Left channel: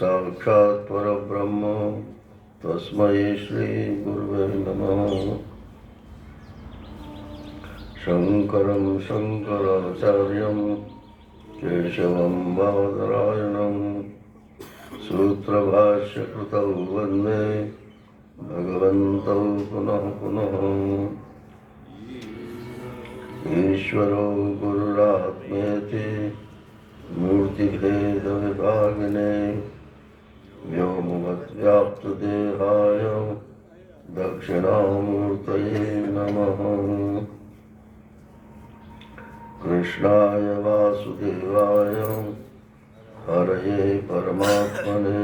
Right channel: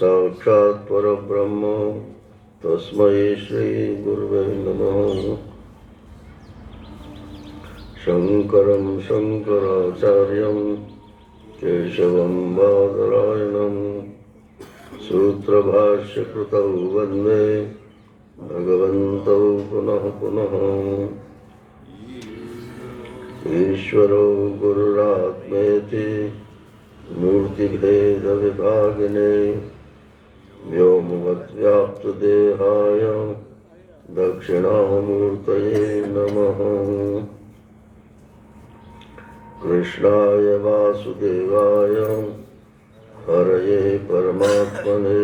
साक्षात् परब्रह्म तस्मै श्री गुरुवे नमः। शंकरं शंकराचार्यं केशवं बादरायणं सूत्रभाष्यकृतौ वन्दे भगवन्तौ पुनः पुनः। ईश्वरो गुरुरात्मेति मूर्तिभेदविभागिने व्योमवद्व्याप्तदेहाय दक्षिणामूर्तये नमः। कृष्णाय वासुदेवाय हरये परमात्मने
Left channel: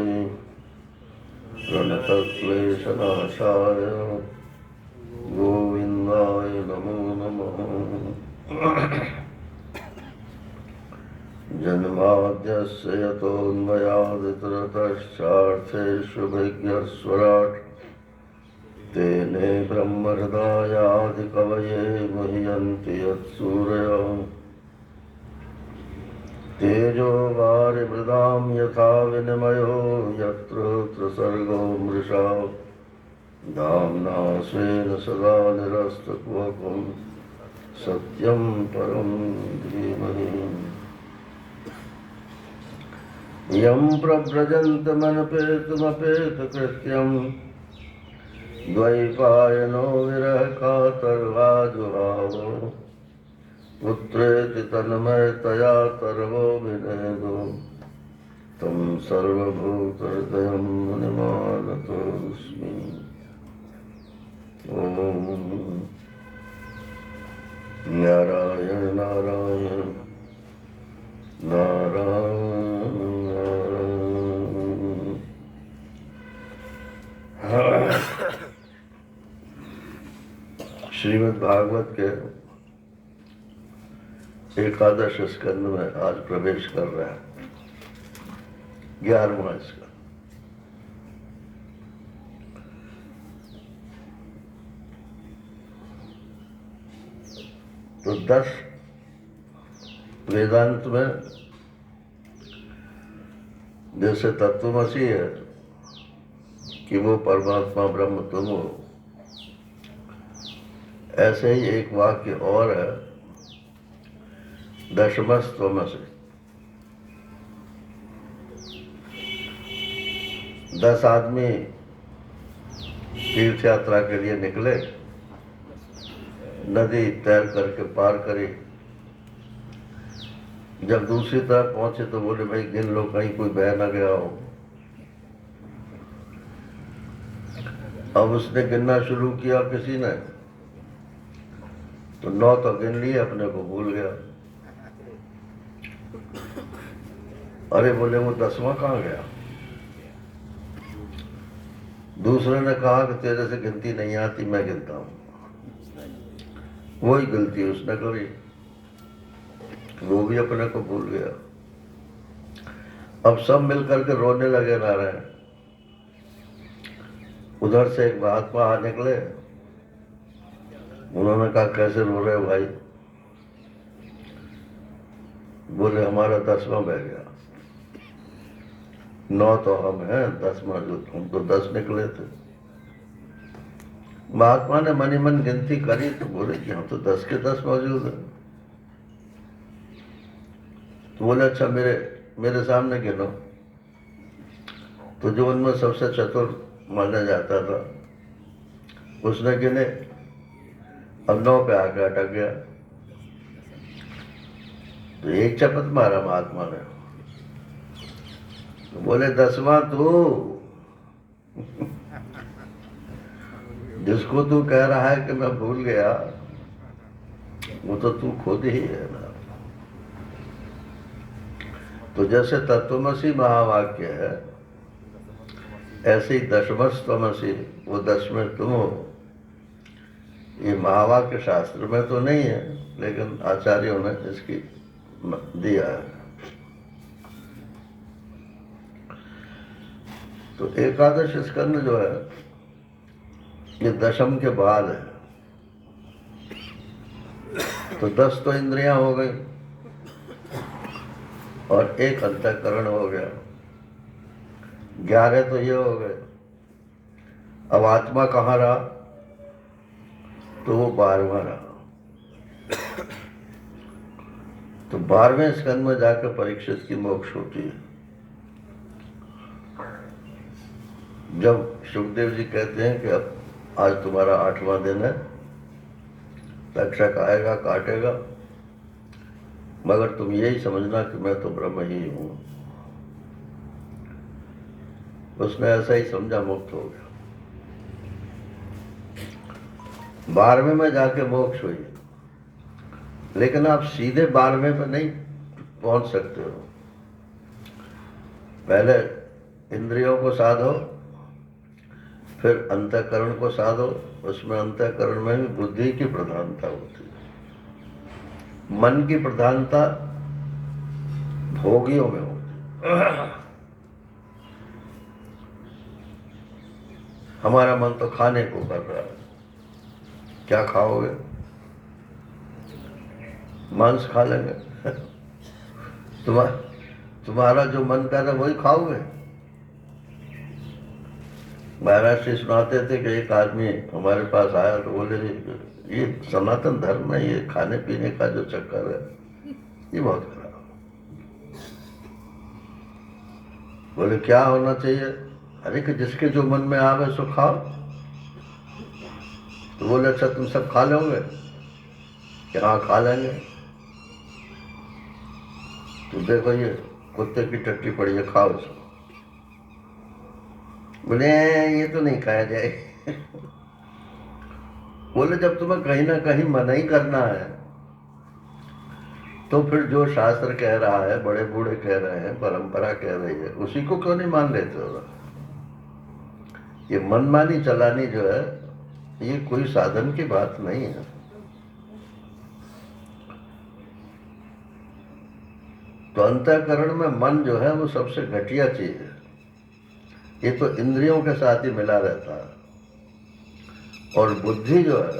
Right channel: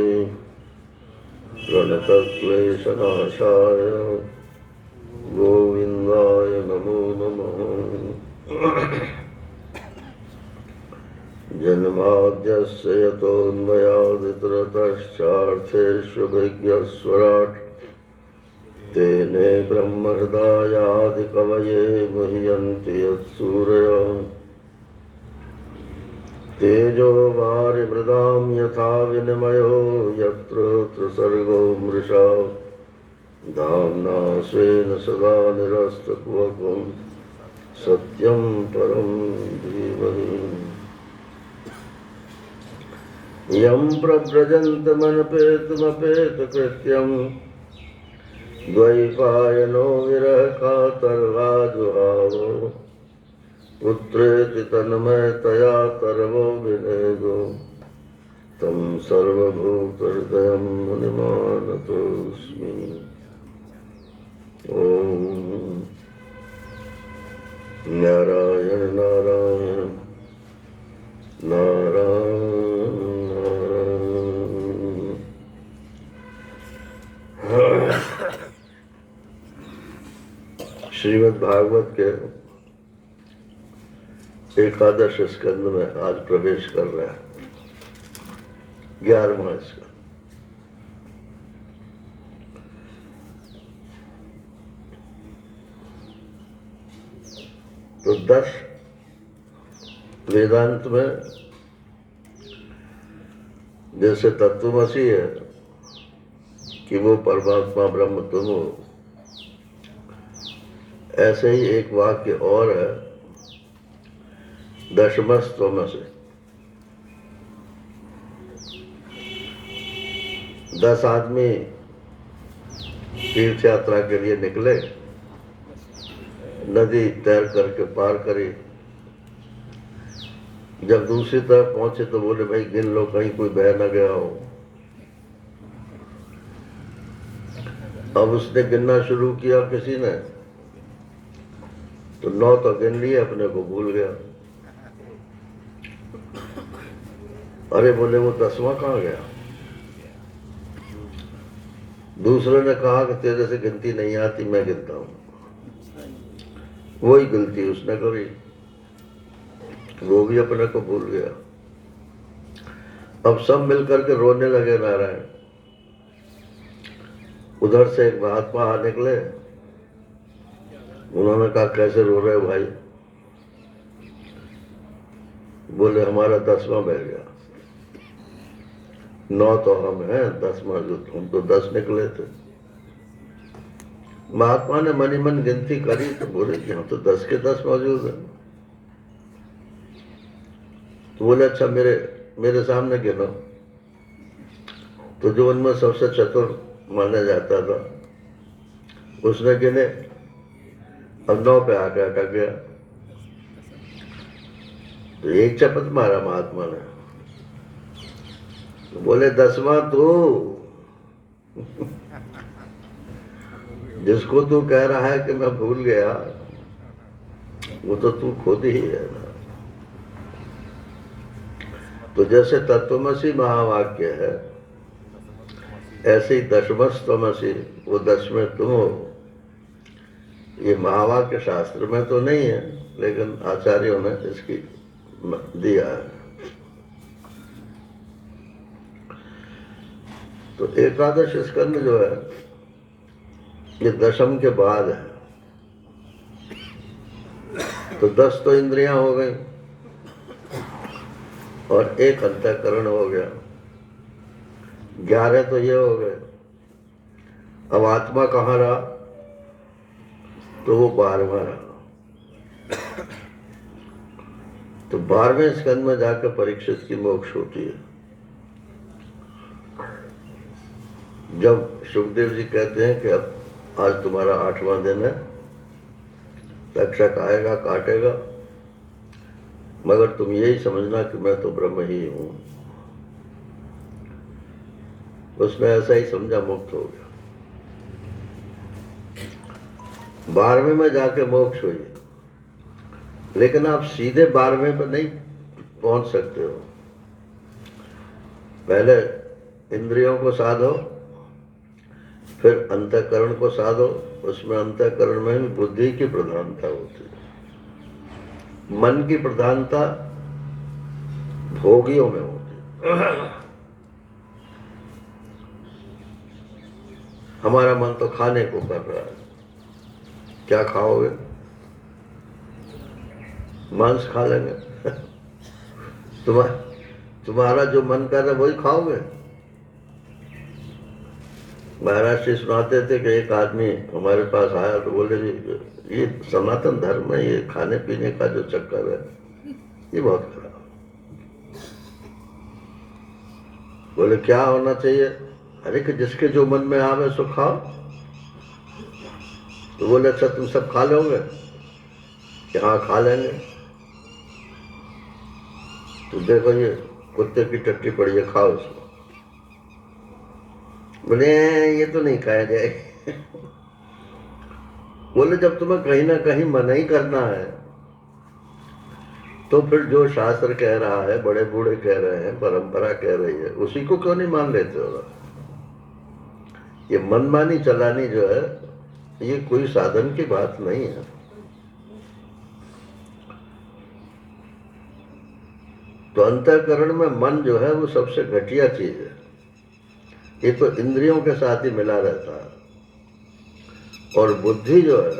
प्रणतक्लेशनाशाय गोविन्दाय नमो नमः। जन्माद्यस्य यतोऽन्वयादितरतश्चार्थेष्वभिज्ञस्वराट् तेने ब्रह्महृदायादिकवये मुह्यन्ति यत्सूरयः। तेजो वारिमृदां यथा विनिमयो यत्र त्रिसर्गो मृषा धाम्ना स्वेन सदा निरस्तकुहकं सत्यं परं धीमहि। यं प्रव्रजन्तमनपेतमपेतकृत्यं द्वैपायनो विरहकातर्वाजुहावो पुत्रेति तन्मयतया तर्वो विनेदो तं सर्वभूतहृदयं मुनिमानतोऽस्मि। ॐ नारायण नारायण नारायण नारायण। श्रीमद् भागवत के एकादश स्कंद में आज प्रवेश कर रहा है 11वां स्कंद। तो 10 वेदांत में जैसे तत्वमसी है कि वो परमात्मा ब्रह्म तुम हो, ऐसे ही एक वाक्य और है दशमस्तवमसि। 10 आदमी तीर्थ यात्रा के लिए निकले, नदी तैर करके पार करी। जब दूसरी तरफ पहुंचे तो बोले भाई गिन लो कहीं कोई बह न गया हो। अब उसने गिनना शुरू किया किसी ने, तो 9 तो गिन लिए, अपने को भूल गया। अरे बोले वो 10वां कहाँ गया। दूसरे ने कहा कि तेरे से गिनती नहीं आती, मैं गिनता हूं। वही गलती उसने करी, वो भी अपने को भूल गया। अब सब मिलकर के रोने लगे नारायण। उधर से एक महात्मा आ निकले, उन्होंने कहा कैसे रो रहे हो भाई। बोले हमारा 10वां बह गया। 9 तो हम हैं, 10वां जो हम तो 10 निकले थे। महात्मा ने मनी मन गिनती करी तो बोले कि हम तो 10 के 10 मौजूद हैं। तो बोले अच्छा मेरे सामने गिनो। तो जो उनमें सबसे चतुर माना जाता था उसने गिने, अब 9 पे आके अटक गया। तो एक चपत मारा महात्मा ने, बोले 10वां तू। जिसको तू कह रहा है कि मैं भूल गया, वो तो तू खुद ही है ना। तो जैसे तत्वमसी महावाक्य है, ऐसे ही दशमस्तवमसि, वो 10वें तुम हो। ये महावाक्य शास्त्र में तो नहीं है, लेकिन आचार्यों ने इसकी दिया है। तो एकादश स्कंद जो है ये दशम के बाद है। तो 10 तो इंद्रियां हो गई और एक अंतःकरण हो गया। 11 तो ये हो गए। अब आत्मा कहाँ रहा? तो वो 12वां रहा। तो 12वें स्कंद में जाकर परीक्षित की मोक्ष होती है। जब सुखदेव जी कहते हैं कि अब आज तुम्हारा 8वां दिन है, तक्षक आएगा, काटेगा, मगर तुम यही समझना कि मैं तो ब्रह्म ही हूं। उसने ऐसा ही समझा, मुक्त हो गया। 12वें में जाके मोक्ष हुई। लेकिन आप सीधे 12वें पर नहीं पहुंच सकते हो। पहले इंद्रियों को साधो, फिर अंतःकरण को साधो। उसमें अंतःकरण में भी बुद्धि की प्रधानता होती है। मन की प्रधानता भोगियों में होती है। हमारा मन तो खाने को कर रहा है। क्या खाओगे? मांस खा लेंगे। तुम्हारा जो मन कर रहा है वही खाओगे। महाराज जी सुनाते थे कि एक आदमी हमारे पास आया तो बोले जी ये सनातन धर्म में ये खाने पीने का जो चक्कर है ये बहुत खराब। बोले क्या होना चाहिए? अरे कि जिसके जो मन में आवे सो खाओ। तो बोले अच्छा तुम सब खा लोगे? कि हाँ खा लेंगे। तो देखो ये कुत्ते की टट्टी पड़ी है, खाओ उसको। बोले ये तो नहीं खाया जाए। बोले जब तुम्हें कहीं ना कहीं मना ही करना है तो फिर जो शास्त्र कह रहा है, बड़े बूढ़े कह रहे हैं, परंपरा कह रही है, उसी को क्यों नहीं मान लेते हो? ये मनमानी चलानी जो है ये कोई साधन की बात नहीं है। तो अंतःकरण में मन जो है वो सबसे घटिया चीज है। ये तो इंद्रियों के साथ ही मिला रहता है। और बुद्धि जो है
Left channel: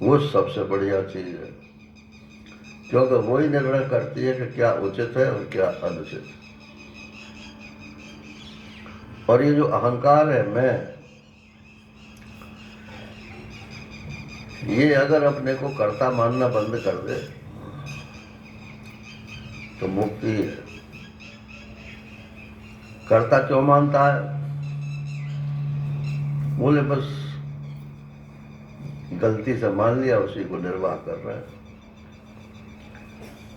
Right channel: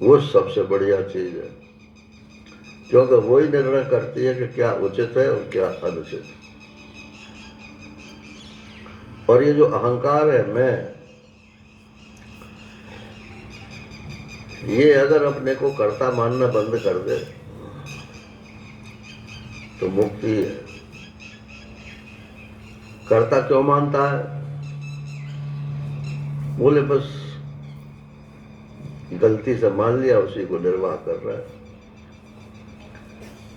वो सबसे बढ़िया चीज है, क्योंकि वही निर्णय करती है कि क्या उचित है और क्या अनुचित है। और ये जो अहंकार है, मैं, ये अगर अपने को कर्ता मानना बंद कर दे तो मुक्ति है। कर्ता क्यों मानता है? बोले बस गलती से मान लिया, उसी को निर्वाह कर रहा है।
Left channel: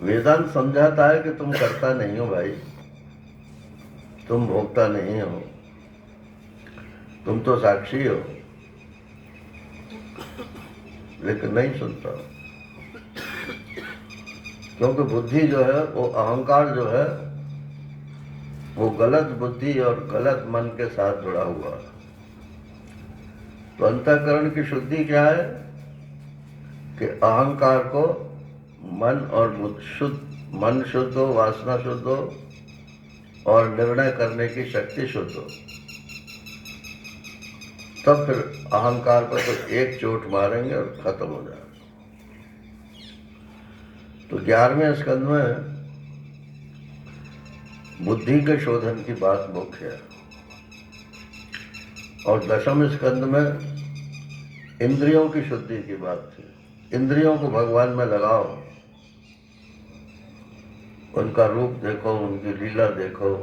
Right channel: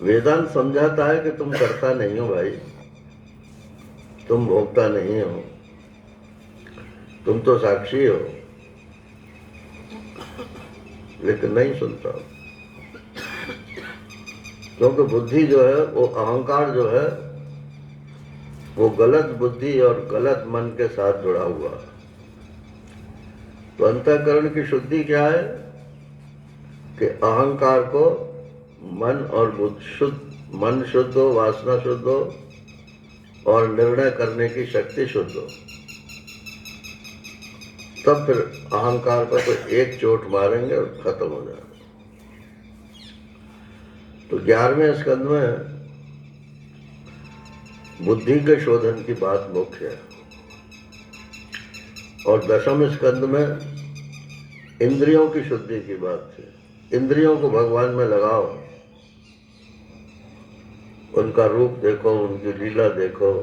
वेदांत समझाता है कि तुम कर्ता नहीं हो भाई, तुम भोक्ता नहीं हो, तुम तो साक्षी हो। लेकिन नहीं सुनता, क्योंकि बुद्धि जो है वो, अहंकार जो है वो गलत बुद्धि और गलत मन के साथ जुड़ा हुआ है। तो अंतःकरण की शुद्धि क्या है कि अहंकार को मन और बुद्धि शुद्ध, मन शुद्ध हो, वासना शुद्ध हो और निर्णय करने की शक्ति शुद्ध हो, तब फिर अहंकार को तो एक चोट मारेंगे और खत्म हो जाएगा। तो 11वें स्कंद में बुद्धि के शोधन की बात मुख्य है और 10वें स्कंद में इंद्रियों की शुद्धि की बात थी। इंद्रियों को भगवान में लगाओ, उनका रूप देखो, उनकी लीला देखो।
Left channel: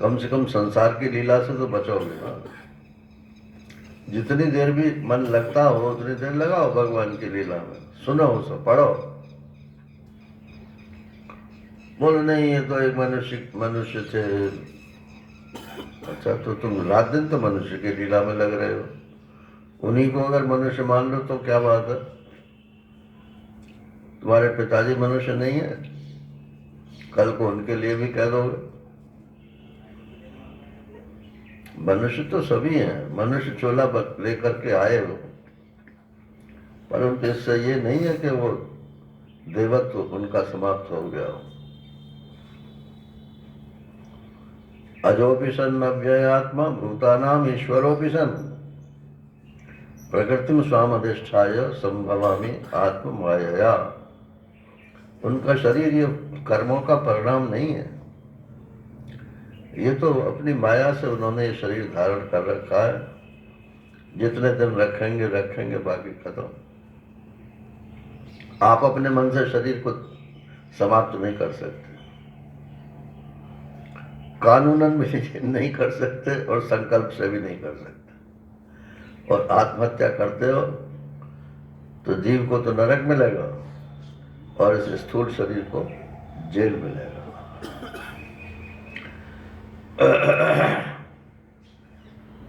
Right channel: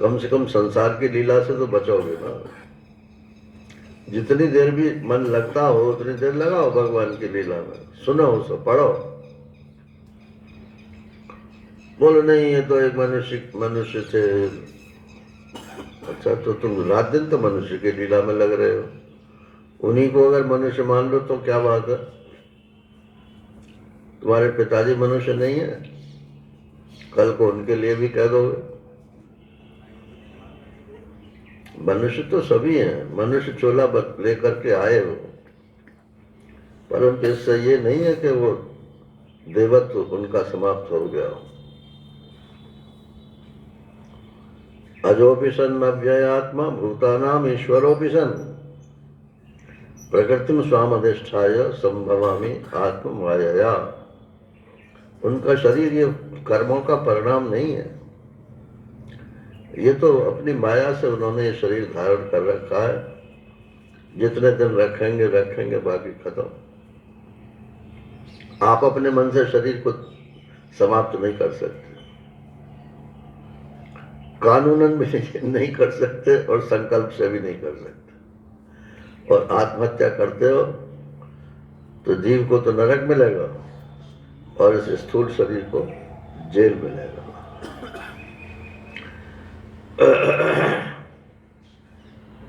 कम से कम संसार की लीला से तो बचोगे ना। जितनी देर भी मन लगता हो उतनी देर लगाओ भगवान की लीला में, सुनो उसे, पढ़ो। बोलो नहीं ये तो एक मनुष्य थे। अच्छा तो तुम रात दिन तो मनुष्य की लीला में लग रहे हो। उन्हीं को अगर मनुष्य मान लो तो क्या बात है? तुम्हारे पिताजी मनुष्य नहीं है? कल को उनके लिए भी कह दोगे। मनुष्य तो सभी हैं, मनुष्य चोला लेकर के आए हो, परंतु इससे ये नहीं है कि वो देवत्व उनका समाप्त हो गया हो। अजोपि सन् अव्ययात्मा भूतानाम ईश्वरोपि सन् प्रकृतिम स्वामधिष्ठाय संभवामि आत्म मायया। उनका शरीर ये कर्मों का परिणाम नहीं है। ये तो अपनी माया से उन्होंने ये शरीर धारण कर रखा है, जितने दिन रखेंगे रखेंगे, बाकी खत्म। आप अपने मन से शरीर को समाप्त नहीं कर सकते, कानूनन भी नहीं कर सकते और संकल्प से भी नहीं कर सकते। और आत्महत्या करते हो तो जीव को तो नरक मिलेगा और इस स्थूल शरीर को जेल मिलेगा।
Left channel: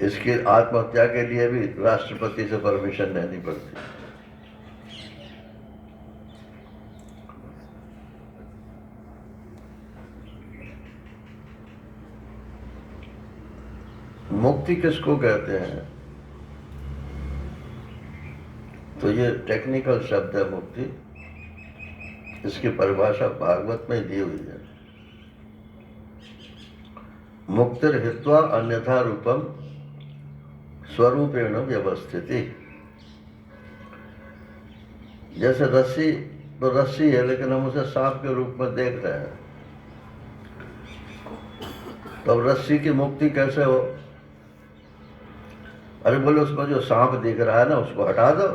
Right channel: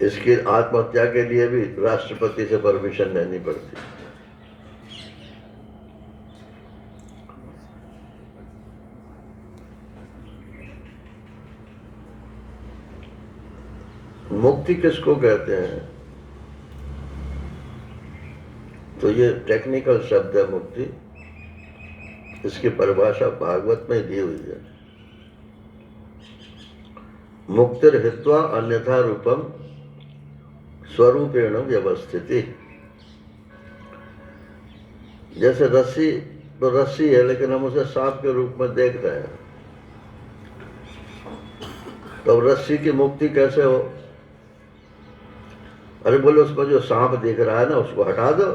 इसकी आत्महत्या के लिए भी राष्ट्रपति से परमिशन लेनी पड़ती है। मुक्ति किसको कहते हैं? तो ये टेक्निकल शब्द है मुक्ति, इसकी परिभाषा भागवत में दी हुई है। मुक्तिर हित्वा अन्यथा रूपम स्वरूपेण व्यवस्थिति। जैसे रस्सी तो रस्सी है, लेकिन हम उसे सांप के रूप में देख रहे हैं, तो रस्सी की मुक्ति कैसे हो? अरे बोलो, उसको जो सांप दिख रहा है ना, उसको हटा दो।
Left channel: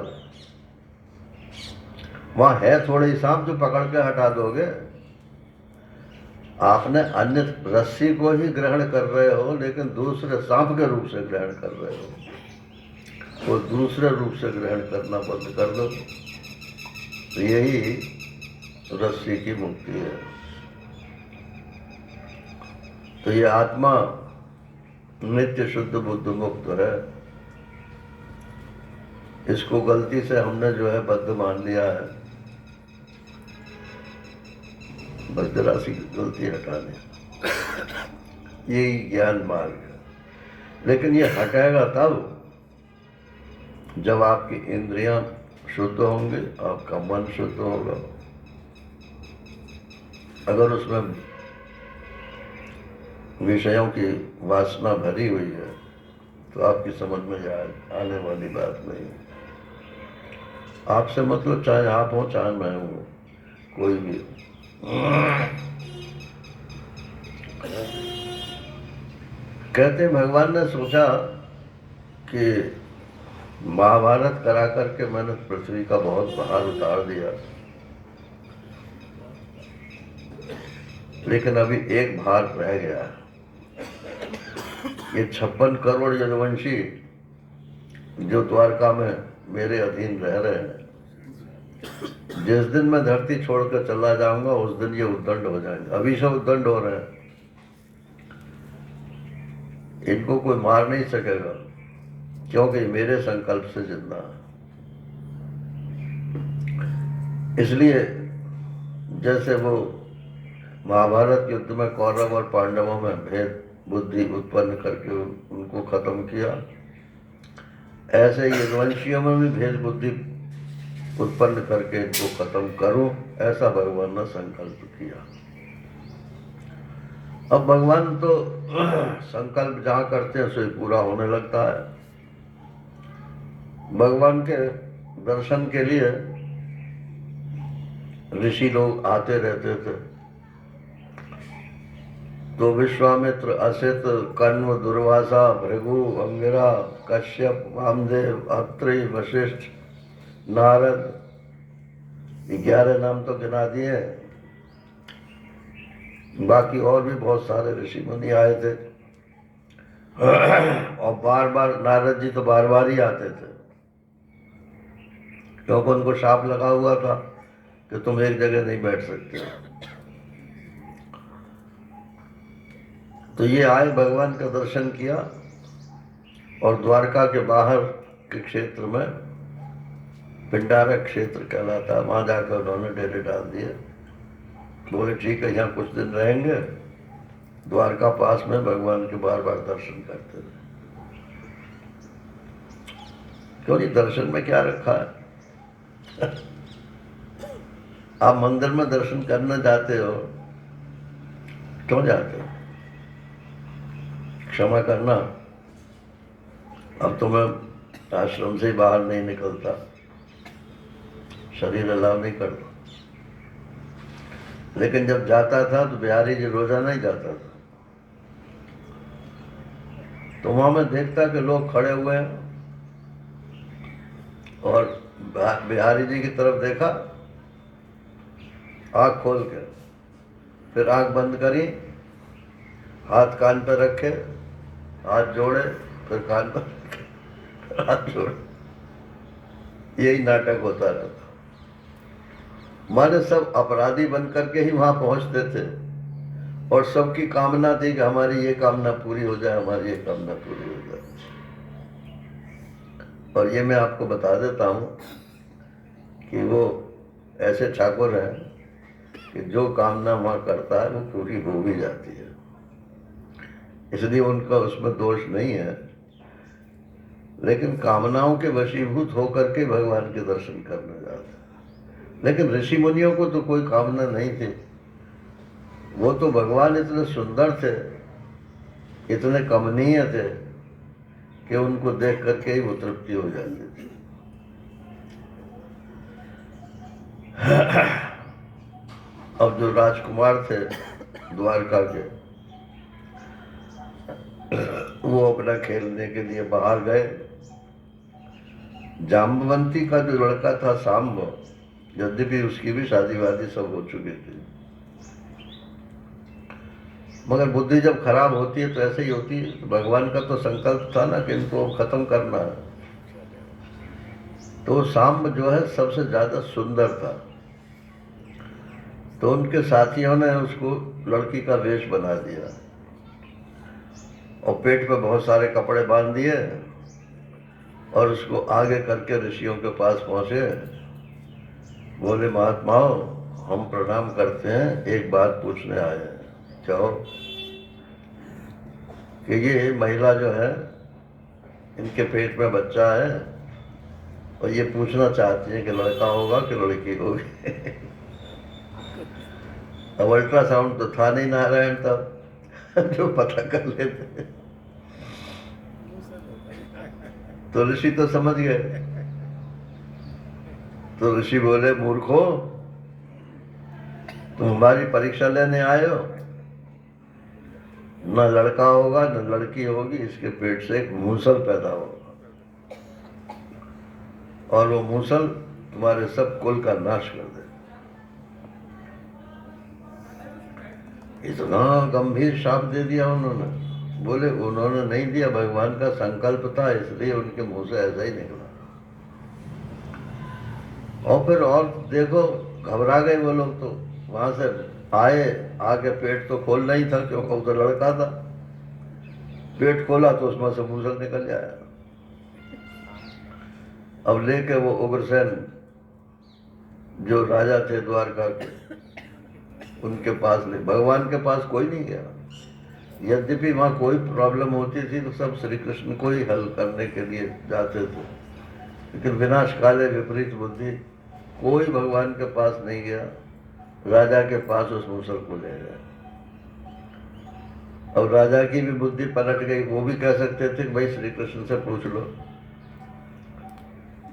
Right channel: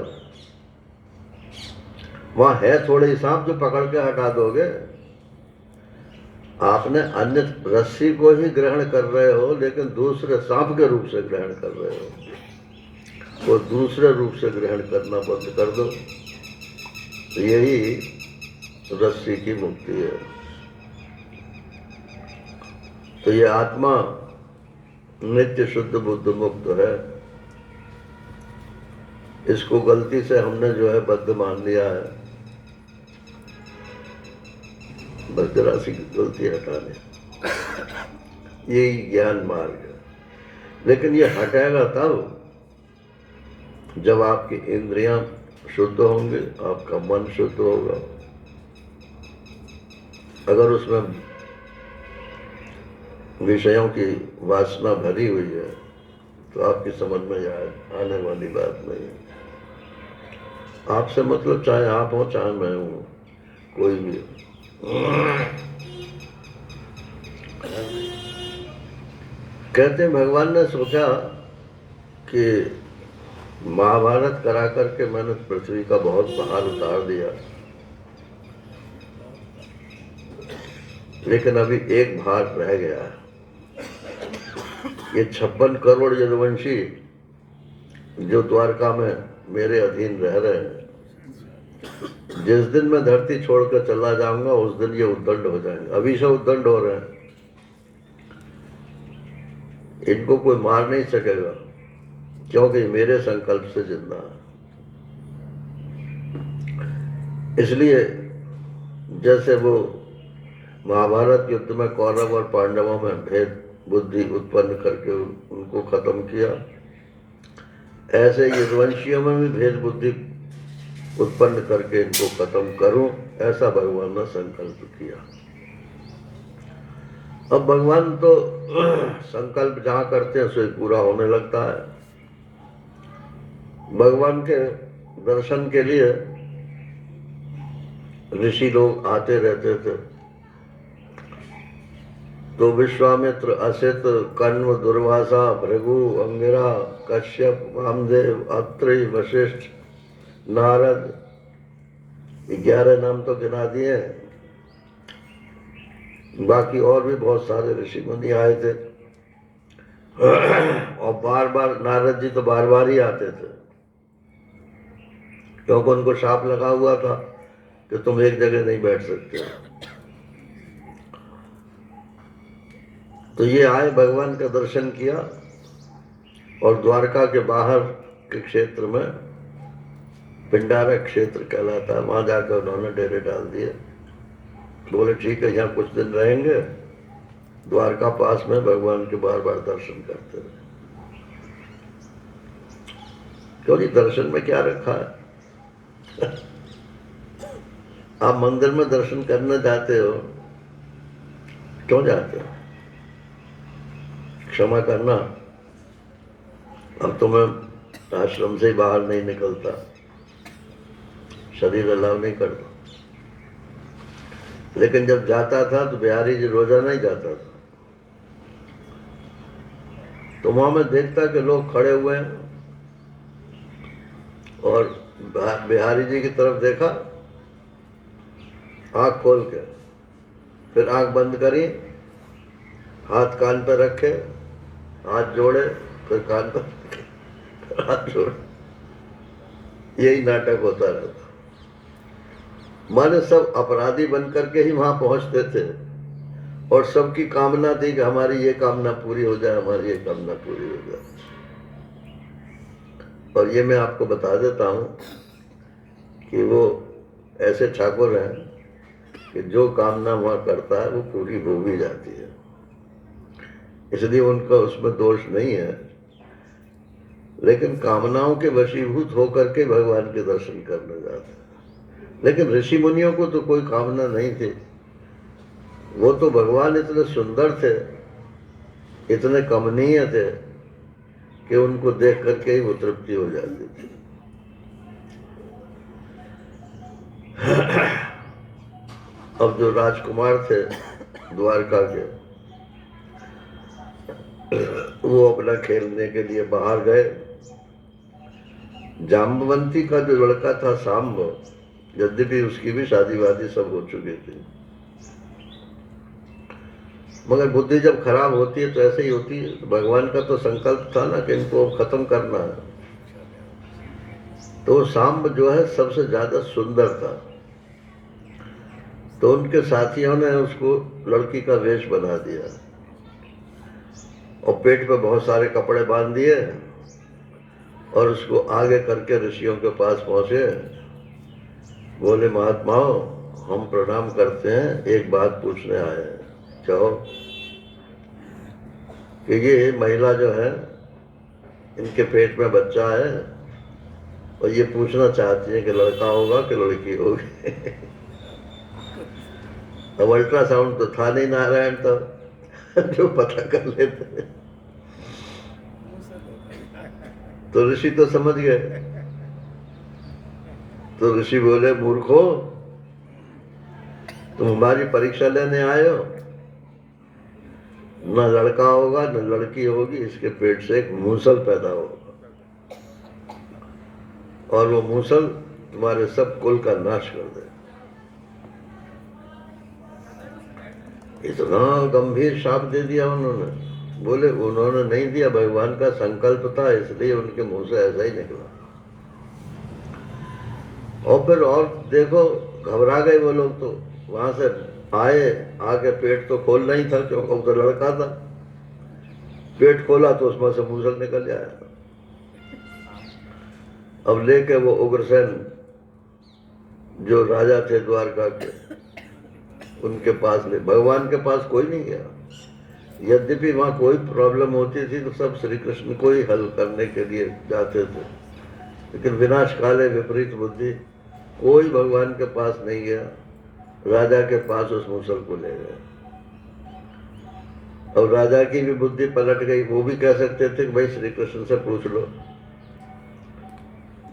वहां है थोड़े ही सांप, जो पकड़ के हटा दोगे। आपने अन्य रस्सी को ही ग्रहण कर रहे हो, लेकिन दूसरे सांप के रूप से ग्रहण कर रहे हो, तो दूसरे रूप से ग्रहण करना बंद कर दो। तो यही रस्सी की मुक्ति है। तो ये आत्मा नित्य शुद्ध बुद्ध मुक्त है। इसको गलती से हमने जो है बद्ध मान लिया है, बस जरा सी गलती हटाने, यही ज्ञान मार्ग है। लेकिन ये हटेगा तब जब आपकी इंद्रियां शुद्ध होंगे, आपका मन शुद्ध होगा। अगर उसमें विषयों की वासना भरी हुई है तो आपकी समझ में आने वाली बात नहीं है। आपसे मतलब चाहे आप हो चाहे मैं हूं, कोई भी। कहते हैं भगवान ने सोचा कि महाभारत करा करके मैंने पृथ्वी का बहुत भार उतार दिया, लेकिन अभी एक भार रह गया है। ये 56 करोड़ यदुवंशी जो द्वारका में मेरे अधीन रह रहे हैं, जिस दिन मैं धरती छोड़कर चला जाऊंगा उस दिन ये उद्दंड हो जाएंगे। अभी से उद्दंड हो रहे हैं, इनको कोई मार नहीं सकेगा, क्योंकि मेरे संकल्प से जिंदा है। इसलिए जैसे वो महाभारत युद्ध में कौरव और पांडवों में भेद बुद्धि उत्पन्न करके उनको खत्म किया, ऐसे यदुवंशियों में भी भेद बुद्धि उत्पन्न करके इनको खत्म करूं, ऐसा भगवान ने संकल्प किया। अब भगवान तो संकल्प जहां करते हैं उसे पूरा होने लगता है। भगवान के दर्शन के लिए ऋषि लोग आते रहते थे, तो विश्वामित्र, असित, कण्व, दुर्वासा, भृगु, अंगिरा, कश्यप, वामदेव, अत्रि, वशिष्ठ, नारद, 11 नाम तो गिना दिए। बाकी और भी बहुत सारे ऋषि मुनि आए थे, और बार बार नारद जी तो बार बार ही आते थे, क्योंकि उनको शाप लगा हुआ था कि तुम एक जगह नहीं बैठ सकते। तो ये आए, भगवान का दर्शन किया, और द्वारका के बाहर के क्षेत्र में पिंडारा क्षेत्र कहलाता है, वहां जाकर उन्होंने डेरे डाल दिए। बोले ठीक है, यहाँ कुछ दिन रहेंगे, द्वारका पास में भगवान के बार बार दर्शन करते रहे। क्योंकि दर्शन में क्या रखा है? आप मंदिर में दर्शन करने जाते हो, क्यों जाते हो? क्षमा करना, अब तो मैं आश्रम से बाहर नहीं निकलता, शरीर अलाव नहीं करता, लेकिन जब जाता था तो बिहारी जी रोजाना ही जाता था। तो वहां मैं देखता कि लोग खड़े हुए हैं और बिहारी जी की तरफ देखा, आंख खोल के, फिर आंख बंद करी, हाथ कान पे रखे, हाथ जोड़े, फिर कान पर रखे, फिर हाथ जोड़े। यही नाटक होता रहता। माने सब अपराधी बन करके ही वहां पहुंचते थे और सबकी कामना थी कि हमारी ये कामना पूरी हो जाए, हमारी ये कामना पूरी हो जाए। और ये मैं आपको बता देता हूं कि वो ऐसे ठाकुर हैं कि जो कामना वहां करता है वो पूरी हो भी जाती है, इसलिए उनका उसमें दोष नहीं है। लेकिन कामनाओं के वशीभूत होकर के भगवान के दर्शन करने जाते हैं। लेकिन ऋषि मुनियों को तो कोई कामना नहीं थी, वो तो भगवान इतने सुंदर थे, इतने कमनीय थे कि उनको देख करके ही वो तृप्ति हो जाती थी। अब जो राजकुमार थे द्वारका के, वो अपना खेलने के लिए बाहर गए। जाम्बवंती का जो लड़का था सांब, यद्यपि उसकी भी शादी वादी सब हो चुकी थी, मगर बुद्धि जब खराब होती है तो ऐसे ही होती है। भगवान का तो संकल्प था ना कि इनको खत्म करना है। तो सांब जो है सबसे ज्यादा सुंदर था, तो उनके साथियों ने उसको लड़की का वेश बना दिया और पेट पे बहुत सारे कपड़े बांध दिए और उसको आगे करके ऋषियों के पास पहुंचे। बोले, महात्माओं, हम प्रणाम करते हैं, एक बात पूछने आए हैं। कहो। कि ये महिला जो है, इनके पेट में बच्चा है और ये पूछना चाहती है कि लड़का होगा कि लड़की होगी। अब अल्ट्रासाउंड तो था नहीं नारायण तब जो पता कर लेते। तो ऋषि तो समझ गए। तो ऋषि बोले, मूर्खो, तुम हमारी परीक्षा लेने आए हो? न लड़का होगा न लड़की होगी, इसके पेट से एक मूसल पैदा होगा और वो मूसल तुम्हारे सब कुल का नाश कर दे। इतना गंभीर शाप दे दिया उन्होंने। बोले उन्होंने नहीं दिया, भगवान का संकल्प था, इसलिए उनके मुंह से ऐसा ही निकला। और फिर और देखो, घबरा गए वो लोग। तो वहां से आए, आके पेट तो खोलना ही था क्योंकि वो तो लड़का था। पेट खोला तो उसमें से मूसल निकल जाया। अब लेके वो उग्रसेन जो राजा थे द्वारका के, उनके पास ले, भगवान के पास कोई नहीं गया। यद्यपि वहां कोई प्रॉब्लम होती थी तो सब श्री कृष्ण को ही हल करने के लिए जाते थे, लेकिन विनाश काले विपरीत बुद्धि, कोई भगवान के पास नहीं गया। राजा के पास उस मूसल को ले गए। और राजा की भी बुद्धि पलट गई। वो भी कह सकते थे कि भाई श्री कृष्ण से पूछ लो।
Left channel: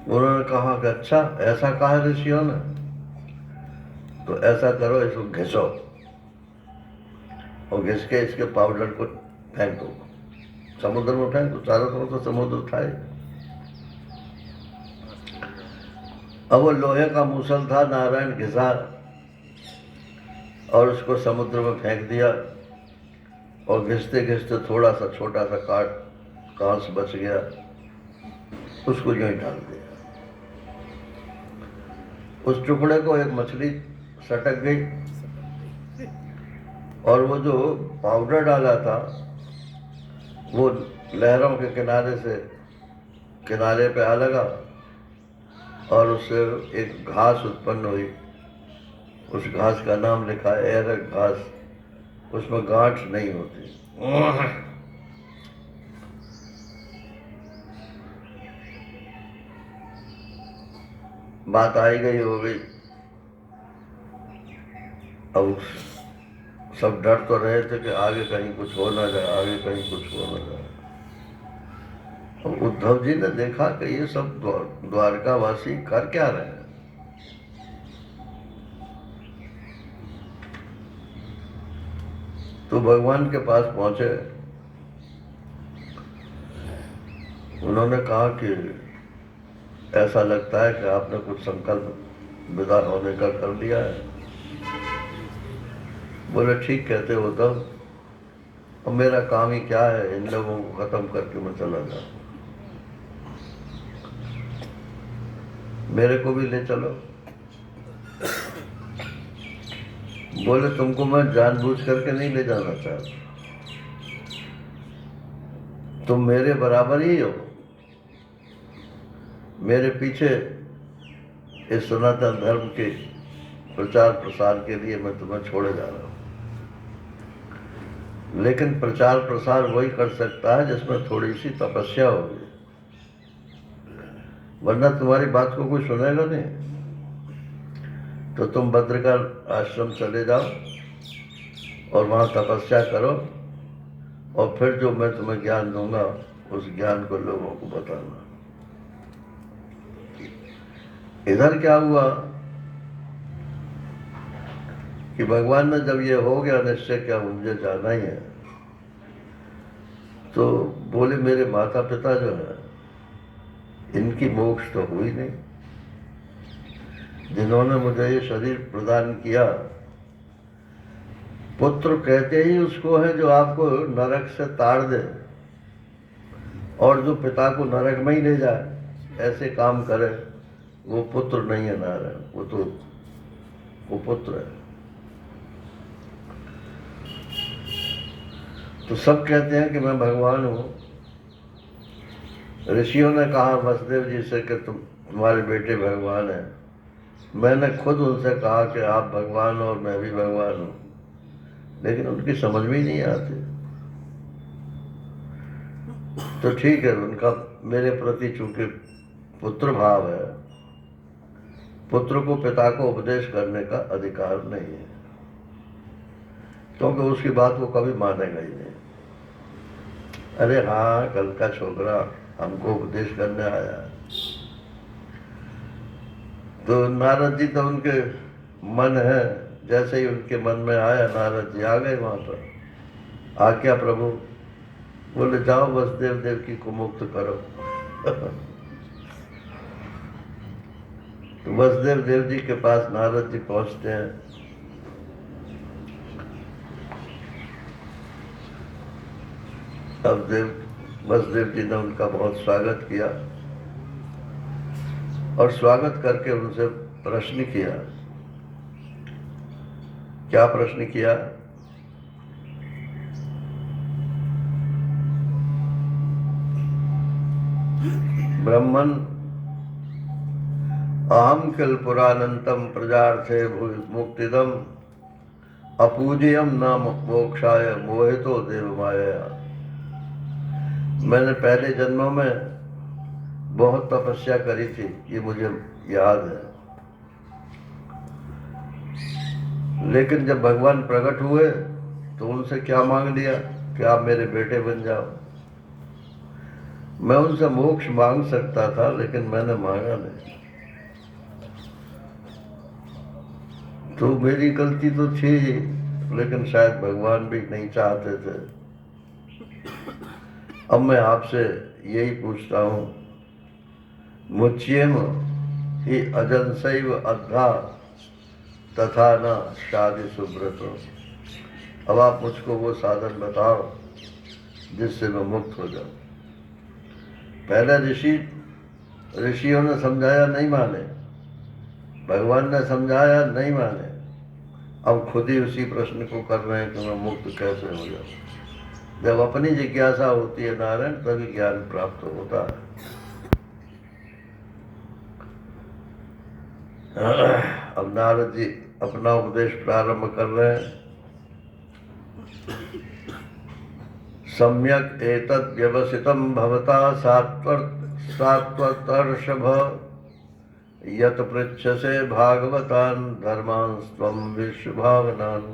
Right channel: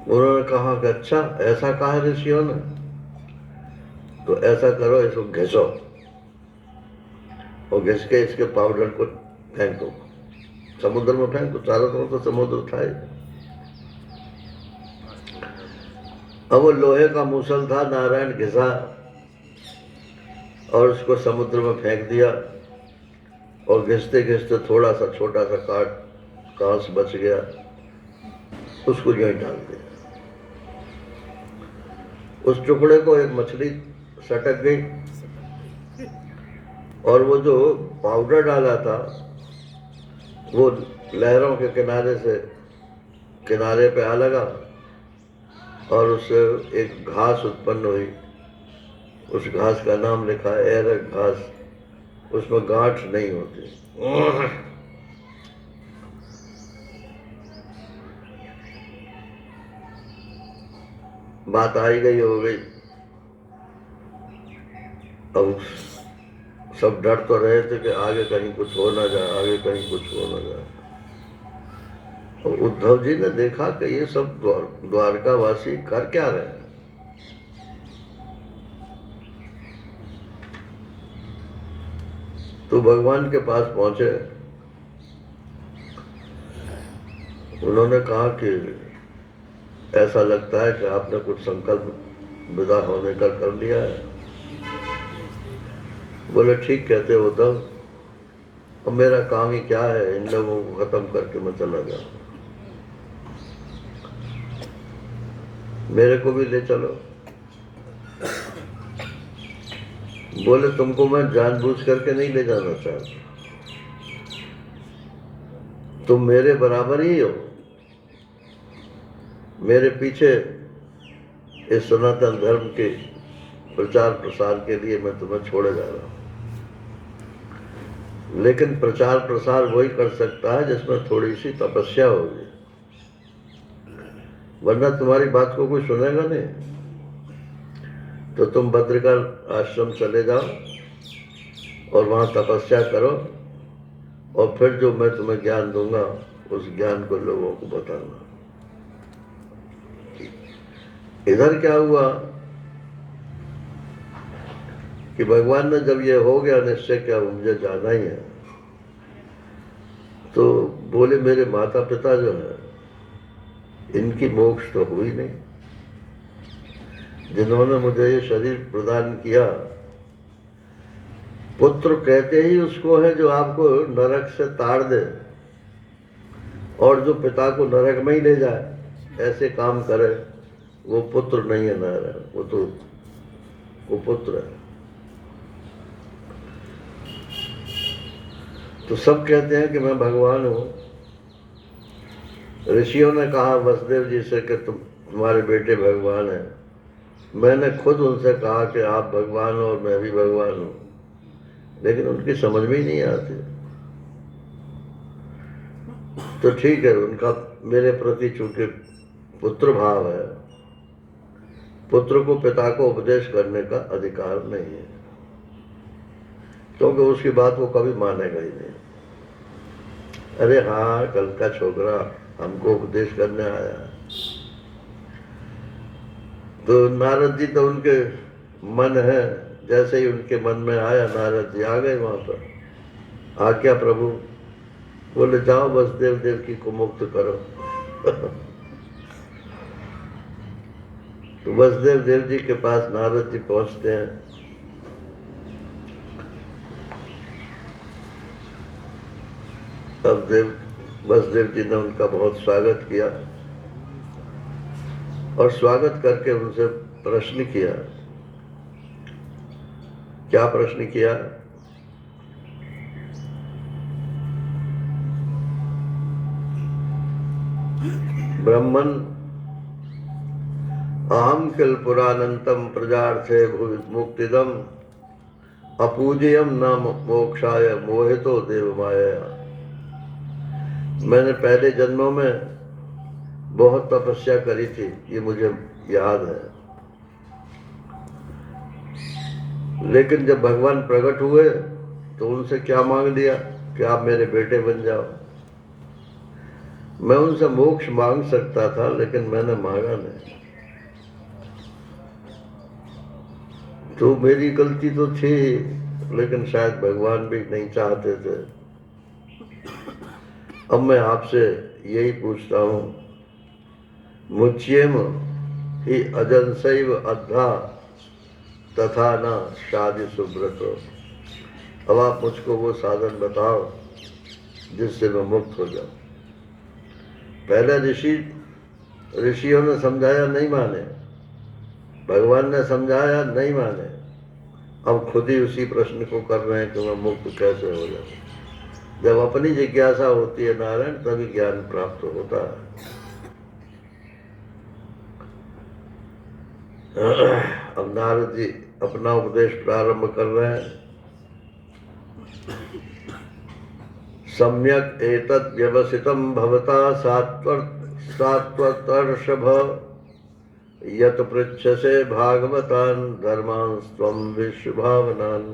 उन्होंने कहा कि अच्छा, ऐसा कहा ऋषियों ने, तो ऐसा करो, इसको घिसो और घिस के इसके पाउडर को फेंक दो, समुद्र में फेंक दो। चारों तरफ तो समुद्र था ही। अब वो लोहे का मूसल था, नारायण घिसा और उसको समुद्र में फेंक दिया। और घिसते घिसते थोड़ा सा छोटा सा कांस बच गया, उसको यूं ही डाल दिया। उस टुकड़े को एक मछली सटक गई और वो जो पाउडर डाला था वो लहरों के किनारे पे आ लगा और उससे एक घास उत्पन्न हुई। उस घास का नाम लिखा है एरक घास। उसमें गांठ नहीं होती। बात आई गई हो गई। अब सब डर तो रहे थे कि आगे कहीं कुछ हो ना जाए, आगे कहीं कुछ हो ना जाए। और उद्धव जी ने देखा कि ये सब द्वारकावासी कर क्या रहे हैं। तो भगवान के पास पहुंचे उन्होंने कहा कि ऐसा लगता है कि आपने कुछ संकल्प विदा होने का कर लिया है। बोले ठीक कहते हो तब, और मेरा काम ही क्या है, इन लोगों को खत्म करके मैं चला जाऊं, मेरे को भी ले चलो। बोले तुमको मैं जानबूझ करके नहीं ले जाना चाहता, तुम मेरे बराबर ही हो, मेरे पीछे इस सनातन धर्म के प्रचार प्रसार के लिए मैं तुम्हें छोड़े जा रहा हूं। लेकिन प्रचार प्रसार वही कर सकता है जिसमें थोड़ी सी तपस्या होगी, वरना तुम्हारी बात को कोई सुनेगा नहीं। तो तुम बद्रिका आश्रम चले जाओ और वहां तपस्या करो, और फिर जो मैं तुम्हें ज्ञान दूंगा उस ज्ञान को लोगों को बताना। इधर क्या हुआ कि भगवान ने जब ये हो गया निश्चय क्या मुझे जाना ही है, तो बोले मेरे माता पिता जो है इनकी मोक्ष तो हुई नहीं, जिन्होंने मुझे ये शरीर प्रदान किया। पुत्र कहते ही उसको है जो आपको नरक से ताड़ दे, और जो पिता को नरक में ही ले जाए, ऐसे काम करे, वो पुत्र नहीं है नारायण, वो तो कुपुत्र है। तो सब कहते हैं कि मैं भगवान हूं। ऋषियों ने कहा वसुदेव जी से कि तुम्हारे बेटे भगवान हैं। मैंने खुद उनसे कहा कि आप भगवान हो और मैं भी भगवान हूं, लेकिन उनकी समझ में ही नहीं आती। तो ठीक है, उनका मेरे प्रति चूंकि पुत्र भाव है, पुत्र को पिता को उपदेश करने का अधिकार नहीं है, क्योंकि उसकी बात वो कभी मानेगा ही नहीं। अरे हाँ, कल का छोकरा हमको उपदेश करने आया। तो नारद जी तो उनके मन है, जैसे ही उनके मन में आया नारद जी आ गए वहां पर। आज्ञा प्रभु। बोले जाओ वसुदेव देव की को मुक्त करो। तो वसुदेव देव जी के पास नारद जी पहुंचते हैं। अब वसुदेव जी ने उनका बहुत स्वागत किया, और स्वागत करके उनसे प्रश्न किया। क्या प्रश्न किया? ब्रह्मन अहम किल पुरानंतम प्रजार्थे भूय मुक्तिदम अपूज्यम न मोक्षाय मोहितो देव माया। मैंने पहले जन्मों में बहुत तपस्या करी थी, ये मुझे याद है। लेकिन जब भगवान प्रकट हुए तो उनसे क्या मांग लिया कि आप मेरे बेटे बन जाओ। मैं उनसे मोक्ष मांग सकता था, लेकिन मैंने मांगा नहीं। तो मेरी गलती तो थी, लेकिन शायद भगवान भी नहीं चाहते थे। अब मैं आपसे यही पूछता हूं, मुच्येम ही अजंसैव अद्धा तथा न शादी सुब्रतो। अब आप मुझको वो साधन बताओ जिससे मैं मुक्त हो जाऊं। पहला ऋषियों ने समझाया, नहीं माने। भगवान ने समझाया, नहीं माने। अब खुद ही उसी प्रश्न को कर रहे हैं कि मैं मुक्त कैसे हो जाऊं। जब अपनी जिज्ञासा होती है नारायण, तभी ज्ञान प्राप्त होता है। अब नारद जी अपना उपदेश प्रारंभ कर रहे हैं। सम्यक एतद् व्यवसितं भवता सात्वतर्षभ यत पृच्छसे भागवतान धर्मान् त्वं विश्वभावनान्।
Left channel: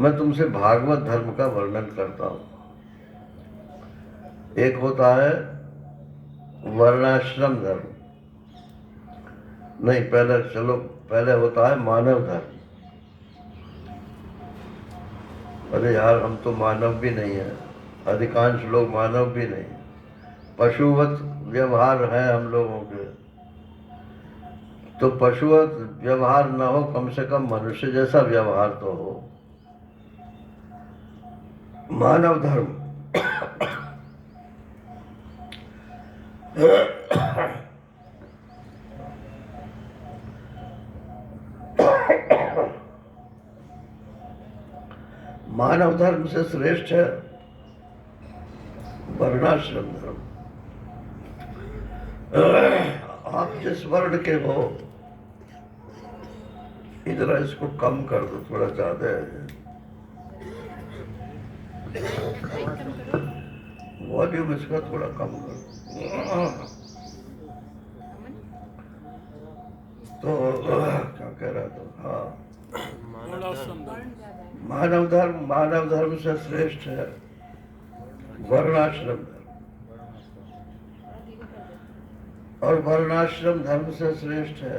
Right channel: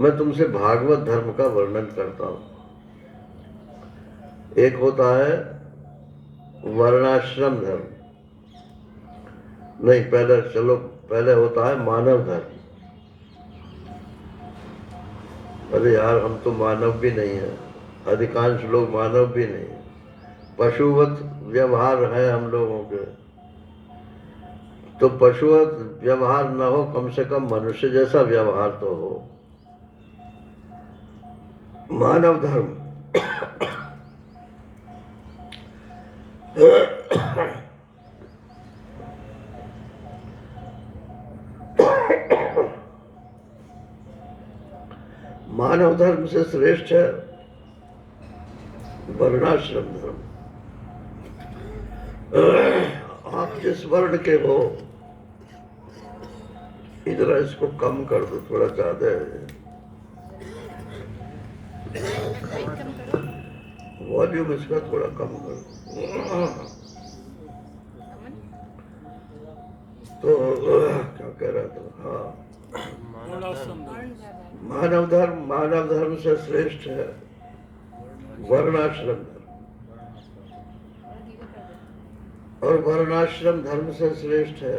मैं तुमसे भागवत धर्म का वर्णन करता हूं। एक होता है वर्णाश्रम धर्म, नहीं पहले होता है मानव धर्म। अरे यार, हम तो मानव भी नहीं है, अधिकांश लोग मानव भी नहीं, पशुवत व्यवहार है हम लोगों के। तो पशुवत व्यवहार न हो, कम से कम मनुष्य जैसा व्यवहार तो हो। मानव धर्म मानव धर्म से श्रेष्ठ है वर्णाश्रम धर्म। आप जिस वर्ण के हो, इधर इसको कम कर दो, थोड़ा ज्यादा है, वॉल्यूम इसका थोड़ा कम कर दो। तो क्या कह रहा था? हाँ, मानव धर्म से श्रेष्ठ है वर्णाश्रम धर्म, और वर्णाश्रम धर्म से श्रेष्ठ है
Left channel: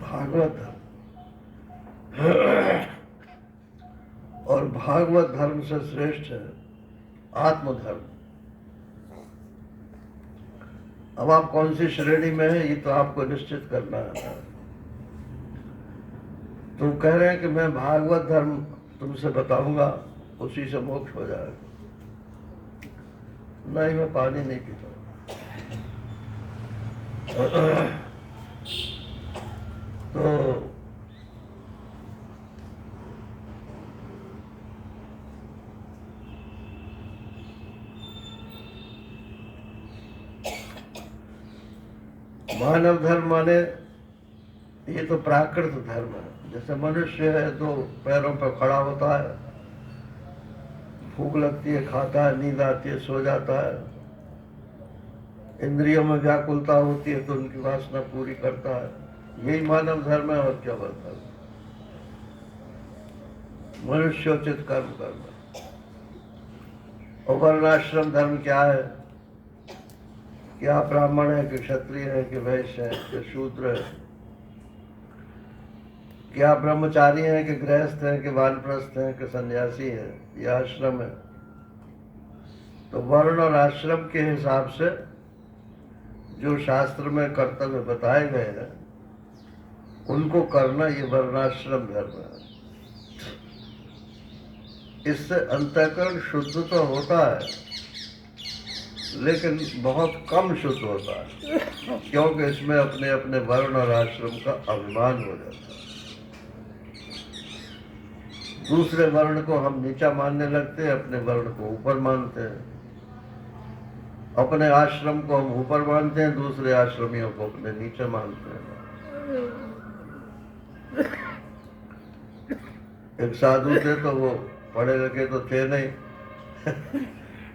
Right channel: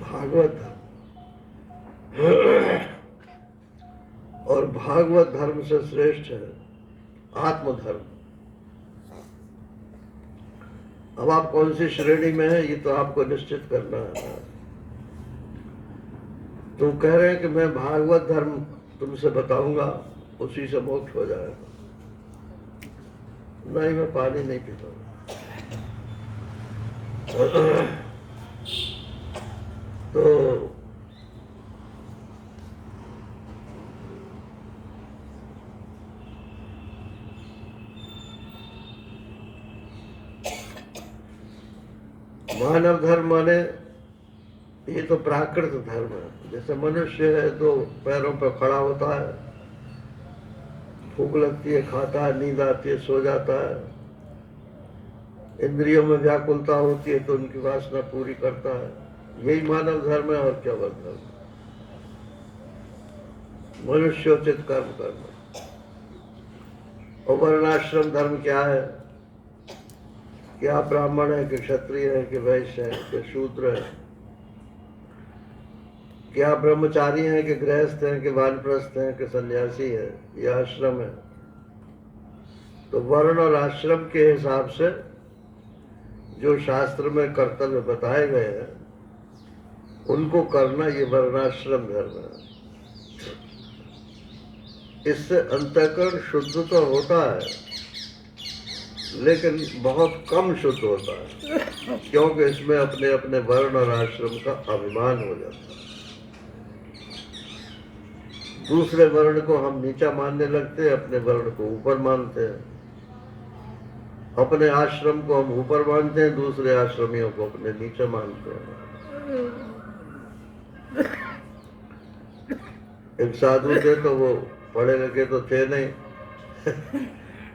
भागवत धर्म, और भागवत धर्म से श्रेष्ठ है आत्मधर्म। अब आप कौन सी श्रेणी में है, ये तो आपको निश्चित करना है। तो कह रहे हैं कि मैं भागवत धर्म तुमसे बताऊंगा, उसी से मोक्ष हो जाएगा। नहीं, मैं पानी नहीं पीता। तो मानव धर्म माने ये तो प्राकृत धर्म है। जैसे मनुष्य है, दो पैरों पर खड़ा होता है, भूख लगती है खाता है, नींद आती है सो जाता है, इंद्रियों में व्याकुलता होती है तो उनकी वासना पूरी करता है। यही मानव धर्म है, और क्या बोलता है? मनुष्योचित कर्म करना। और वर्णाश्रम धर्म क्या है? क्या ब्राह्मण है कि क्षत्रिय है कि वैश्य है कि शूद्र है? क्या ब्रह्मचारी है कि गृहस्थ है कि वानप्रस्थ है कि सन्यासी है? यह आश्रम है। तो वर्ण और आश्रम के हिसाब से जो शास्त्र में कर्तव्य बताए गए हैं उनको करना, ये वर्णाश्रम धर्म है। इससे अंतःकरण शुद्ध तो होता है, लेकिन बहुत कम शुद्ध होता है, क्योंकि इसमें अपने अपने वर्ण और आश्रम का अभिमान हो जाता है। दूसरे वर्ण को हम नीचा मानने लगते हैं, अपने वर्ण को ऊपर मानते हैं। अपने आश्रम को हम ऊपर मानते हैं, दूसरे आश्रमियों को अपने नीचे मानते हैं। एक साधु थे, तो वो पढ़े लिखे तो थे नहीं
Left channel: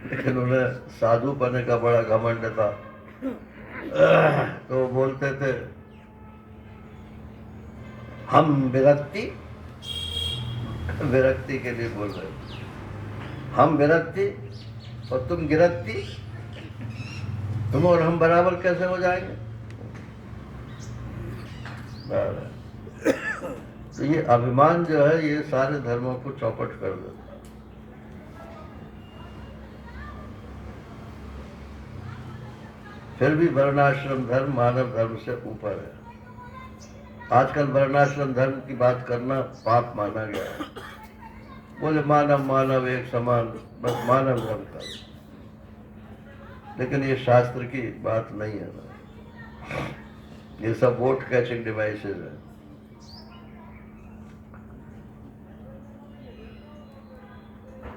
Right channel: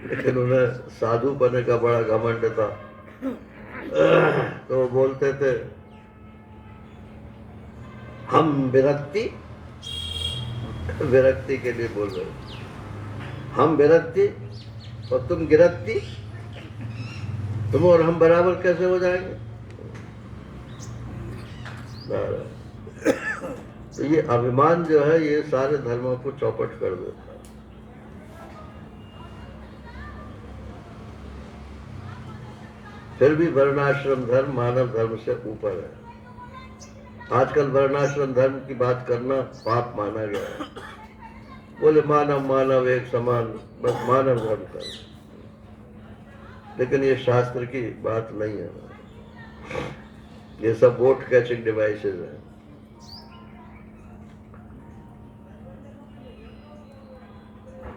लेकिन उन्हें साधु बनने का बड़ा घमंड था। तो वो बोलते थे, हम विरक्ति के लिए बोल रहे, हम विरक्ति और तुम गिरक्ति, तुम और हम बराबर कैसे हो जाएंगे? तो ये अभिमान जो है, ये सारे धर्मों को चौपट कर देता है। फिर भी वर्णाश्रम धर्म मानव धर्म से ऊपर है। आजकल वर्णाश्रम धर्म की बात करना पाप माना गया। बोले मानव मानव एक समान, बस मानव धर्म का। लेकिन ये शास्त्र की बात नहीं है, ये सब वोट कैचिंग डिवाइसेस है।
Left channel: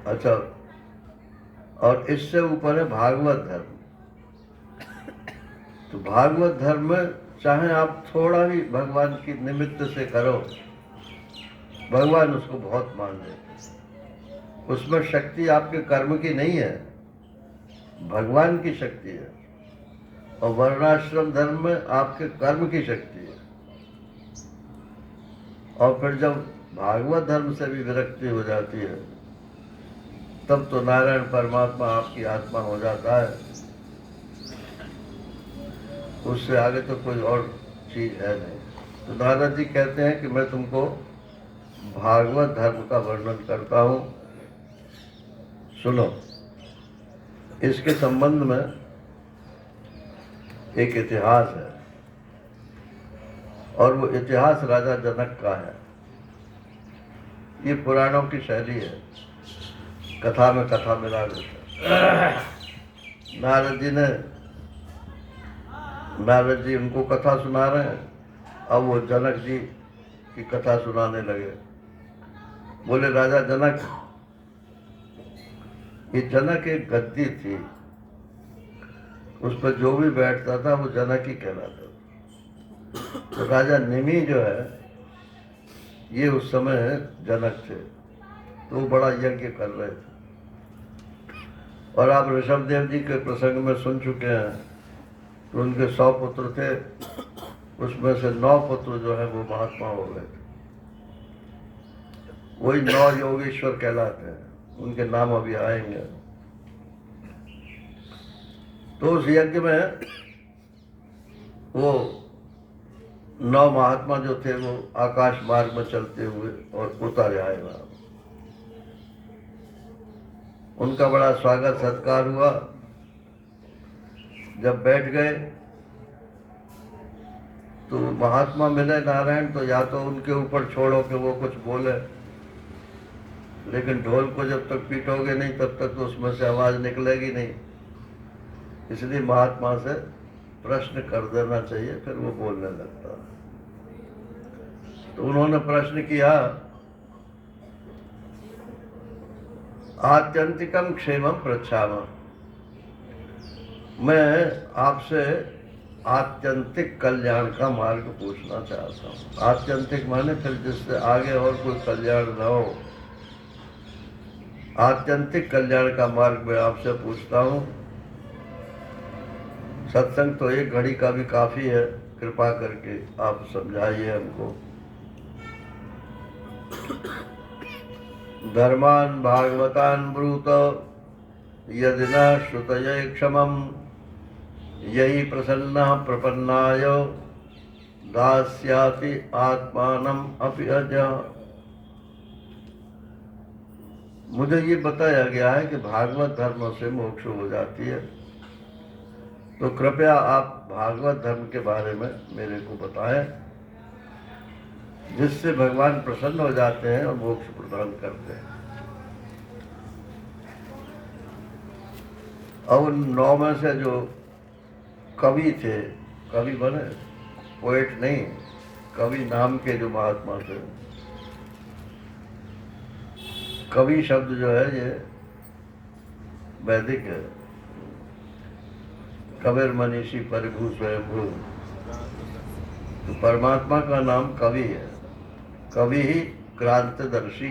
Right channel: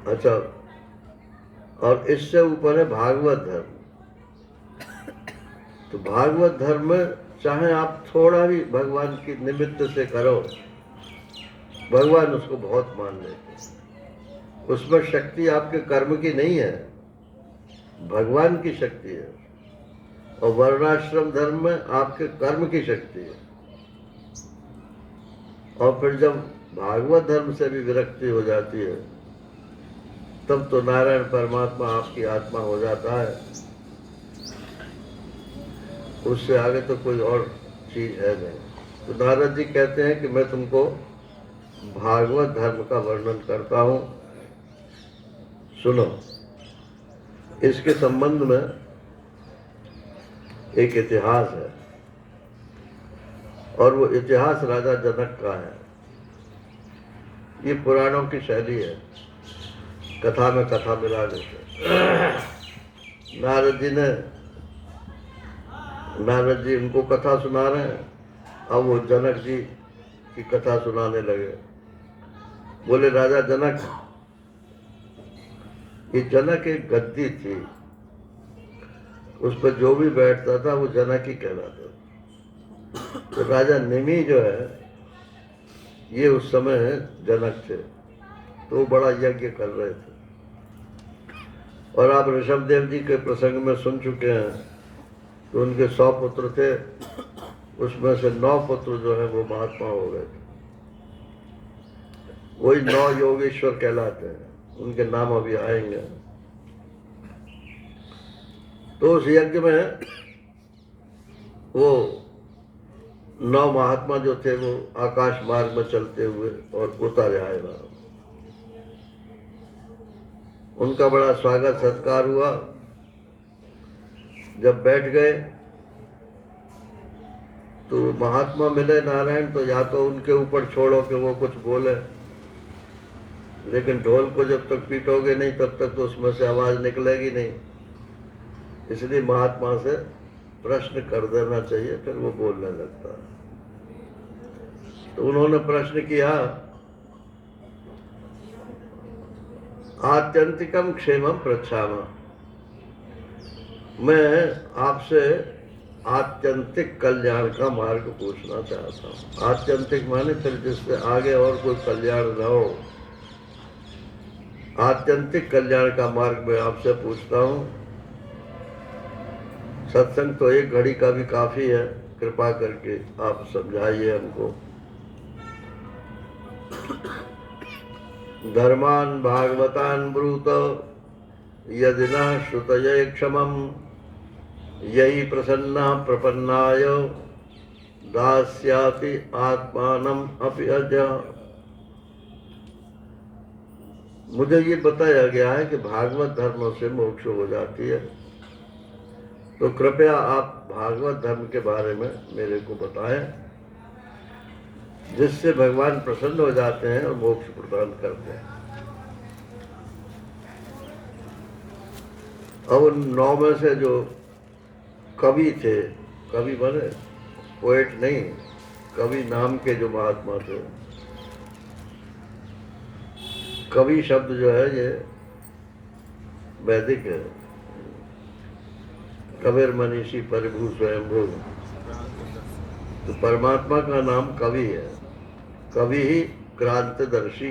अच्छा, और इससे ऊपर है भागवत धर्म। तो भागवत धर्म में चाहे आप थोड़ा भी भगवान की निमित्त से करो, भगवान उसको बहुत मान लेते हैं। उसमें शक्ति आपके कर्म की नहीं है, भगवान की शक्ति है। और वर्णाश्रम धर्म में आपके कर्म की शक्ति है। और फिर जब भागवत धर्म से भी विरक्ति हो जाती है, तब तो नारायण परमात्मा आपकी आत्मा हो जाता है। उससे आगे तो कोई और चीज है नहीं। तो नारद जी कहते हैं कि मैं तुमको भागवत धर्म का वर्णन करता हूँ, सुनो। इसके संबंध में एक इतिहास है, और वो इतिहास राजा जनक का है। ये पुराणों की शैली है, कथा में कथा मिला देते। नारद जी उनको कथा सुना रहे हैं। अब वो जनक जी की कथा सुनाने लगे। बोले, राजा जनक, ये जनक एक गद्दी थी, उस पर जो भी बैठता था वो जनक ही कहलाता था। तो राजा निमि जो है, ये उस समय जनक थे, तो वो बड़ा यज्ञ कर रहे थे। और आप ऋषभ देव जी के प्रसंग में सुन चुके हैं, तो उनके 100 पुत्र थे, उसमें से 9 पुत्र जो है वो महात्मा हो गए थे। वही 9 योगेश्वर कहलाते हैं, उनके नाम अभी आएंगे। तो उस यज्ञ में वो 9 महात्मा जो थे वो आकाश मार्ग में चलते हुए और उतर आए वहां। उनका बड़ा स्वागत सत्कार हुआ। जब बैठ गए तो महात्मा मिले नारायण, तो या तो उनके ऊपर छोड़ो कि वो कुछ बोले, लेकिन ढोल को जब तक पीटोगे नहीं तब तक तो उसमें से आवाज निकलेगी नहीं। इसलिए महात्मा से प्रश्न कर देना चाहिए, फिर वो बोलने लगता है। तो उन्होंने प्रश्न किया, आत्यंतिकम क्षेमम पृच्छामि। मैं आपसे आत्यंतिक कल्याण का मार्ग पूछना चाहता हूँ। आत्यंतिक माने फिर जिससे आगे और कोई कल्याण न हो, आत्यंतिक कल्याण का मार्ग मैं आपसे पूछता हूँ। सत्संग तो एक घड़ी का भी काफी है, कृपा करके आप समझाइए हमको। धर्मान भागवतान ब्रूत यदि न श्रुतये क्षमम, यही प्रसन्न प्रपन्नाय दास्याति आत्मानम अपि अज। मुझे ये बताया गया है कि भागवत धर्म से मोक्ष हो जाती है, तो कृपया आप भागवत धर्म के बारे में मेरे को बताएं, जिससे भगवान प्रसन्न हो जाते हैं और मोक्ष प्रदान करते हैं। अब उन 9 में से जो कवि थे, कवि बने, पोएट नहीं, कवि नाम के जो महात्मा थे। कवि शब्द जो है ये वैदिक है। कबीर मनीषी परिभू स्वयंभू, तो परमात्मा का नाम कवि है। कवि ही क्रांतिदर्शी,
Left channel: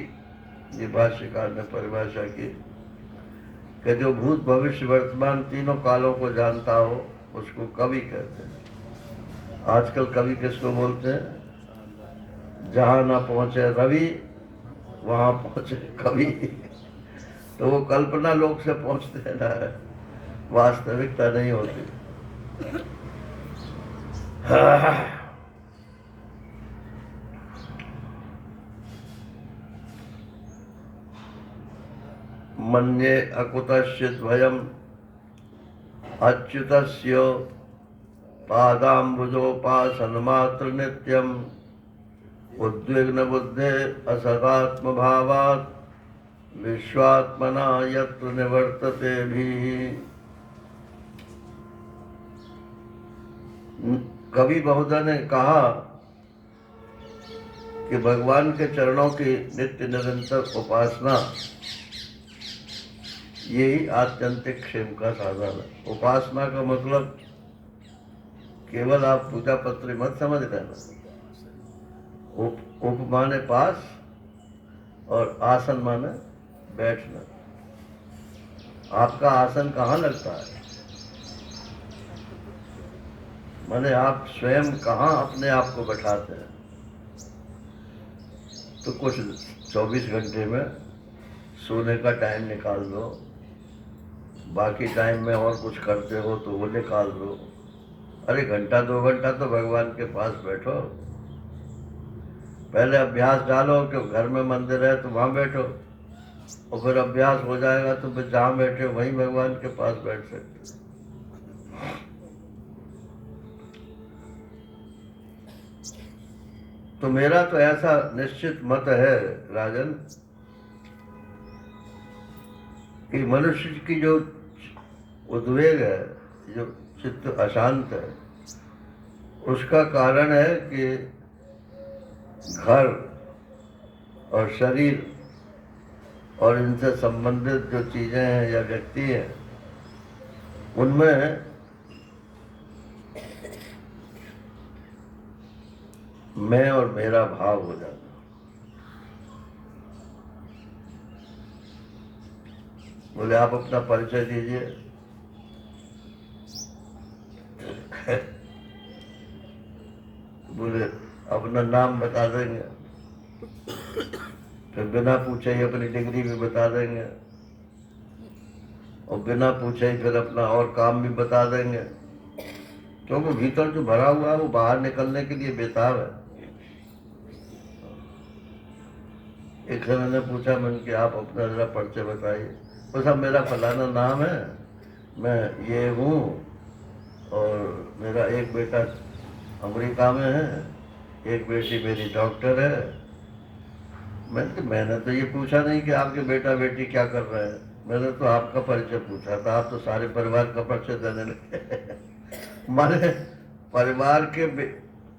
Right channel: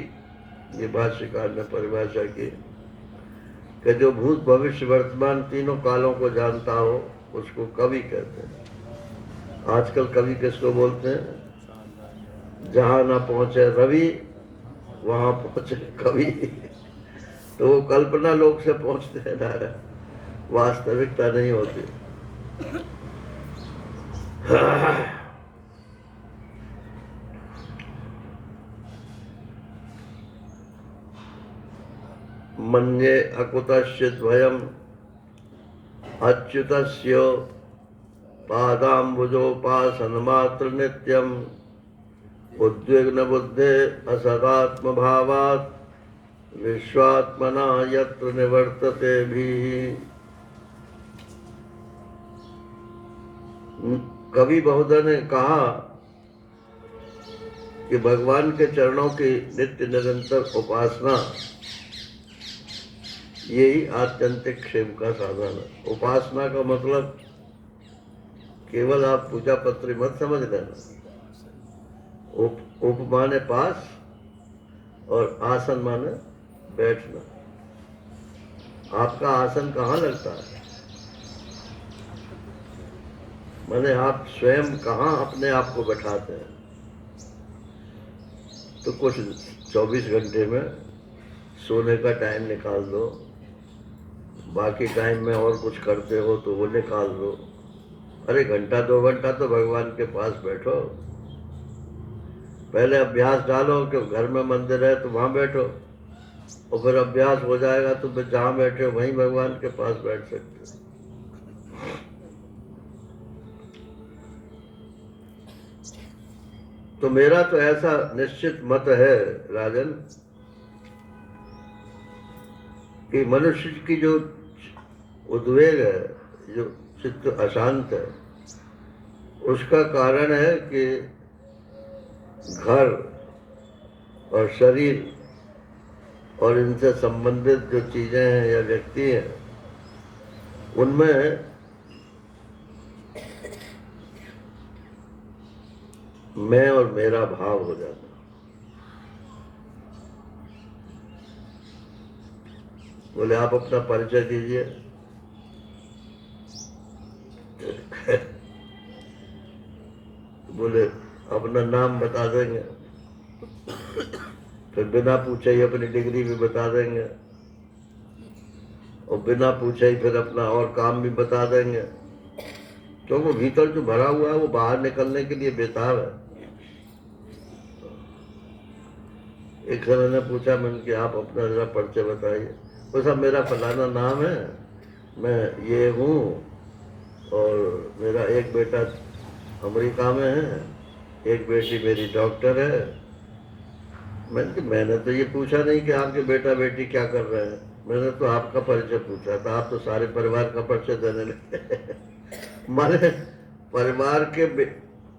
ये भाष्यकार ने परिभाषा की कि जो भूत भविष्य वर्तमान तीनों कालों को जानता हो उसको कवि कहते हैं। आजकल कवि किसको बोलते हैं? जहां ना पहुंचे रवि वहां पहुंचे कवि। तो वो कल्पना लोक से पहुंचते हैं ना, वास्तविकता नहीं होती। मन्ये अकुतस्य द्वयम् अच्युतस्य पादाम्बुजोपासनमात्र नित्यम् उद्विग्न बुद्धे असदात्म भावात् विश्वात्मना यत्र निवर्तते भी। कवि महोदय ने कहा कि भगवान के चरणों की नित्य निरंतर उपासना यही आत्यंतिक क्षेम का साधन है। उपासना का मतलब केवल आप पूजा पत्र मत समझ लेना। उप माने पास और आसन माने बैठना। आपका आसन कहाँ लगता है? माने आप स्वयं कहाँ अपने आप को बैठाते हैं? तो कुछ 24 घंटे में सोने का टाइम निकाल दो, बाकी टाइम में और कुछ करते हो तो वो निकाल दो। अरे घंटा 2 घंटा तो भगवान के पास बैठो। पहले अभ्यास डालो कि घर में मंदिर है तो वहाँ बैठो, और फिर अभ्यास हो जाएगा तो फिर जहाँ बैठे हो वहीं भगवान के पास बैठ सकते हो। तो मेरा तो ऐसा निश्चित मत है राजन कि मनुष्य की जो उद्वेग है, जो चित्त अशांत है, उसका कारण है कि घर और शरीर और इनसे संबंधित जो चीजें हैं या व्यक्ति हैं, उनमें मैं और मेरा भाव हो जाता। बोले आप अपना परिचय दीजिए। बोले अपना नाम बता देंगे, फिर बिना पूछे ही अपनी डिग्री भी बता देंगे, और बिना पूछे ही फिर अपना और काम भी बता देंगे, क्योंकि भीतर जो भरा हुआ है वो बाहर निकलने के लिए बेताब है। एक जने ने पूछा मैंने कि आप अपना जरा परिचय बताइए। उसका मेरा फलाना नाम है, मैं ये हूँ, और मेरा एक बेटा अमेरिका में है, एक बेटी मेरी डॉक्टर है। मैंने तो ये पूछा नहीं कि आपके बेटा बेटी क्या कर रहे हैं, मैंने तो आपका परिचय पूछा था। आप तो सारे परिवार का परिचय देने लगे। माने परिवार के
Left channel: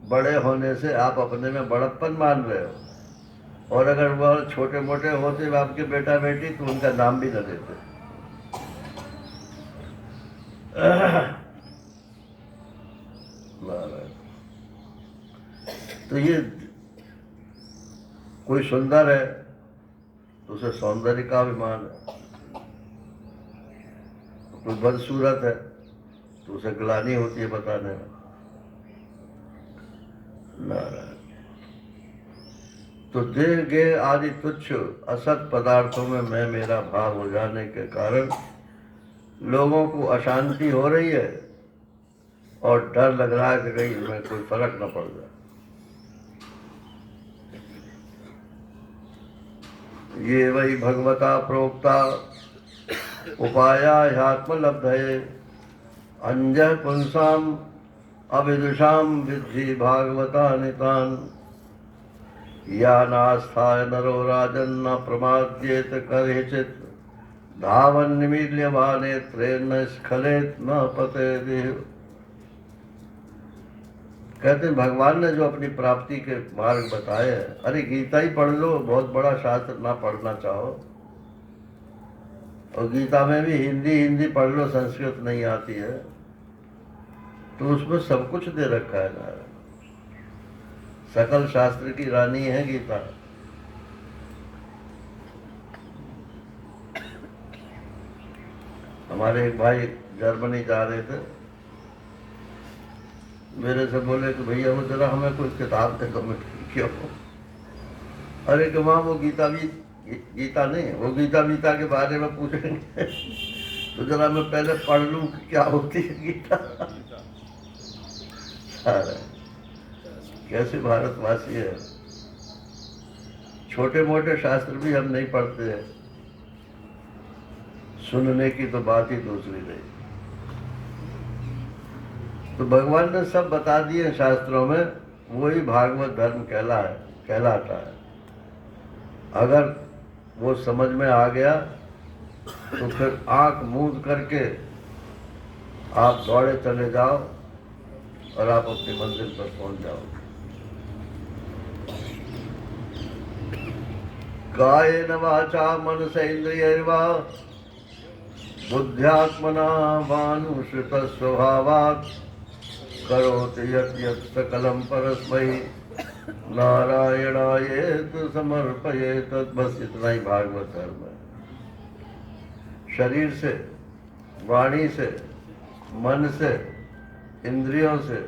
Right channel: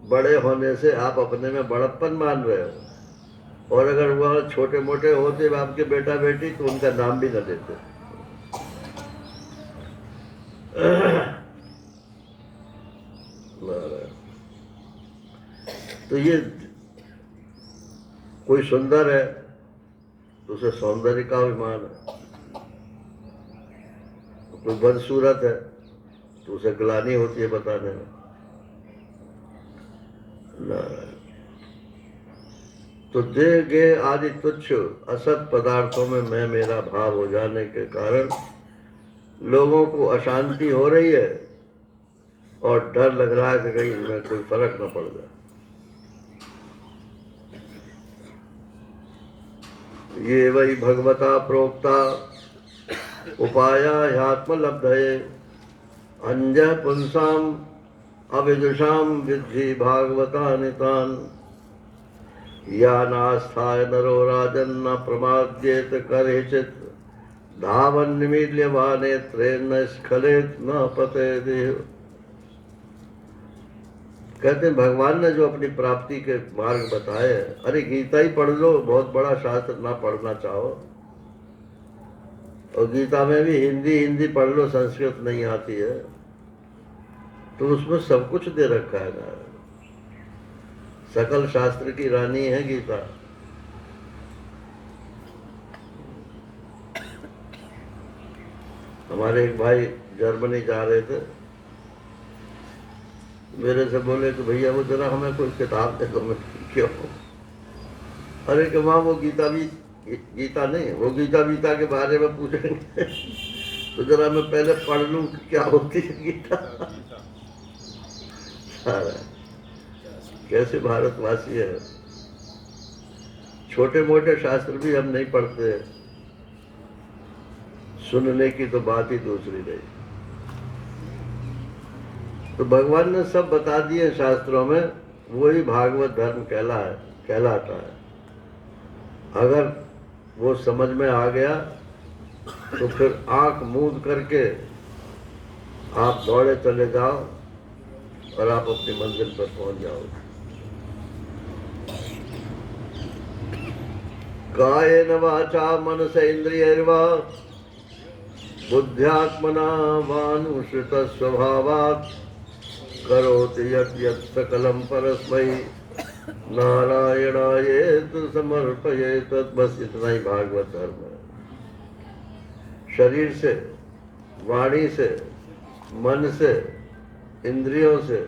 बड़े होने से आप अपने में बड़प्पन मान रहे हो, और अगर वो छोटे मोटे होते आपके बेटा बेटी तो उनका नाम भी न देते। तो ये कोई सुंदर है तो उसे सौंदर्य का अभिमान है, कोई बदसूरत है तो उसे ग्लानि होती है बताने में। तो देह गे आदि तुच्छ असत पदार्थों में मैं मेरा भाव हो जाने के कारण लोगों को अशांति हो रही है और डर लग रहा है कि कहीं इसमें कोई फर्क न पड़ जाए। ये वही भगवता प्रोक्ता उपाया ह्यात्मलब्धये अंजः पुंसाम अविदुषाम विद्धि भागवता नितान या नास्थाय नरो राजन न प्रमाद्येत करेचित धावन निमील्यमाने त्रेन स्खलेत न पते देह। कहते हैं भगवान ने जो अपनी प्राप्ति के मार्ग बताए हैं, अरे गीता ही पढ़ लो, बहुत बड़ा शास्त्र ना पढ़ना चाहो, और गीता में भी हिंदी पढ़ लो, संस्कृत नहीं आती है तो उसमें सब कुछ दे रखा है ना। सकल शास्त्र की रानी है गीता। हमारे एक भाई जर्मनी जा रहे थे, मेरे से बोले कि भैया वो जरा हमें कोई किताब दे दो। क्यों? अरे कि वहाँ वो गीता नहीं, वो गीता के बारे में पूछेंगे तो जरा मैं पहले पढ़ लूँ क्या होती है गीता। कैसे भारतवासी है, छोटे मोटे शास्त्र भी हम नहीं पढ़ते, सुनने की तो बात ही दूसरी रही। तो भगवान ने सब बता दिए शास्त्रों में, वही भागवत धर्म कहलाता है। अगर वो समझ में आ गया तो फिर आंख मूंद करके आप दौड़े चले जाओ और आप अपनी मंजिल पर पहुंच जाओगे। कायेन वाचा मनसेन्द्रियैर्वा बुद्ध्यात्मना वानुसृत स्वभावात् करोति यत् यत् सकलं परस्मै नारायणायेति समर्पयेत्। बस इतना ही भागवत धर्म है। शरीर से, वाणी से, मन से, इंद्रियों से,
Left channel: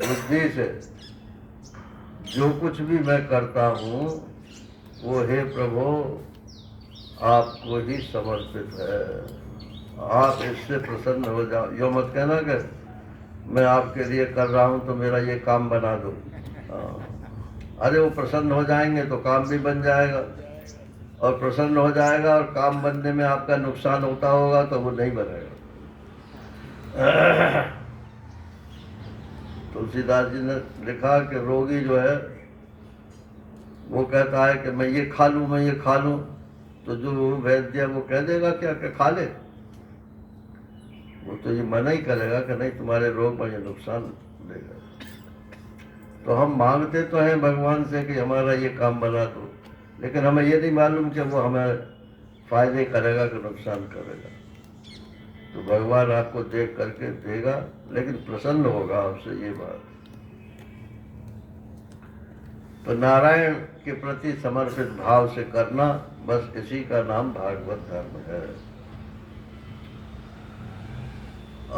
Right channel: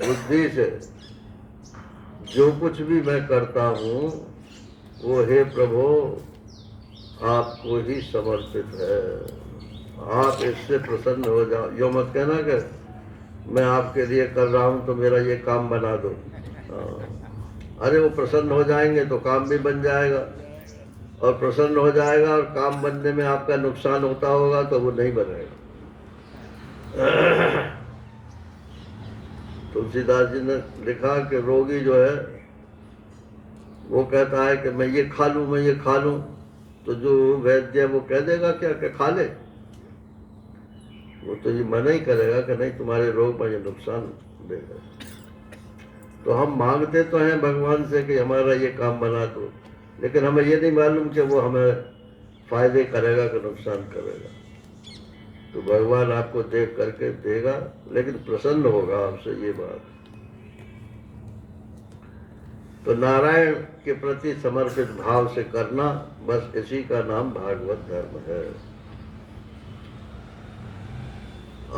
बुद्धि से जो कुछ भी मैं करता हूँ वो हे प्रभु आपको ही समर्पित है। आप इससे प्रसन्न हो जाओ। यो मत कहना कि मैं आपके लिए कर रहा हूँ तो मेरा ये काम बना दो। अरे वो प्रसन्न हो जाएंगे तो काम भी बन जाएगा, और प्रसन्न हो जाएगा और काम बनने में आपका नुकसान होता होगा तो वो नहीं बनेगा। तुलसीदास जी ने लिखा कि रोगी जो है वो कहता है कि मैं ये खा लूं, मैं ये खा लूं, तो जो वैद्य है वो कह देगा क्या कि खा ले? वो तो ये मना ही करेगा कि नहीं, तुम्हारे रोग में ये नुकसान देगा। तो हम मांगते तो हैं भगवान से कि हमारा ये काम बना दो, लेकिन हमें ये नहीं मालूम कि वो हमें फायदे करेगा कि नुकसान करेगा। तो भगवान आपको देख करके देगा, लेकिन प्रसन्न होगा आपसे, ये बात। तो नारायण के प्रति समर्पित भाव से करना, बस इसी का नाम भागवत धर्म है।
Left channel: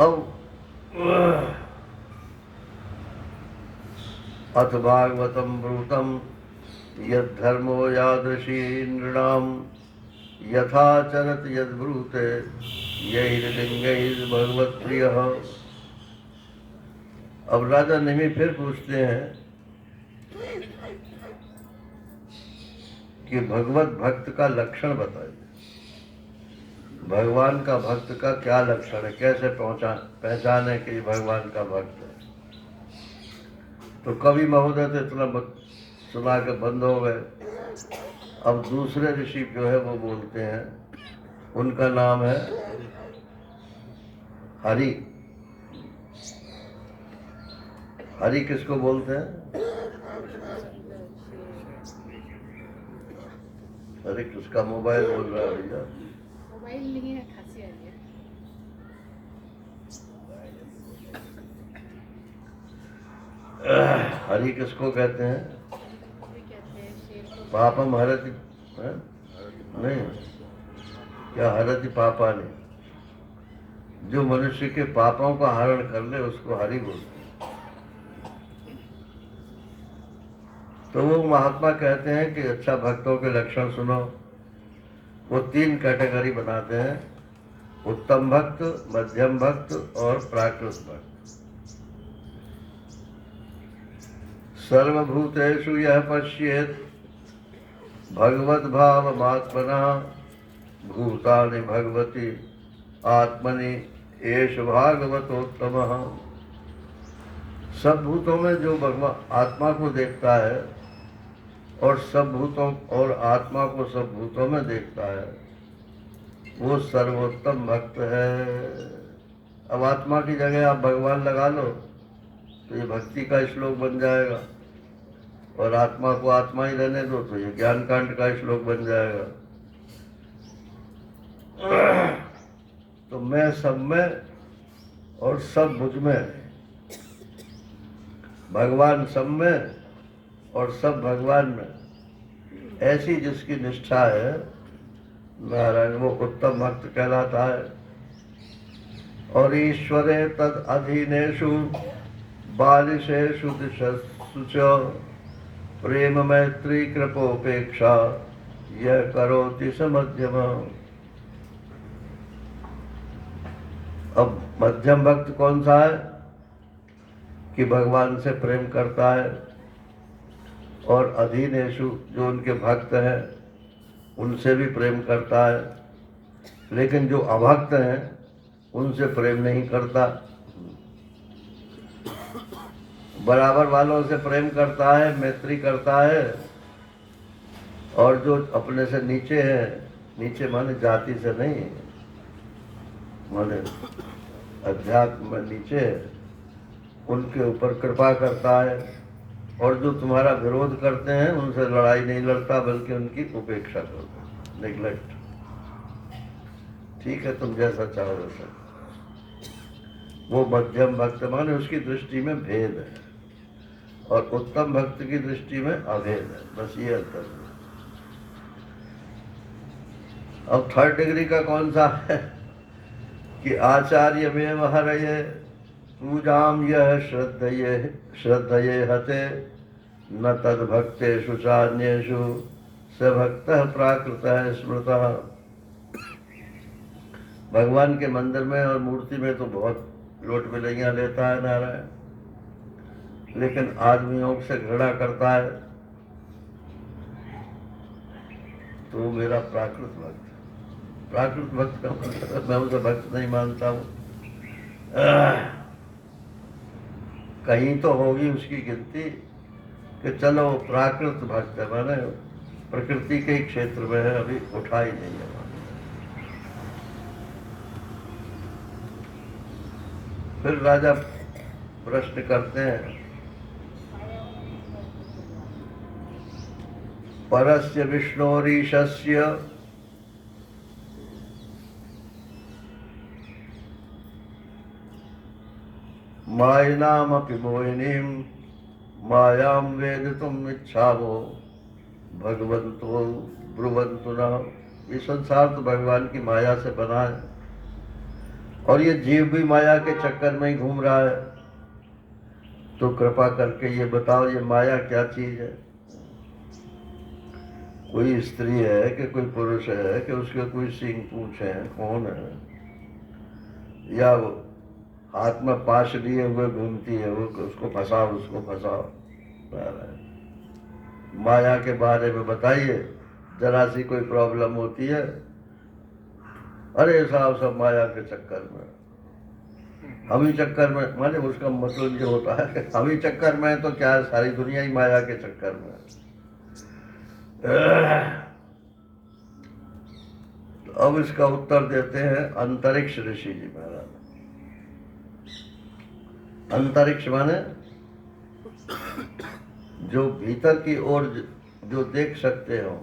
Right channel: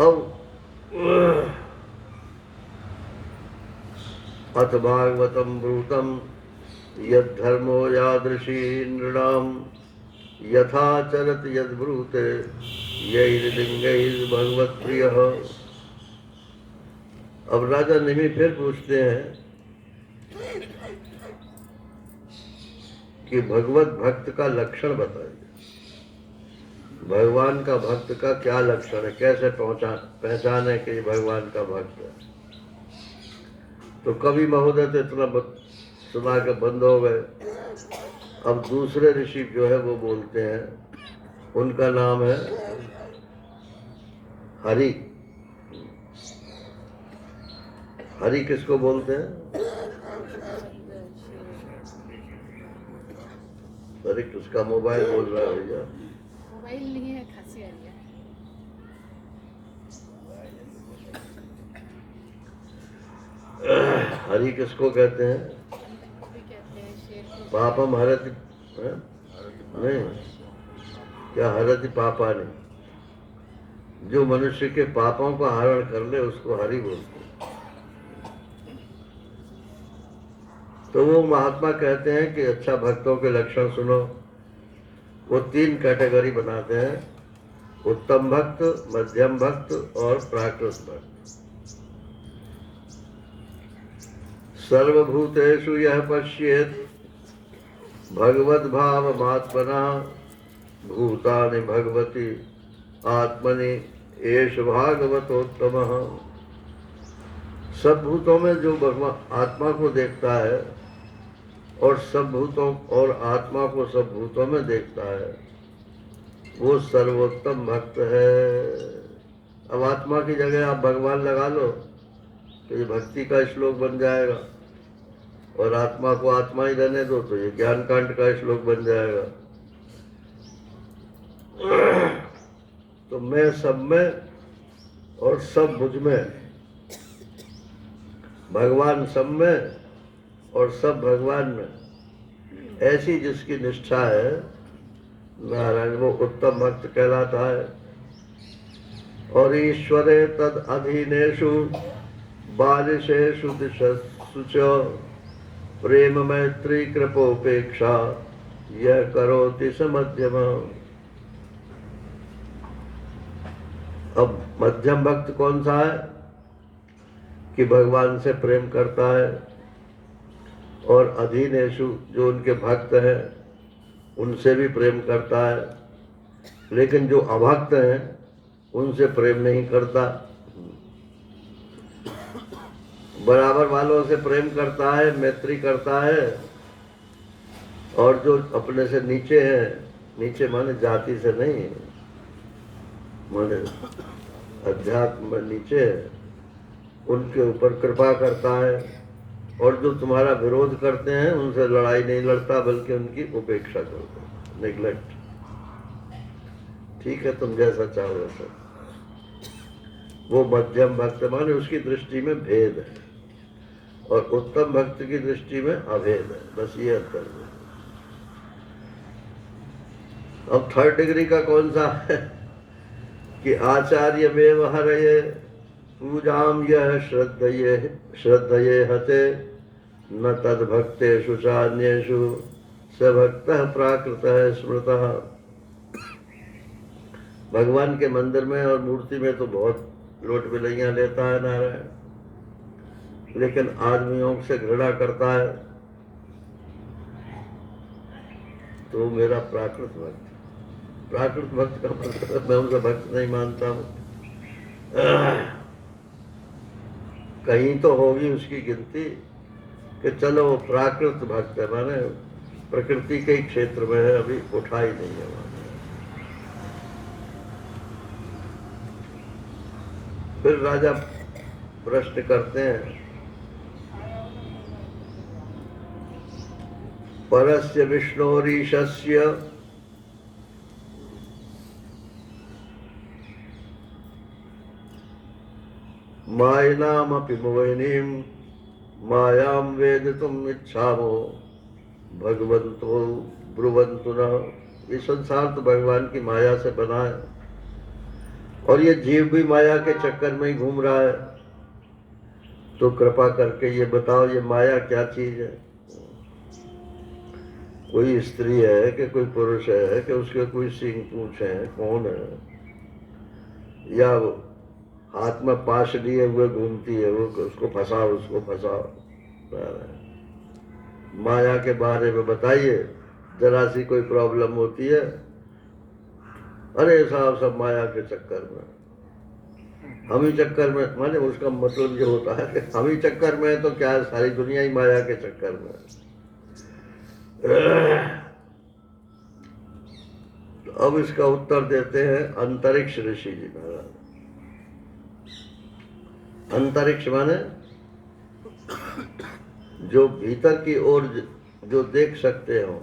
अब अथ भागवतम ब्रूतम यद धर्मो यादृशी नृणाम यथा चरत यद ब्रूते यैर्लिंगैर् भगवत प्रिय। अब राजा निमि फिर पूछते हैं कि भगवत भक्त का लक्षण बताइए, भगवान का भक्त का क्या लक्षण है, कैसे पहचाने कि भगवान का भक्त है। तो कवि महोदय तो इतना सुना के बंद हो गए। अब दूसरे ऋषि जो है वो बोलते हैं, उनका नाम है हरि। हरि किसको बोलते हैं? अरे किसका मोबाइल बोल रहा है भैया? मोबाइल नहीं है, खांसी आ रही है। हरि किसको कहते हैं? पापम हरति नहीं, क्या हरति पापा नहीं, जो मनुष्य के पापों का हरण कर ले उसको हरि बोलते हैं। तो वो महात्मा कहते हैं कि अच्छा भक्तों के लक्षण सुनो। वो 3 कैटेगरी बनाते हैं, उत्तम भक्त, मध्यम भक्त और प्राकृत भक्त। सर्वभूतेषु यह पश्येत् भगवत भाव मात्मना भूतानि भगवती आत्मनि एष भागवतोत्तमः। सब भूतों में जो भगवान आत्मा को देखता है और सब भूतों और आत्मा को सब भूतों में देखता है, वो सर्वोत्तम भक्त है। अब आत्मा की जगह आप भगवान लगा लो तो ये भक्ति का श्लोक बन जाएगा, और आत्मा को आत्मा ही रहने दो तो ये ज्ञान कांड का श्लोक बन जाएगा। तो मैं सब में और सब मुझ में, भगवान सब में और सब भगवान में, ऐसी जिसकी निष्ठा है नारायण, वो उत्तम भक्त कहलाता है। और ईश्वरे तद अधीनेषु बालिशेषु दिशसु च प्रेम मैत्री कृपोपेक्षा यह करोति स मध्यम। अब मध्यम भक्त कौन सा है? कि भगवान से प्रेम करता है, और अधीनेषु जो उनके भक्त हैं उनसे भी प्रेम करता है, लेकिन जो अभक्त हैं उनसे प्रेम नहीं करता। बराबर वालों से प्रेम करता है, मैत्री करता है, और जो अपने से नीचे हैं, नीचे माने जाति से नहीं, माने अध्यात्म में नीचे, उनके ऊपर कृपा करता है। और जो तुम्हारा विरोध करते हैं उनसे लड़ाई नहीं लड़ता, बल्कि उनकी उपेक्षा करता है, नेग्लेक्ट। ठीक है, तुम जैसा चाहो वैसा। वो मध्यम भक्त माने उसकी दृष्टि में भेद है, और उत्तम भक्त की दृष्टि में अभेद है, बस ये अंतर है। अब 3rd डिग्री का कौन सा है? कि आचार्य व्यवहारये पूजाम यह श्रद्धये हते न तद भक्तेषु चान्येषु स भक्तः प्राकृतः स्मृतः। भगवान के मंदिर में और मूर्ति में तो बहुत लोट बिलैयां लेता है नारायण, लेकिन आदमियों से घृणा करता है, तो वो मेरा प्राकृत भक्त है। प्राकृत भक्त का मतलब मैं उसे भक्त नहीं मानता हूँ। कहीं तो होगी उसकी गिनती कि चलो वो प्राकृत भक्त है, माने प्रकृति के ही क्षेत्र में है, अभी उठा ही नहीं है। फिर राजा प्रश्न करते हैं, परस्य विष्णोरीशस्य मायनामपि मोहिनीं मायां वेदितुम् इच्छामो भगवन्तो ब्रुवन्तु न। ये संसार तो भगवान की माया से बना है और ये जीव भी माया के चक्कर में ही घूम रहा है। तो कृपा करके ये बताओ, ये माया क्या चीज है? कोई स्त्री है कि कोई पुरुष है कि उसके कोई सींग पूंछ है? कौन है? या वो हाथ में पाश लिए हुए घूमती है, वो उसको फंसाओ, उसको फंसाओ। माया के बारे में बताइए, जरा सी कोई प्रॉब्लम होती है, अरे साहब सब माया के चक्कर में, हम ही चक्कर में। माने उसका मतलब ये होता है कि हम ही चक्कर में है तो क्या है, सारी दुनिया ही माया के चक्कर में है। तो अब इसका उत्तर देते हैं अंतरिक्ष ऋषि जी महाराज। अंतरिक्ष माने जो भीतर की ओर जो देख सकते हो,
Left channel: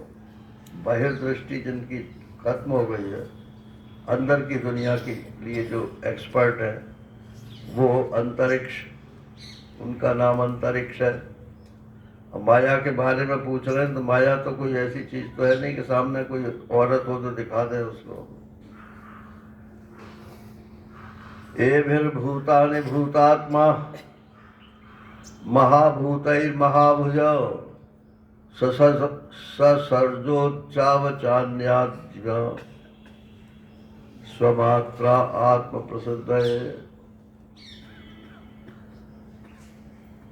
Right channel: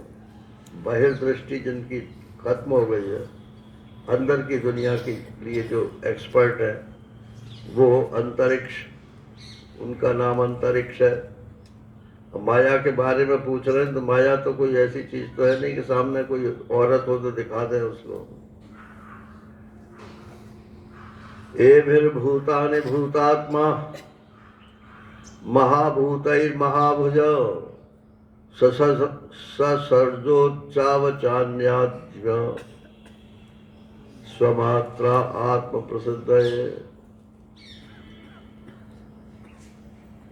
बहिर्दृष्टि जिनकी खत्म हो गई है, अंदर की दुनिया के लिए जो एक्सपर्ट है वो अंतरिक्ष, उनका नाम अंतरिक्ष है। माया के बारे में पूछ रहे हैं तो माया तो कोई ऐसी चीज तो है नहीं कि सामने कोई औरत हो तो दिखा दे उसको। एभिर्भूतानि भूतात्मा महाभूतैर्महाभुज ससर्जोच्चावचान्याद्य स्वमात्रा आत्म प्रसिद्ध है।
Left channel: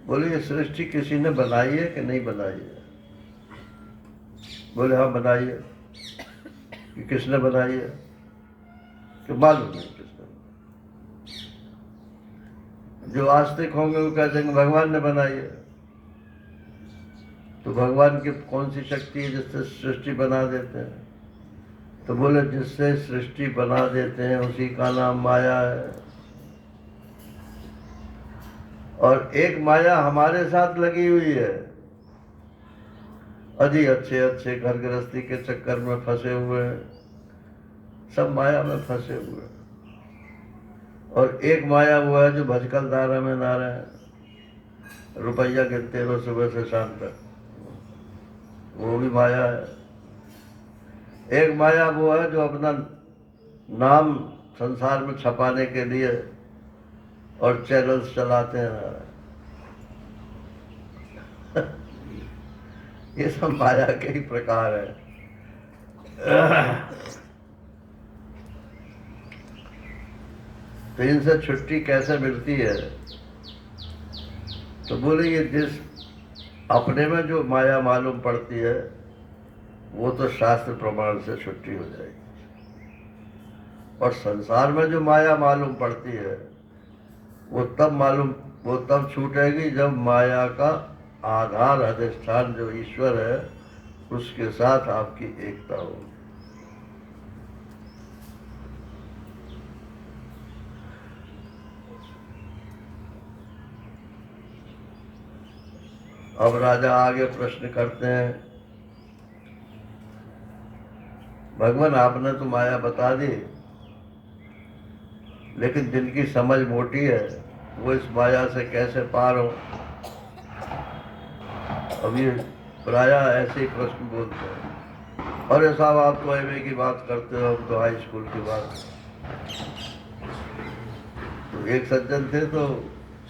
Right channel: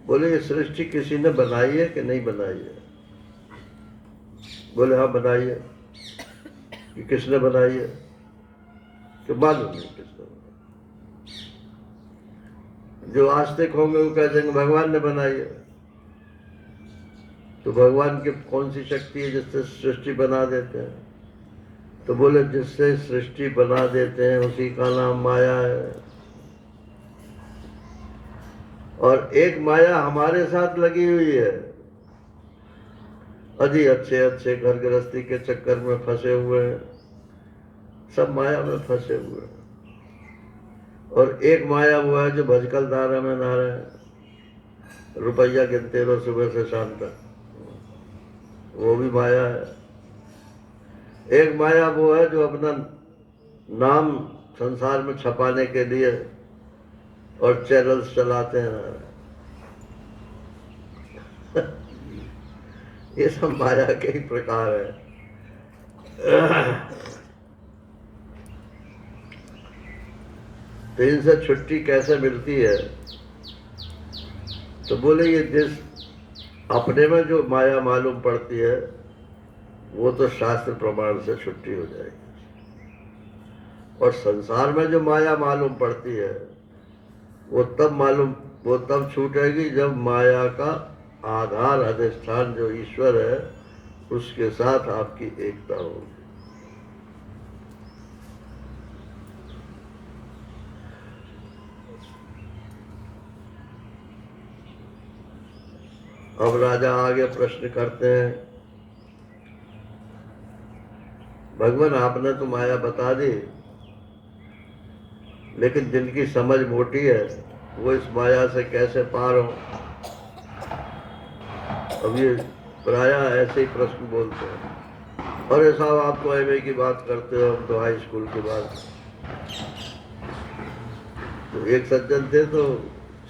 बोले ये सृष्टि किसी ने बनाई है कि नहीं बनाई है? बोले हाँ बनाई है। कि किसने बनाई है? कि मालूम नहीं किसने। जो आस्तिक होंगे वो कहते हैं भगवान ने बनाई है। तो भगवान की कौन सी शक्ति है जिससे सृष्टि बना देते हैं? तो बोले जिससे सृष्टि बना देते हैं उसी का नाम माया है। और एक माया हमारे साथ लगी हुई है, अजी अच्छे अच्छे घर गृहस्थी के चक्कर में फंसे हुए हैं, सब माया में फंसे हुए हैं। और एक माया हुआ है जो भजकल धारा में ना रहे, रुपया गिनते रहो सुबह से शाम तक, वो भी माया है। एक माया वो है जो अपना नाम संसार में छपाने के लिए और चैनल्स चलाते हैं। ये सब माया के ही प्रकार है। तो इनसे छुट्टी कैसे मिलती है? तो बोले ये जिस अपने में जो माया मालूम पड़ती है वो तो शास्त्र प्रमाण से छुट्टी हो जाएगी, और संसार में जो माया मालूम पड़ती है वो तब छूटेगी जब माया का आधार अधिष्ठान जो ईश्वर है उसके साथ आपकी एकता होगी। अब राजा आगे प्रश्न करते हैं, भगवान आपने तो माया बता दी, लेकिन जिनकी समझ मोटी है वो इस माया से कैसे पार हो? अब ये प्राय ऐसे ही प्रश्न बोलते हैं, अरे साहब आप तो एमए की बात करते हो, हम तो हाई स्कूल की बात। तो एक सज्जन थे तो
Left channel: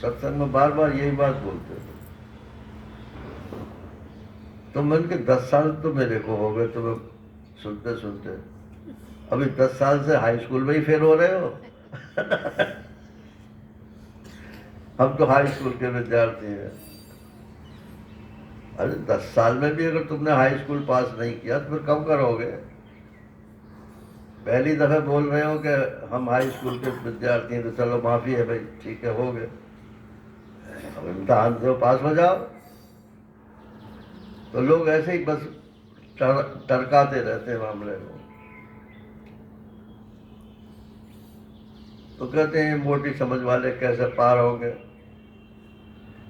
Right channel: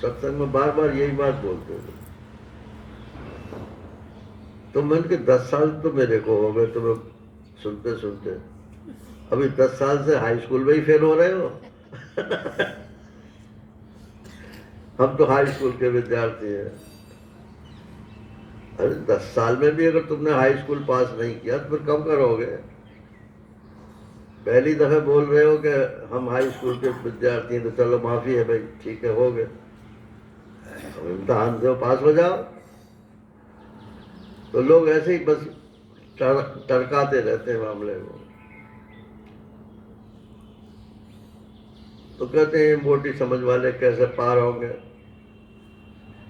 सत्संग में बार बार यही बात बोलते थे। तो मन के 10 साल तो मेरे को हो गए तो मैं सुनते सुनते, अभी 10 साल से हाई स्कूल में ही फेल हो रहे हो। हम तो हाई स्कूल के विद्यार्थी हैं। अरे 10 साल में भी अगर तुमने हाई स्कूल पास नहीं किया तो फिर कब करोगे? पहली दफा बोल रहे हो कि हम हाई स्कूल के विद्यार्थी हैं तो चलो माफी है भाई, ठीक है, हो गए, अब इम्तहान दो, पास हो जाओ। तो लोग ऐसे ही बस टरकाते रहते हैं मामले को। तो कहते हैं मोटी समझ वाले कैसे पार होंगे?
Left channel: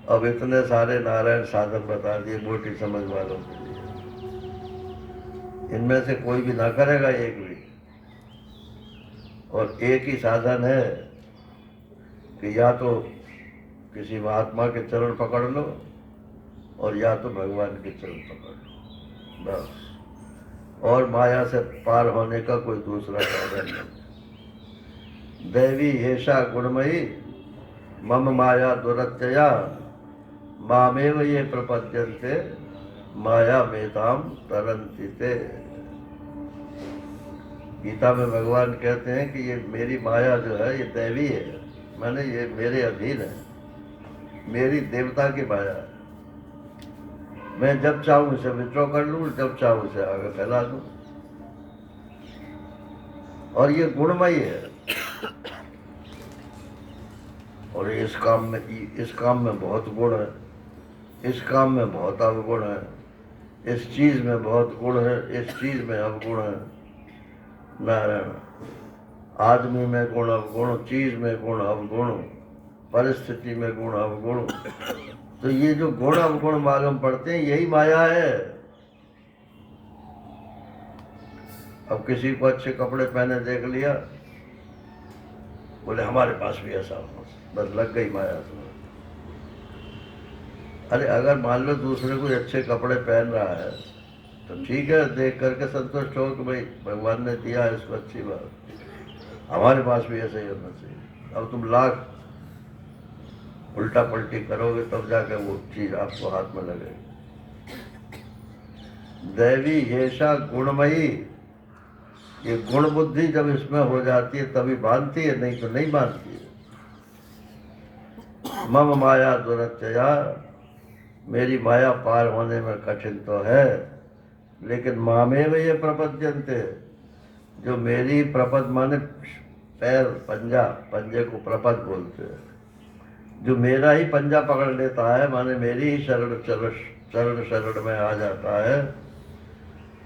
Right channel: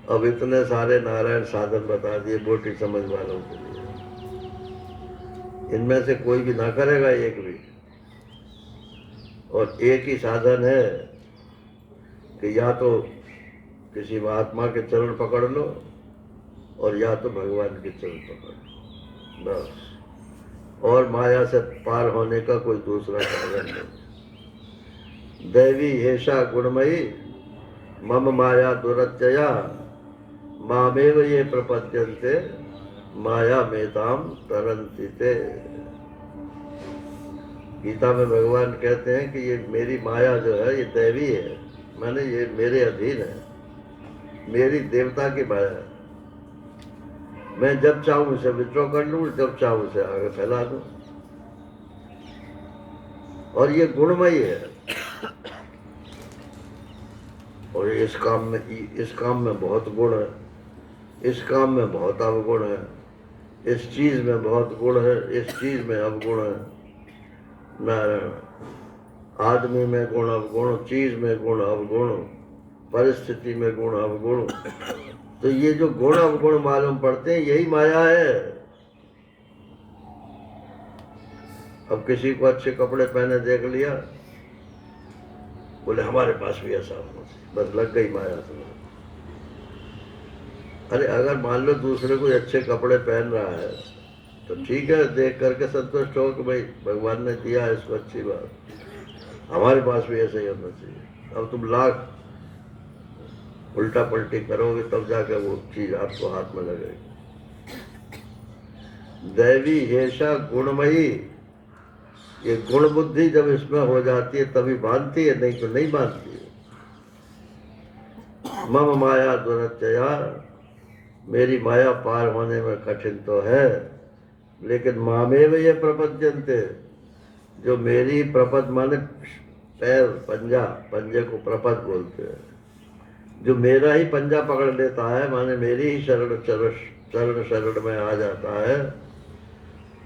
अब इतने सारे नारायण साधन बता दिए मोटी समझ वालों के लिए, इनमें से कोई भी ना करेगा एक भी। और एक ही साधन है कि या तो किसी महात्मा के चरण पकड़ लो और या तो भगवान के चरण पकड़ लो, बस। और माया से पार होने का कोई दूसरा साधन नहीं। दैवी हेषा गुणमयी मम माया दुरत्यया मामेव ये प्रपद्यन्ते माया मेताम तरन्ति ते। गीता में भगवान कहते हैं कि ये मेरी माया जो है ये दैवी है, माने ये मेरे अधीन है, मेरी देवता की माया है। मैं जब चाहूं उसे विड्रॉ कर लूं, जब चाहूं उसे आगे फैला दूं। और ये गुणमयी है। और इस काम में बहुत गुण है, इस काम में बहुत अवगुण है, इस चीज में बहुत गुण है, इस चीज में अवगुण है। नारायण, आदमी में गुण अवगुण, चीज में गुण अवगुण, परिस्थिति में गुण अवगुण। तो ये जो गुण अवगुण मालूम पड़ते हैं यही माया है। अब किसी को अच्छे कपड़े पहने देख लिया, बोले हमारे पास भी ऐसा होना चाहिए, बस लग गई माया से। अरे अगर मान लो दूसरे कोई अच्छे कपड़े पहन रहा है तो ठीक है, देख करके संतुष्ट हो कि भाई भगवान ने दिया इसको, अच्छी बात, हमारे पास भी ऐसे ही होना चाहिए। अब तुम लाख उल्टा पलटी करोगे तब जाकर वो चीज आपको हाथ में लगेगी। दैवी हेषा गुणमयी, ये गुण बुद्धि जब इसमें हो जाती है तभी बांधती है, नहीं तो नहीं बांधती है। मम माया दुरत्यया, मेरी माया पार होने में कठिन तो है, लेकिन मामेव ये प्रपद्यन्ते, जो मेरी प्रपद माने पैर, पंजा, पंजे को प्रपद बोलते हैं, जो मेरा ही पंजा पकड़ लेता है, माने मेरी ही चरण शरण में आ जाता है,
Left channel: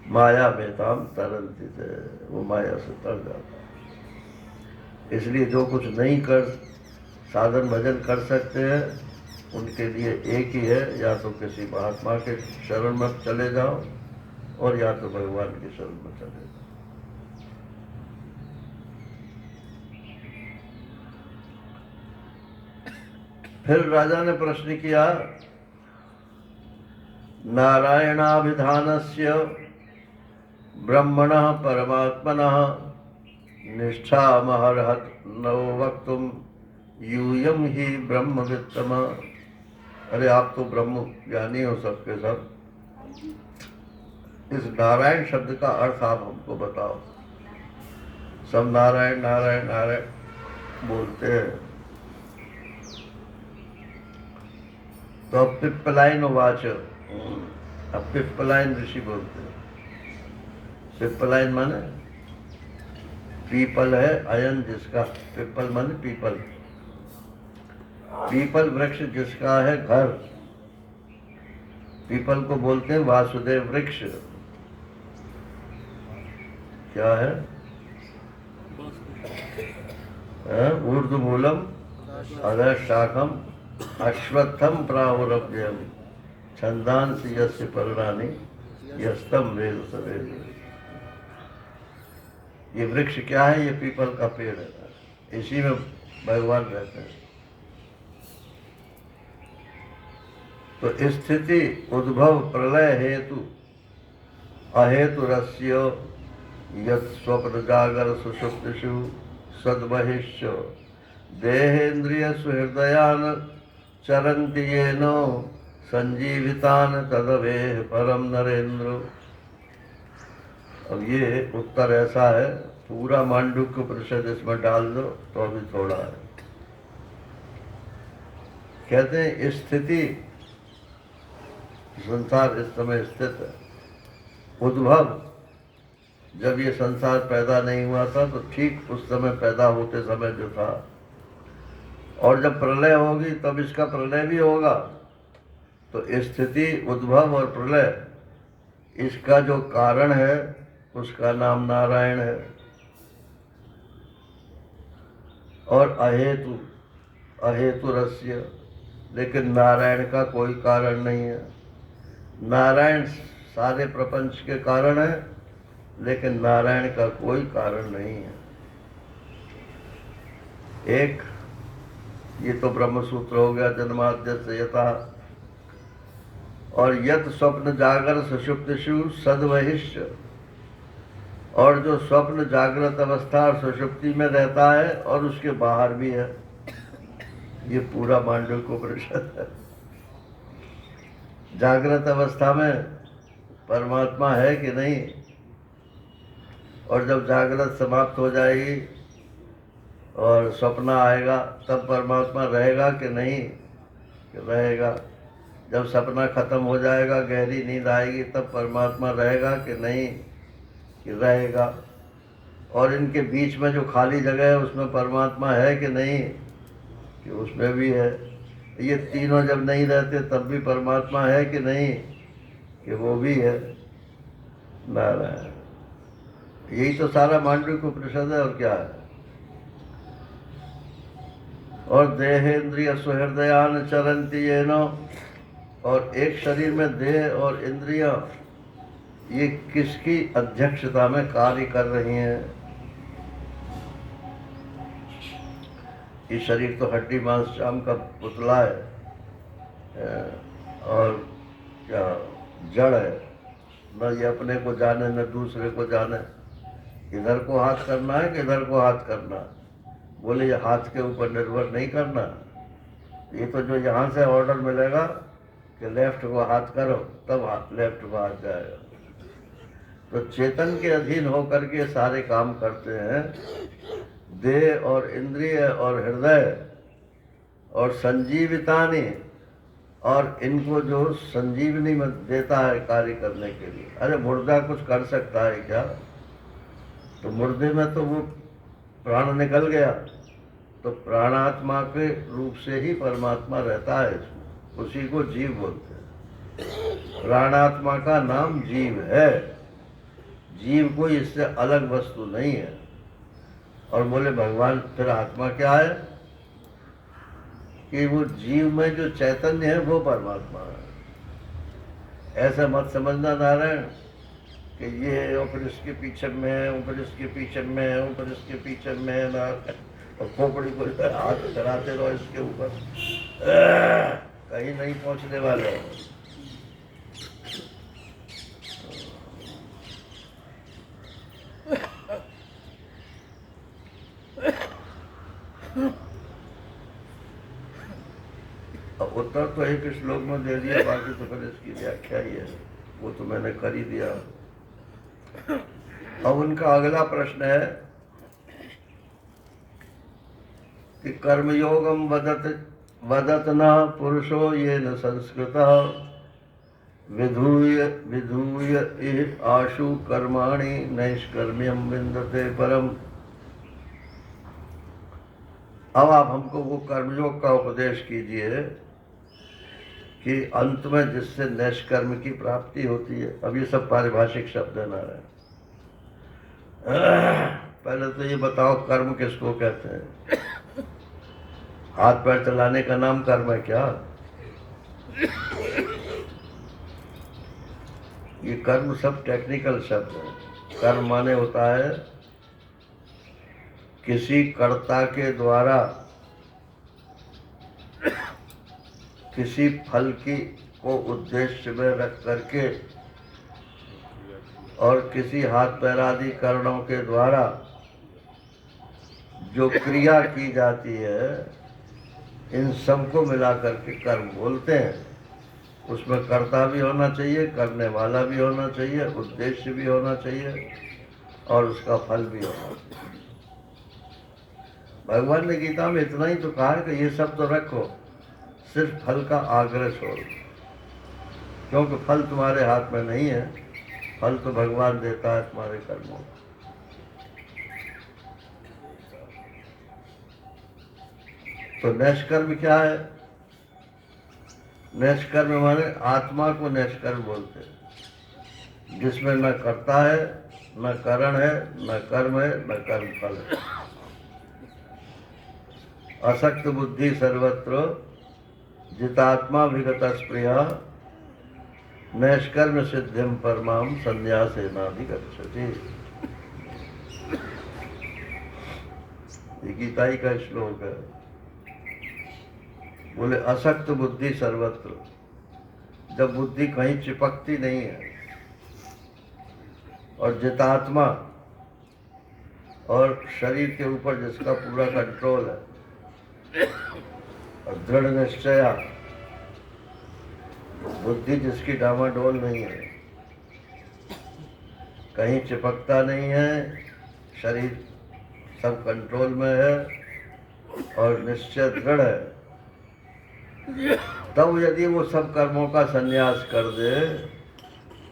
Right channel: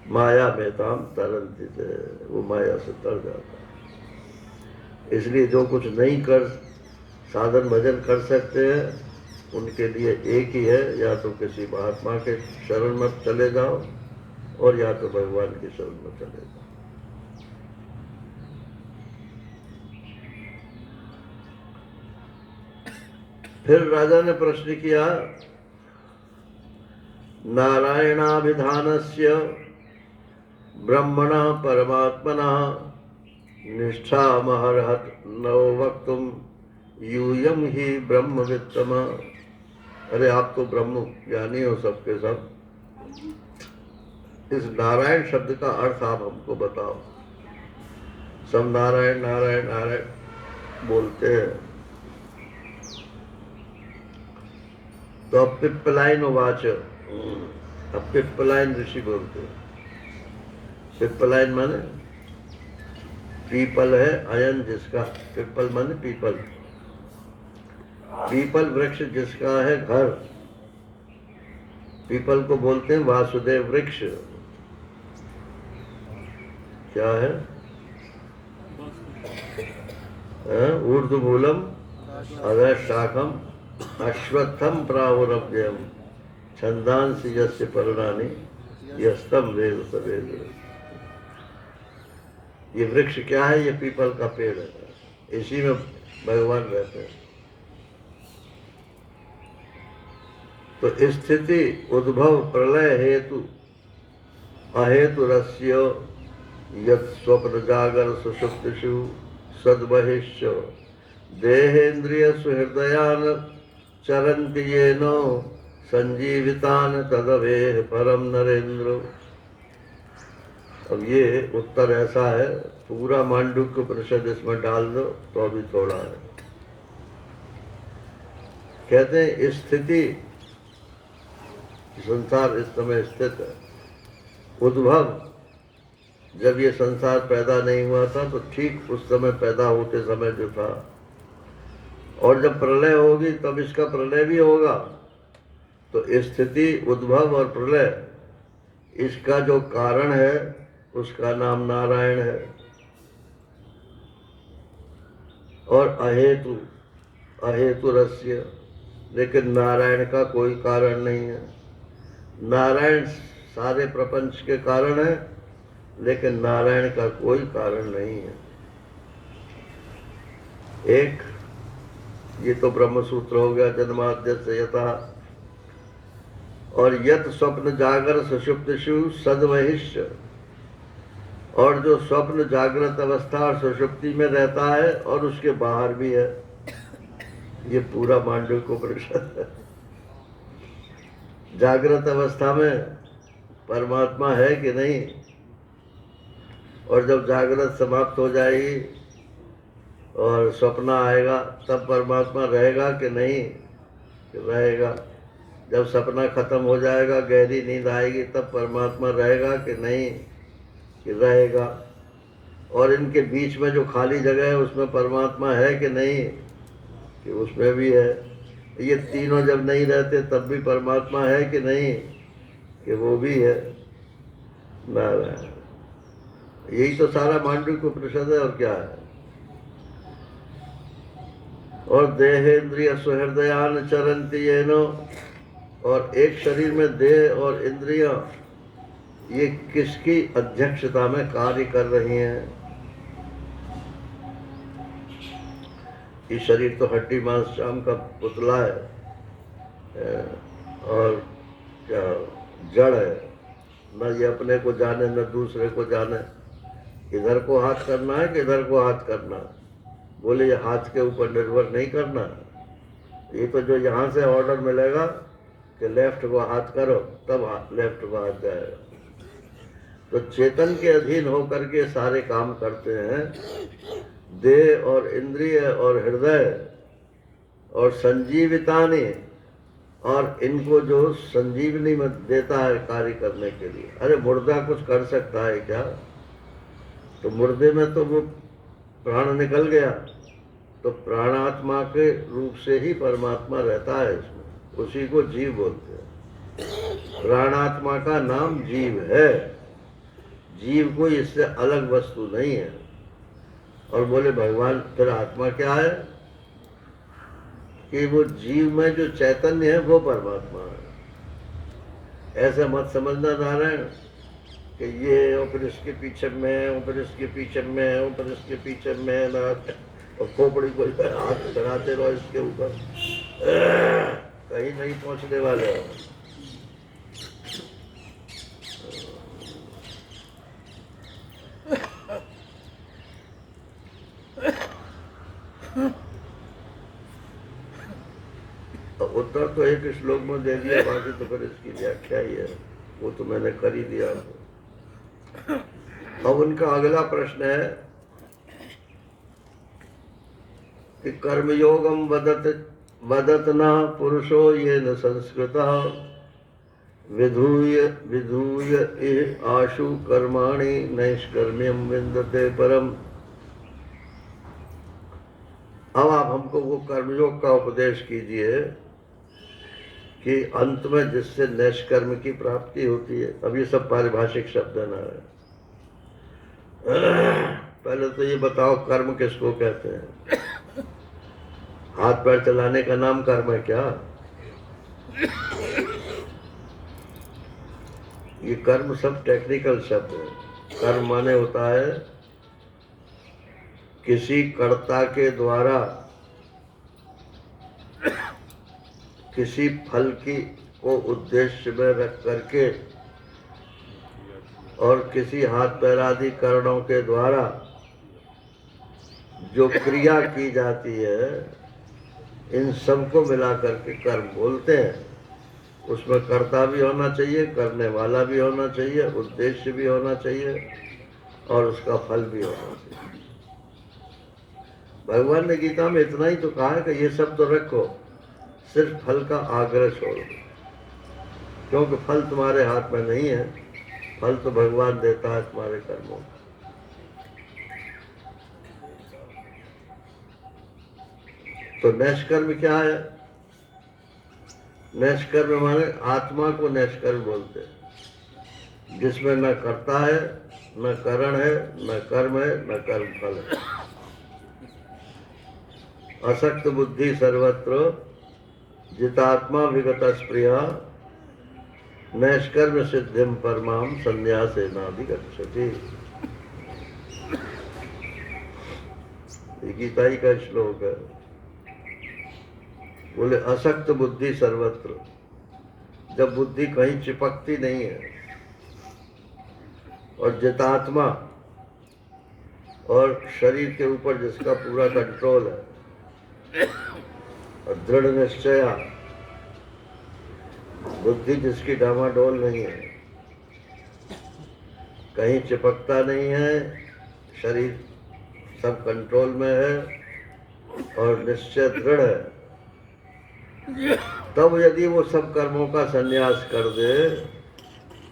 माया में ताम तरन्ति ते, वो माया से तर जाता है। इसलिए जो कुछ नहीं कर साधन भजन कर सकते हैं उनके लिए एक ही है, या तो किसी महात्मा के शरण में चले जाओ और या तो भगवान के शरण में चले जाओ। फिर राजा ने प्रश्न किया, नारायणाभिधानस्य ब्रह्मणः परमात्मनः निष्ठामहर्हत नो वक्तुम यूयम ही ब्रह्मवित्तम। अरे आप तो ब्रह्म ज्ञानी हो सबके सब, इस नारायण शब्द का अर्थ आप हमको बताओ। सब नारायण नारायण नारायण बोलते हैं। तो अब पिप्पलाइन वाच, अब पिप्पलाइन ऋषि बोलते हैं। पिप्पलाइन माने पीपल है, अयन जिसका, पिप्पल माने पीपल, पीपल वृक्ष जिसका है घर, पीपल को बोलते हैं वासुदेव वृक्ष। क्या है? ऊर्ध्वमूलम अधशाखम अश्वत्थम प्राहुरव्ययम छंदांसि यस्य पर्णानि यस्तम वेद सवेद। ये वृक्ष क्या है? ये पीपल का पेड़ है, इसी में भगवान रहते हैं। तो स्थिति उद्भव प्रलय हेतु अहेतु रस्य यत् स्वप्न जागर सुषुप्तिषु सद्बहिश्च देहेन्द्रिय सुहृदयान चरन्ति येन संजीवितान तदवेह परम नरेंद्र। अब ये उत्तर ऐसा है, पूरा मांडुक्य उपनिषद इसमें डाल दो तो अभी थोड़ा है। कहते हैं स्थिति संसार इस समय स्थित है। उद्भव, जब ये संसार पैदा नहीं हुआ था तो ठीक उस समय पैदा होते समय जो था, और जब प्रलय होगी तब इसका प्रलय भी होगा। तो स्थिति, उद्भव और प्रलय, इसका जो कारण है उसका नाम नारायण है। और अहेतु, अहेतु रस्य, लेकिन नारायण का कोई कारण नहीं है। नारायण सारे प्रपंच के कारण है, लेकिन नारायण का कोई कारण नहीं है। एक ये तो ब्रह्म सूत्र हो गया, जन्माद्यस्य यथा। और यत स्वप्न जागर सुषुप्तिषु सद्वहिष्य, और जो स्वप्न जागृत अवस्था और सुषुप्ति में रहता है और उसके बाहर भी है, ये पूरा मांडूक्योपनिषद है। जागृत अवस्था में परमात्मा है कि नहीं, और जब जागृत समाप्त हो जाएगी और स्वप्न आएगा तब परमात्मा रहेगा कि नहीं, रहेगा। जब सपना खत्म हो जाएगा, गहरी नींद आएगी, तब परमात्मा रहेगा कि नहीं, कि रहेगा। और इनके बीच में जो खाली जगह है उसमें परमात्मा है कि नहीं, कि उसमें भी है। ये तीनों जब नहीं रहते तब भी परमात्मा है कि नहीं, कि वो भी है। नारायण, यही तो सारा मांडूक्योपनिषद है, और क्या है। और देहेन्द्रिय सुहृदयान चरन्ति येनो, और एक शरीर में देह और इंद्रियां, ये किसकी अध्यक्षता में कार्य कर रही हैं। ये शरीर तो हड्डी मांस चाम का पुतला है, और क्या जड़ है, न ये अपने को जाने न दूसरे को जाने। इधर को हाथ करना है कि इधर को हाथ करना, बोले ये हाथ के ऊपर निर्भर नहीं करना। ये तो जो यहाँ से ऑर्डर मिलेगा कि लेफ्ट को हाथ करो, तब लेफ्ट को हाथ जाएगा। तो चेतन के अधीन होकर के सारे काम करते हैं। देह और इंद्रिय और हृदय और संजीवितानि, और इनको जो संजीवनी में देता है कार्य करने के लिए। अरे मुर्दा कुछ कर सकता है क्या? तो मुर्दे में तो वो प्राण निकल गया, तो प्राणात्मा के रूप से ही परमात्मा रहता है इसमें, उसी को जीव बोलते हैं। प्राणात्मा का नाम जीव है, जीव कोई इससे अलग वस्तु नहीं है। और बोले भगवान फिर आत्मा क्या है? कि वो जीव में जो चैतन्य है वो परमात्मा है। ऐसा मत समझना नारायण कि ये ऊपर इसके पीछे में है, ऊपर इसके पीछे में है, ऊपर इसके पीछे में है ना, और खोपड़ी को हाथ चढ़ाते रहो इसके ऊपर, कहीं नहीं पहुंचने वाले। उत्तर तो एक श्लोक में दे दिया, बाकी तो फिर इसकी व्याख्या ही है, वो तो मैंने कर ही दिया। अब उनका अगला प्रश्न है कि कर्मयोगम वदत न पुरुषो ये न संस्कृतः विधूय विधूय इह आशु कर्माणि नैष्कर्म्यम विन्दते परम। अब आप हमको वो कर्मयोग का उपदेश कीजिए कि अंत में जिससे नैष्कर्म की प्राप्ति होती है। अब ये सब पारिभाषिक शब्द है ना। पहले तो ये बताओ कर्म किसको कहते हैं? हाथ पैर चलाने का नाम कर्म है क्या? ये कर्म सब टेक्निकल शब्द है। कर्म माने होता है किसी कर्ता के द्वारा किसी फल की को उद्देश्य में रख करके और किसी हाथ पैर आदि कारणों के द्वारा जो क्रिया की जाती है, इन सबको मिला करके कर्म बोलते हैं। उसमें कर्ता भी होना चाहिए, करने वाला भी होना चाहिए, उद्देश्य भी होना चाहिए, और उसका फल भी होना चाहिए। भगवान ने गीता में इतना ही तो कहा है कि ये सब तो रखो, सिर्फ फल का आग्रह छोड़ो। क्योंकि फल तुम्हारे हाथ में नहीं है, फल तो भगवान देता है तुम्हारे कर्मों को। तो नैष्कर्म क्या है? नैष्कर्म माने आत्मा को नैष्कर्म बोलते हैं, जिसमें न कर्ता है, न करण है, न कर्म है, न कर्म फल है। असक्त बुद्धि सर्वत्र जितात्मा विगत स्प्रिया नैष्कर्म सिद्धिम परमाम संन्यासेनाधिगच्छति। ये गीता ही का श्लोक है। बोले असक्त बुद्धि सर्वत्र, जब बुद्धि कहीं चिपकती नहीं है, और जितात्मा, और शरीर के ऊपर जिसका पूरा कंट्रोल है, और दृढ़ निश्चया, बुद्धि जिसकी डामाडोल नहीं है, कहीं चिपकता नहीं है, शरीर सब कंट्रोल में है और निश्चय दृढ़ है, तब यदि वो सब कर्मों का संन्यास कर दे,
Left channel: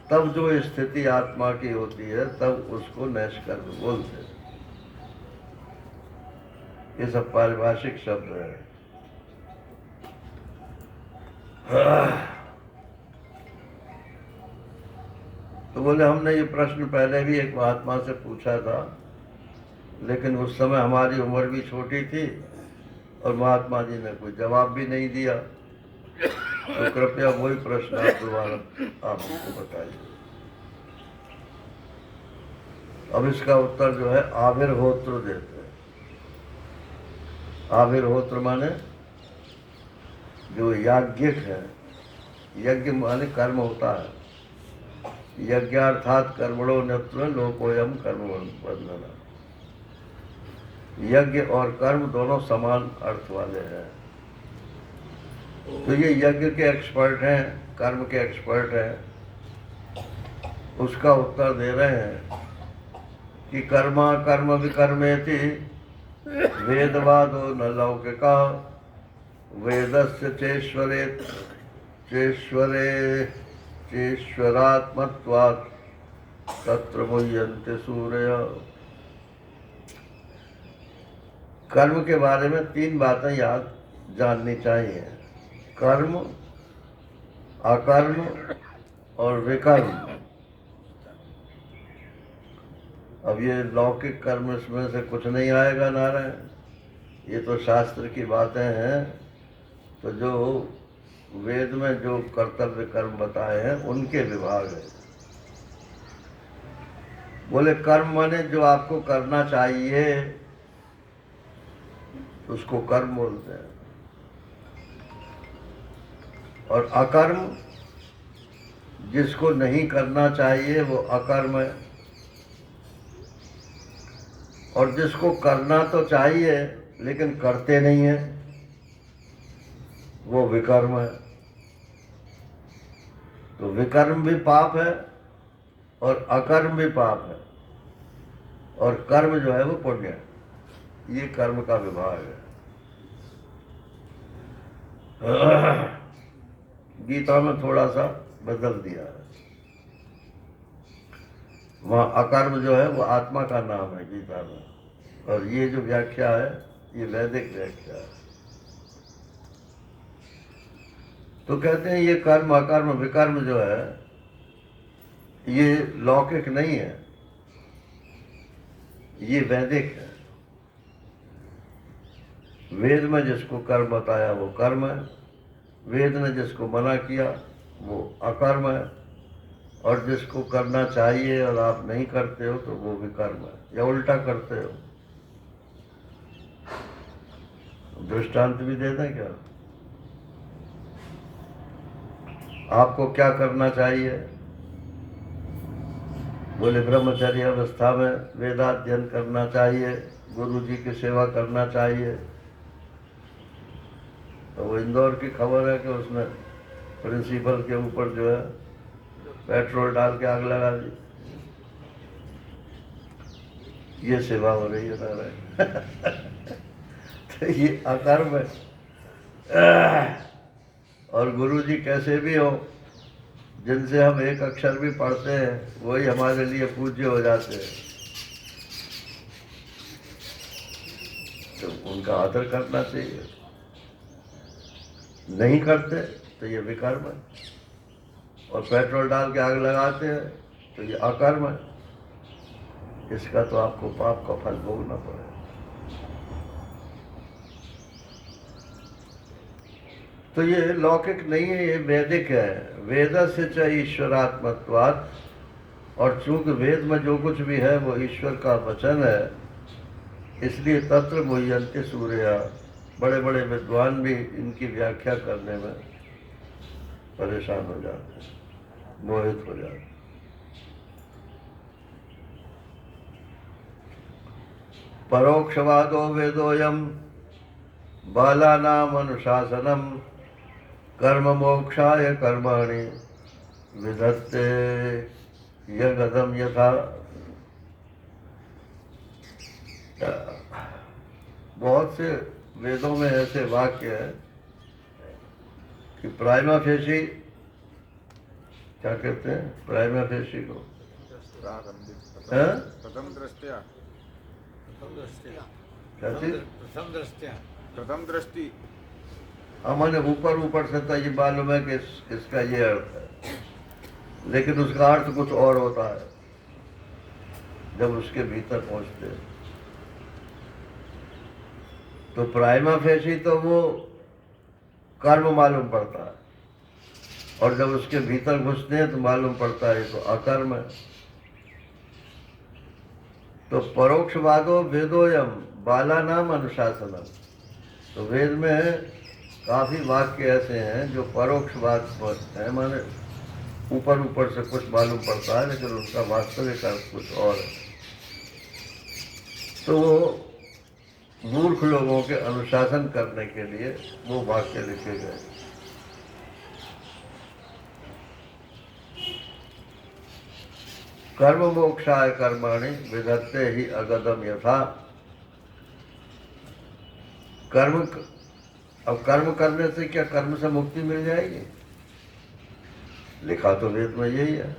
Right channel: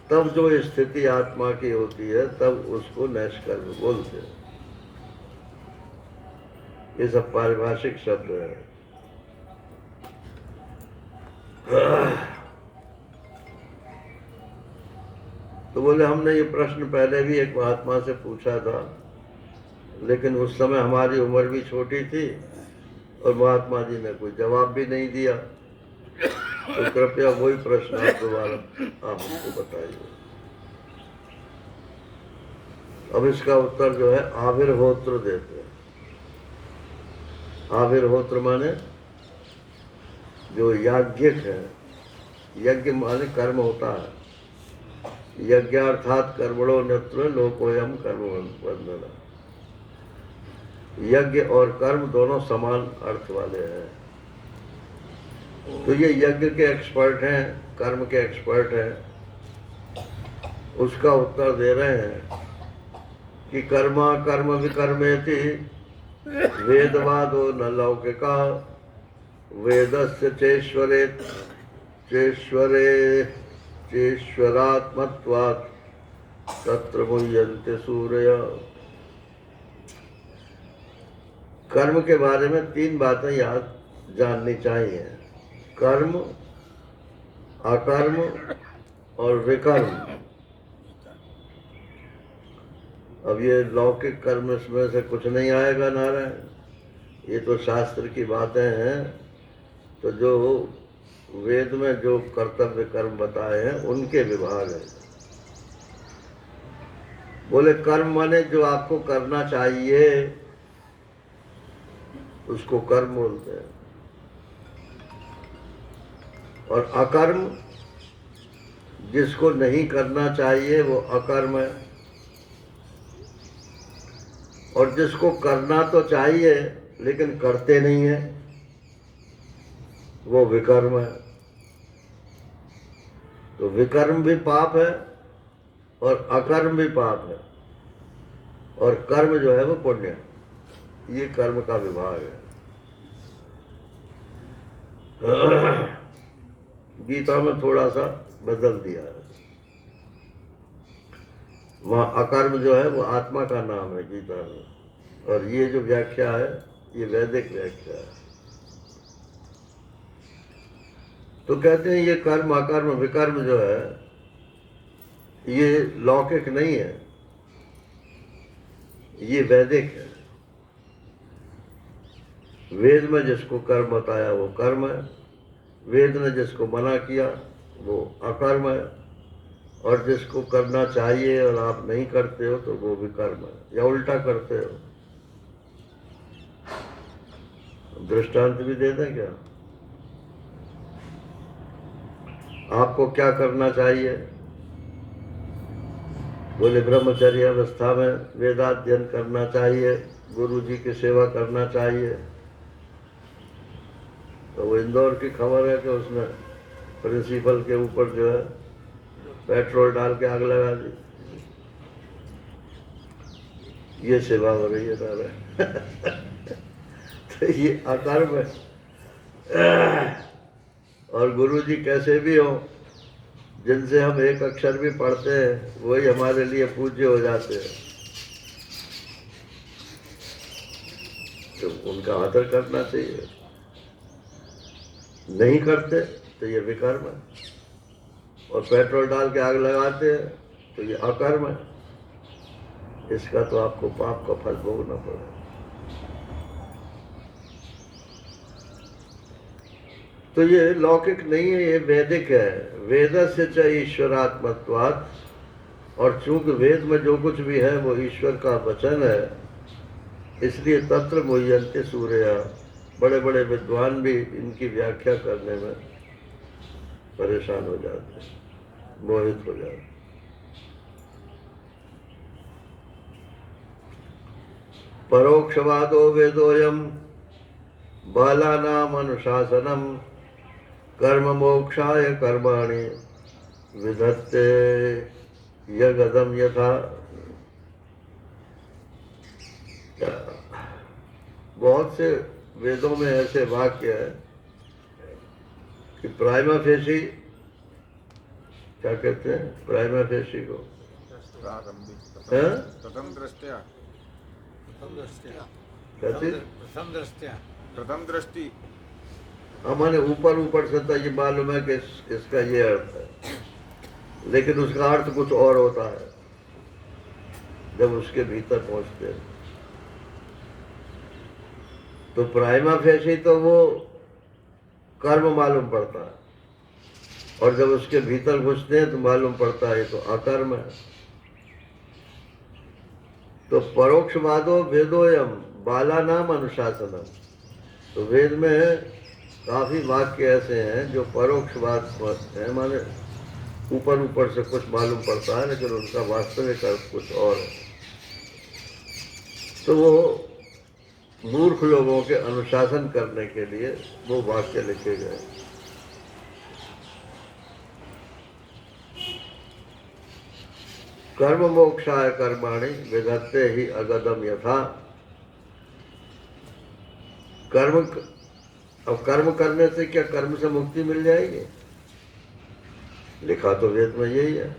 तब जो स्थिति आत्मा की होती है, तब उसको नैष्कर्म बोलते हैं। ये सब पारिभाषिक शब्द है। तो बोले हमने ये प्रश्न पहले भी एक महात्मा से पूछा था, लेकिन उस समय हमारी उम्र भी छोटी थी और महात्मा जी ने कोई जवाब भी नहीं दिया। तो कृपया वही प्रश्न आप दोबारा आप हमको बताइए। अब इसका उत्तर जो है आविर्होत्र देते हैं। आविर्होत्र माने जो याज्ञिक है, यज्ञ माने कर्म होता है। यज्ञार्थात कर्मणो नत्र लोकोयम कर्म बंधन। यज्ञ और कर्म दोनों समान अर्थ वाले हैं। तो ये यज्ञ के एक्सपर्ट हैं, कर्म के एक्सपर्ट हैं। उसका उत्तर दे रहे हैं कि कर्म कर्म विकर्मेति वेदवादो न लौकिका वेदस्य चेश्वरात्मत्वात् तत्र मुह्यन्ते सूरय। कर्म के बारे में 3 बातें याद जाननी चाहिए: कर्म, अकर्म और विकर्म। अब ये लौकिक कर्म इसमें से कुछ नहीं आएगा नारायण, ये तो शास्त्र की बातें हैं। तो जो वेद में जो कर्तव्य कर्म बताए हैं उनके विभाग है। बोले कर्म माने जो आपको करना चाहिए उसको कर्म बोलते हैं, और अकर्म जिसको नहीं करना चाहिए वो अकर्म है, और जिसको करना तो चाहिए लेकिन करते नहीं है वो विकर्म है। तो विकर्म भी पाप है और अकर्म भी पाप है, और कर्म जो है वो पुण्य है। ये कर्म का विभाग है। गीता में थोड़ा सा बदल दिया है। वहाँ अकर्म जो है वो आत्मा का नाम है गीता में, और ये जो व्याख्या है ये वैदिक व्याख्या है। तो कहते हैं ये कर्म अकर्म विकर्म जो है ये लौकिक नहीं है, ये वैदिक है। वेद में जिसको कर्म बताया वो कर्म है, वेद ने जिसको मना किया वो अकर्म है, और जिसको करना चाहिए और आप नहीं करते हो तो वो विकर्म है, या उल्टा करते हो। दृष्टांत भी दे दें क्या? आपको क्या करना चाहिए? बोले ब्रह्मचर्य अवस्था में वेदाध्ययन करना चाहिए, गुरु जी की सेवा करना चाहिए। तो वो इंदौर की खबर है कि उसने प्रिंसिपल के ऊपर जो है पेट्रोल डाल के आग लगा दी। ये सेवा हो रही है नारायण। तो ये अकर्म है। और गुरु जी कैसे भी हो, जिनसे हम एक अक्षर भी पढ़ते हैं वही हमारे लिए पूज्य हो जाते हैं। तो उनका आदर करना चाहिए। नहीं करते तो ये विकर्म है, और पेट्रोल डाल के आग लगाते हैं तो ये अकर्म है। इसका तो आपको पाप का फल भोगना पड़ेगा। तो ये लौकिक नहीं है, ये वैदिक है। वेद से च ईश्वरात्मत्वात्, और चूंकि वेद में जो कुछ भी है वो ईश्वर का वचन है, इसलिए तत्र मुह्यन्ते सूर्या। बड़े बड़े विद्वान भी इनकी व्याख्या करने में परेशान हो जाते हैं, मोहित हो जाते हैं। परोक्षवादो वेदोयम बालानाम अनुशासनम कर्म मोक्षाय कर्माणि विधत्ते यगदम यथा। बहुत से वेदों में ऐसे वाक्य है कि प्राइमा फेसी, क्या कहते हैं प्राइमा फेसी को, हैं? प्रथम दृष्टि हमारे ऊपर ऊपर से तो ये मालूम है कि इसका ये अर्थ है, लेकिन उसका अर्थ कुछ और होता है जब उसके भीतर पहुंचते हैं। तो प्राइमा फेसी तो वो कर्म मालूम पड़ता है, और जब उसके भीतर घुसते हैं तो मालूम पड़ता है तो अकर्म है। तो परोक्षवादो वेदोयम बालानाम अनुशासनम। तो वेद में काफी वाक्य ऐसे हैं जो परोक्षवाद है, माने ऊपर ऊपर से कुछ मालूम पड़ता है लेकिन उनका वास्तविक अर्थ कुछ और है। तो वो मूर्ख लोगों के अनुशासन करने के लिए वो वाक्य लिखे गए। कर्म मोक्षाय कर्माणि विधत्ते ही अगदम यथा। अब कर्म करने से क्या कर्म से मुक्ति मिल जाएगी? लिखा तो वेद में यही है।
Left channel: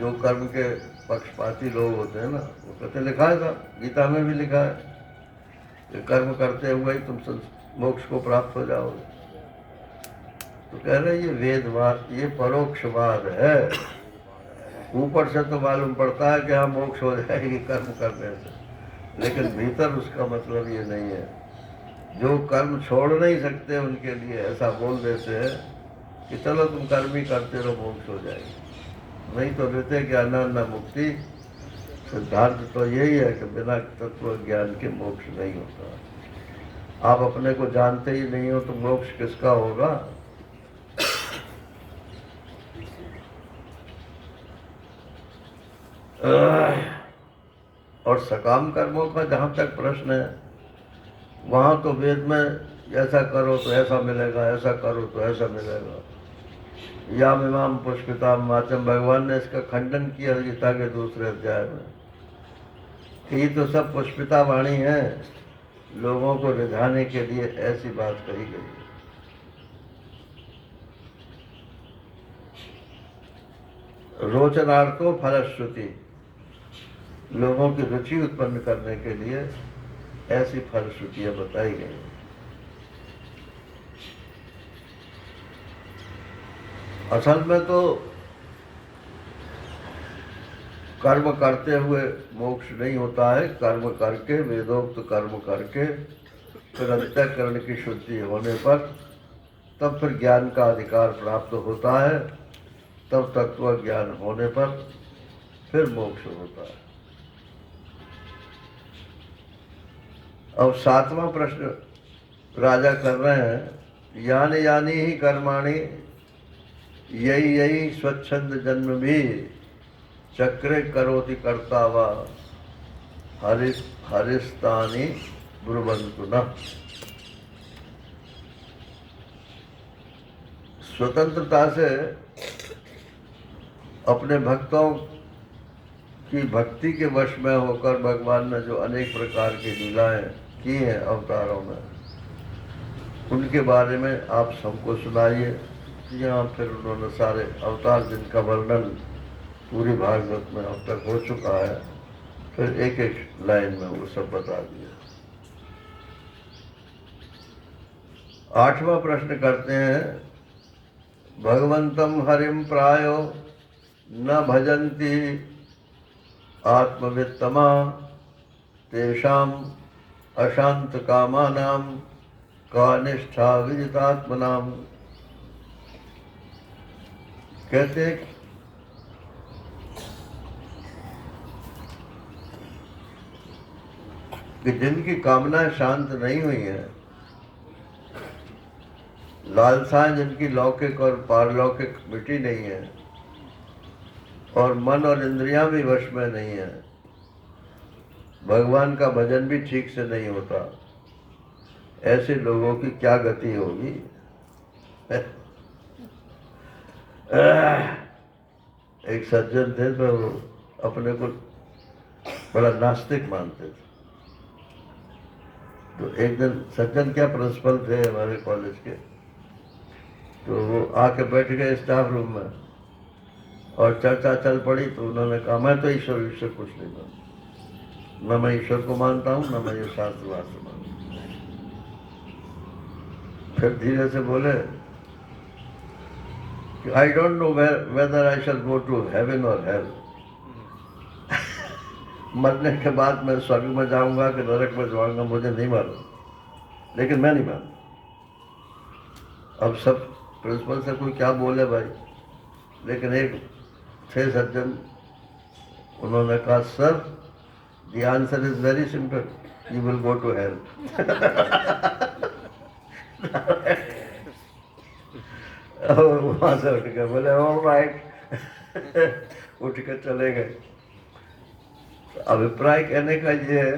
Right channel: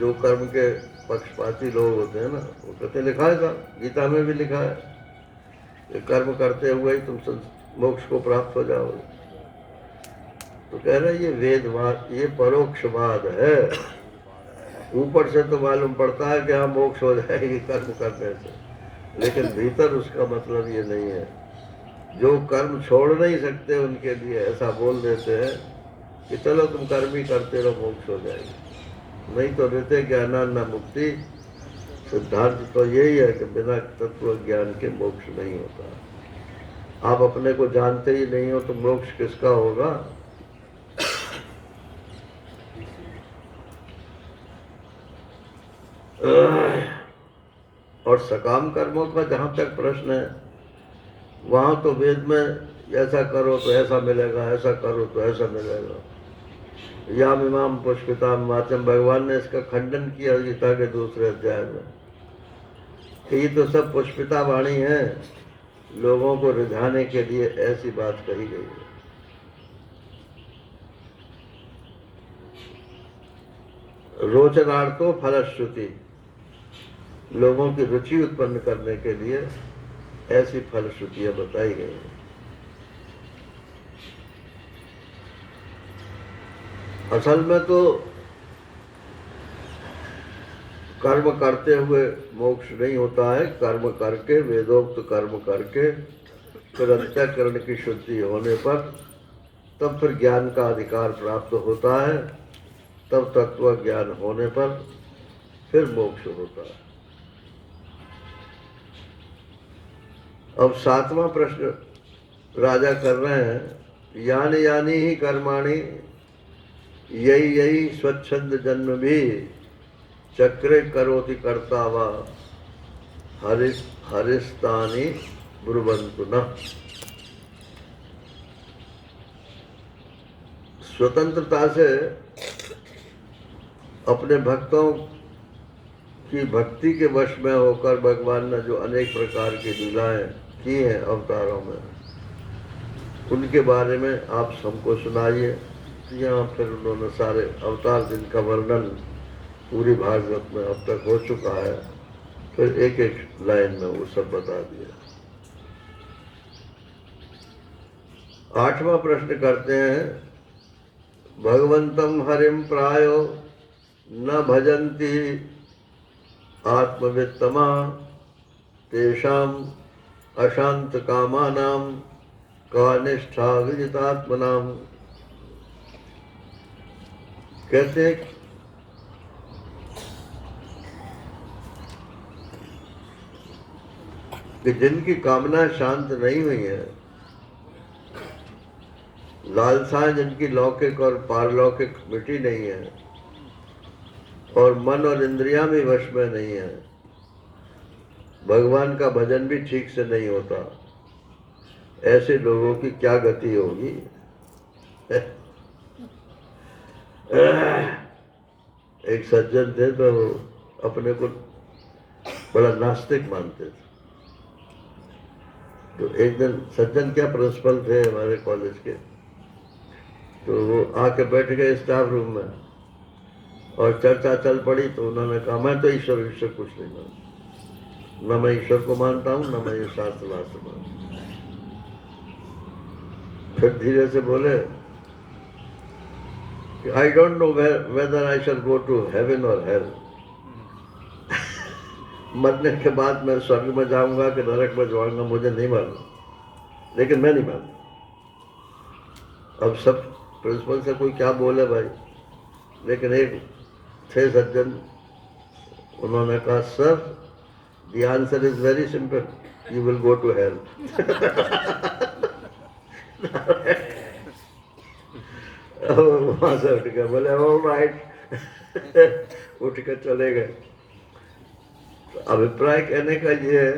जो कर्म के पक्षपाती लोग होते हैं ना, वो कहते लिखा है था, गीता में भी लिखा है कि कर्म करते हुए ही तुम मोक्ष को प्राप्त हो जाओगे। तो कह रहे ये वेदवाद, ये परोक्षवाद है। ऊपर से तो मालूम पड़ता है कि हाँ मोक्ष हो जाएगी कर्म करने से, लेकिन भीतर उसका मतलब ये नहीं है। जो कर्म छोड़ नहीं सकते उनके लिए ऐसा बोल देते हैं कि चलो तुम कर्म ही करते रहो, मोक्ष हो जाएगी। नहीं तो रहते ज्ञानान न मुक्ति। सिद्धांत तो यही है कि बिना तत्व ज्ञान के मोक्ष नहीं होता। आप अपने को जानते ही नहीं हो तो मोक्ष किसका होगा? और सकाम कर्मों का जहाँ तक प्रश्न है, वहाँ तो वेद में ऐसा करो तो ऐसा मिलेगा, ऐसा करो तो ऐसा मिलेगा। याम इमाम पुष्पिताम वाचम, भगवान ने इसका खंडन किया गीता के दूसरे अध्याय में कि ये तो सब पुष्पिता वाणी है, लोगों को रिझाने के लिए ऐसी बात कही गई है। रोचनार्थो फलश्रुति, लोगों की रुचि उत्पन्न करने के लिए ऐसी फलश्रुतियां बताई गई हैं। असल में तो कर्म करते हुए मोक्ष नहीं होता है। कर्म करके, वेदोक्त कर्म करके फिर अंतःकरण की शुद्धि होने पर तब फिर ज्ञान का अधिकार प्राप्त होता है। तब तत्व ज्ञान होने पर फिर मोक्ष होता है। अब 7वां प्रश्न राजा कर रहे हैं, यानी यानी ही कर्माणि यही यही स्वच्छंद जन्म भी चक्रे करोति कर्ता वा हरिस्तानि ब्रुवन्तु न। स्वतंत्रता से अपने भक्तों की भक्ति के वश में होकर भगवान ने जो अनेक प्रकार की लीलाएं की हैं अवतारों में, उनके बारे में आप हमको सुनाइए। तो यहाँ फिर उन्होंने सारे अवतार जिनका वर्णन पूरी भागवत में अब तक हो चुका है, फिर एक एक लाइन में वो सब बता दिया। 8वां प्रश्न करते हैं, भगवंतम हरिम प्रायो न भजन्ति आत्मवित्तमा तेषाम अशांत कामानाम का निष्ठा विदितात्मनाम। कहते हैं कि जिनकी कामनाएं शांत नहीं हुई हैं, लालसाएं जिनकी लौकिक और पारलौकिक मिटी नहीं है, और मन और इंद्रियां भी वश में नहीं है, भगवान का भजन भी ठीक से नहीं होता, ऐसे लोगों की क्या गति होगी। एक सज्जन थे, तो वो अपने को बड़ा नास्तिक मानते थे। तो एक दिन सज्जन क्या प्रिंसिपल थे हमारे कॉलेज के, तो वो आके बैठ गए स्टाफ रूम में और चर्चा चल पड़ी। तो उन्होंने कहा, मैं तो ईश्वर कुछ नहीं मानता, न मैं ईश्वर को मानता हूँ, न मैं ये शास्त्र वास्त्र मानता हूँ। फिर धीरे से बोले कि I don't know whether I shall go to heaven और हेल। मरने के बाद मैं स्वर्ग में जाऊंगा कि नरक में जाऊंगा मुझे नहीं मालूम, लेकिन मैं नहीं मानता। अब सब प्रिंसिपल से कोई क्या बोले भाई, लेकिन एक थे सज्जन, उन्होंने कहा, sir the answer is very simple, you will go to hell. वहां से उठ के बोले ऑल राइट, उठ के चले गए। अभिप्राय कहने का ये है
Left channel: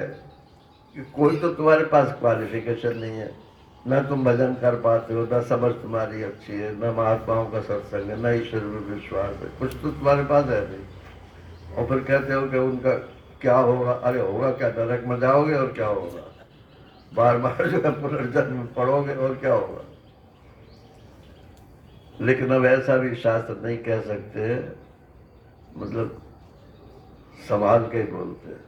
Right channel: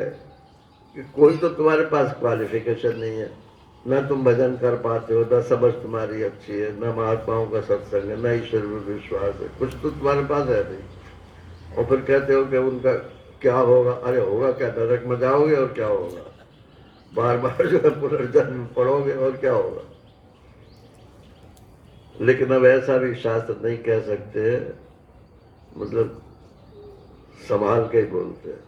कि कोई तो तुम्हारे पास क्वालिफिकेशन नहीं है, न तुम भजन कर पाते हो, न समझ तुम्हारी अच्छी है, न महात्माओं का सत्संग है, न ईश्वर में विश्वास है, कुछ तो तुम्हारे पास है नहीं। और फिर कहते हो कि उनका क्या होगा। अरे होगा क्या, नरक में जाओगे और क्या होगा, बार बार जो है पुनर्जन्म पढ़ोगे और क्या होगा। लेकिन अब ऐसा भी शास्त्र नहीं कह सकते, मतलब संभाल के बोलते हैं।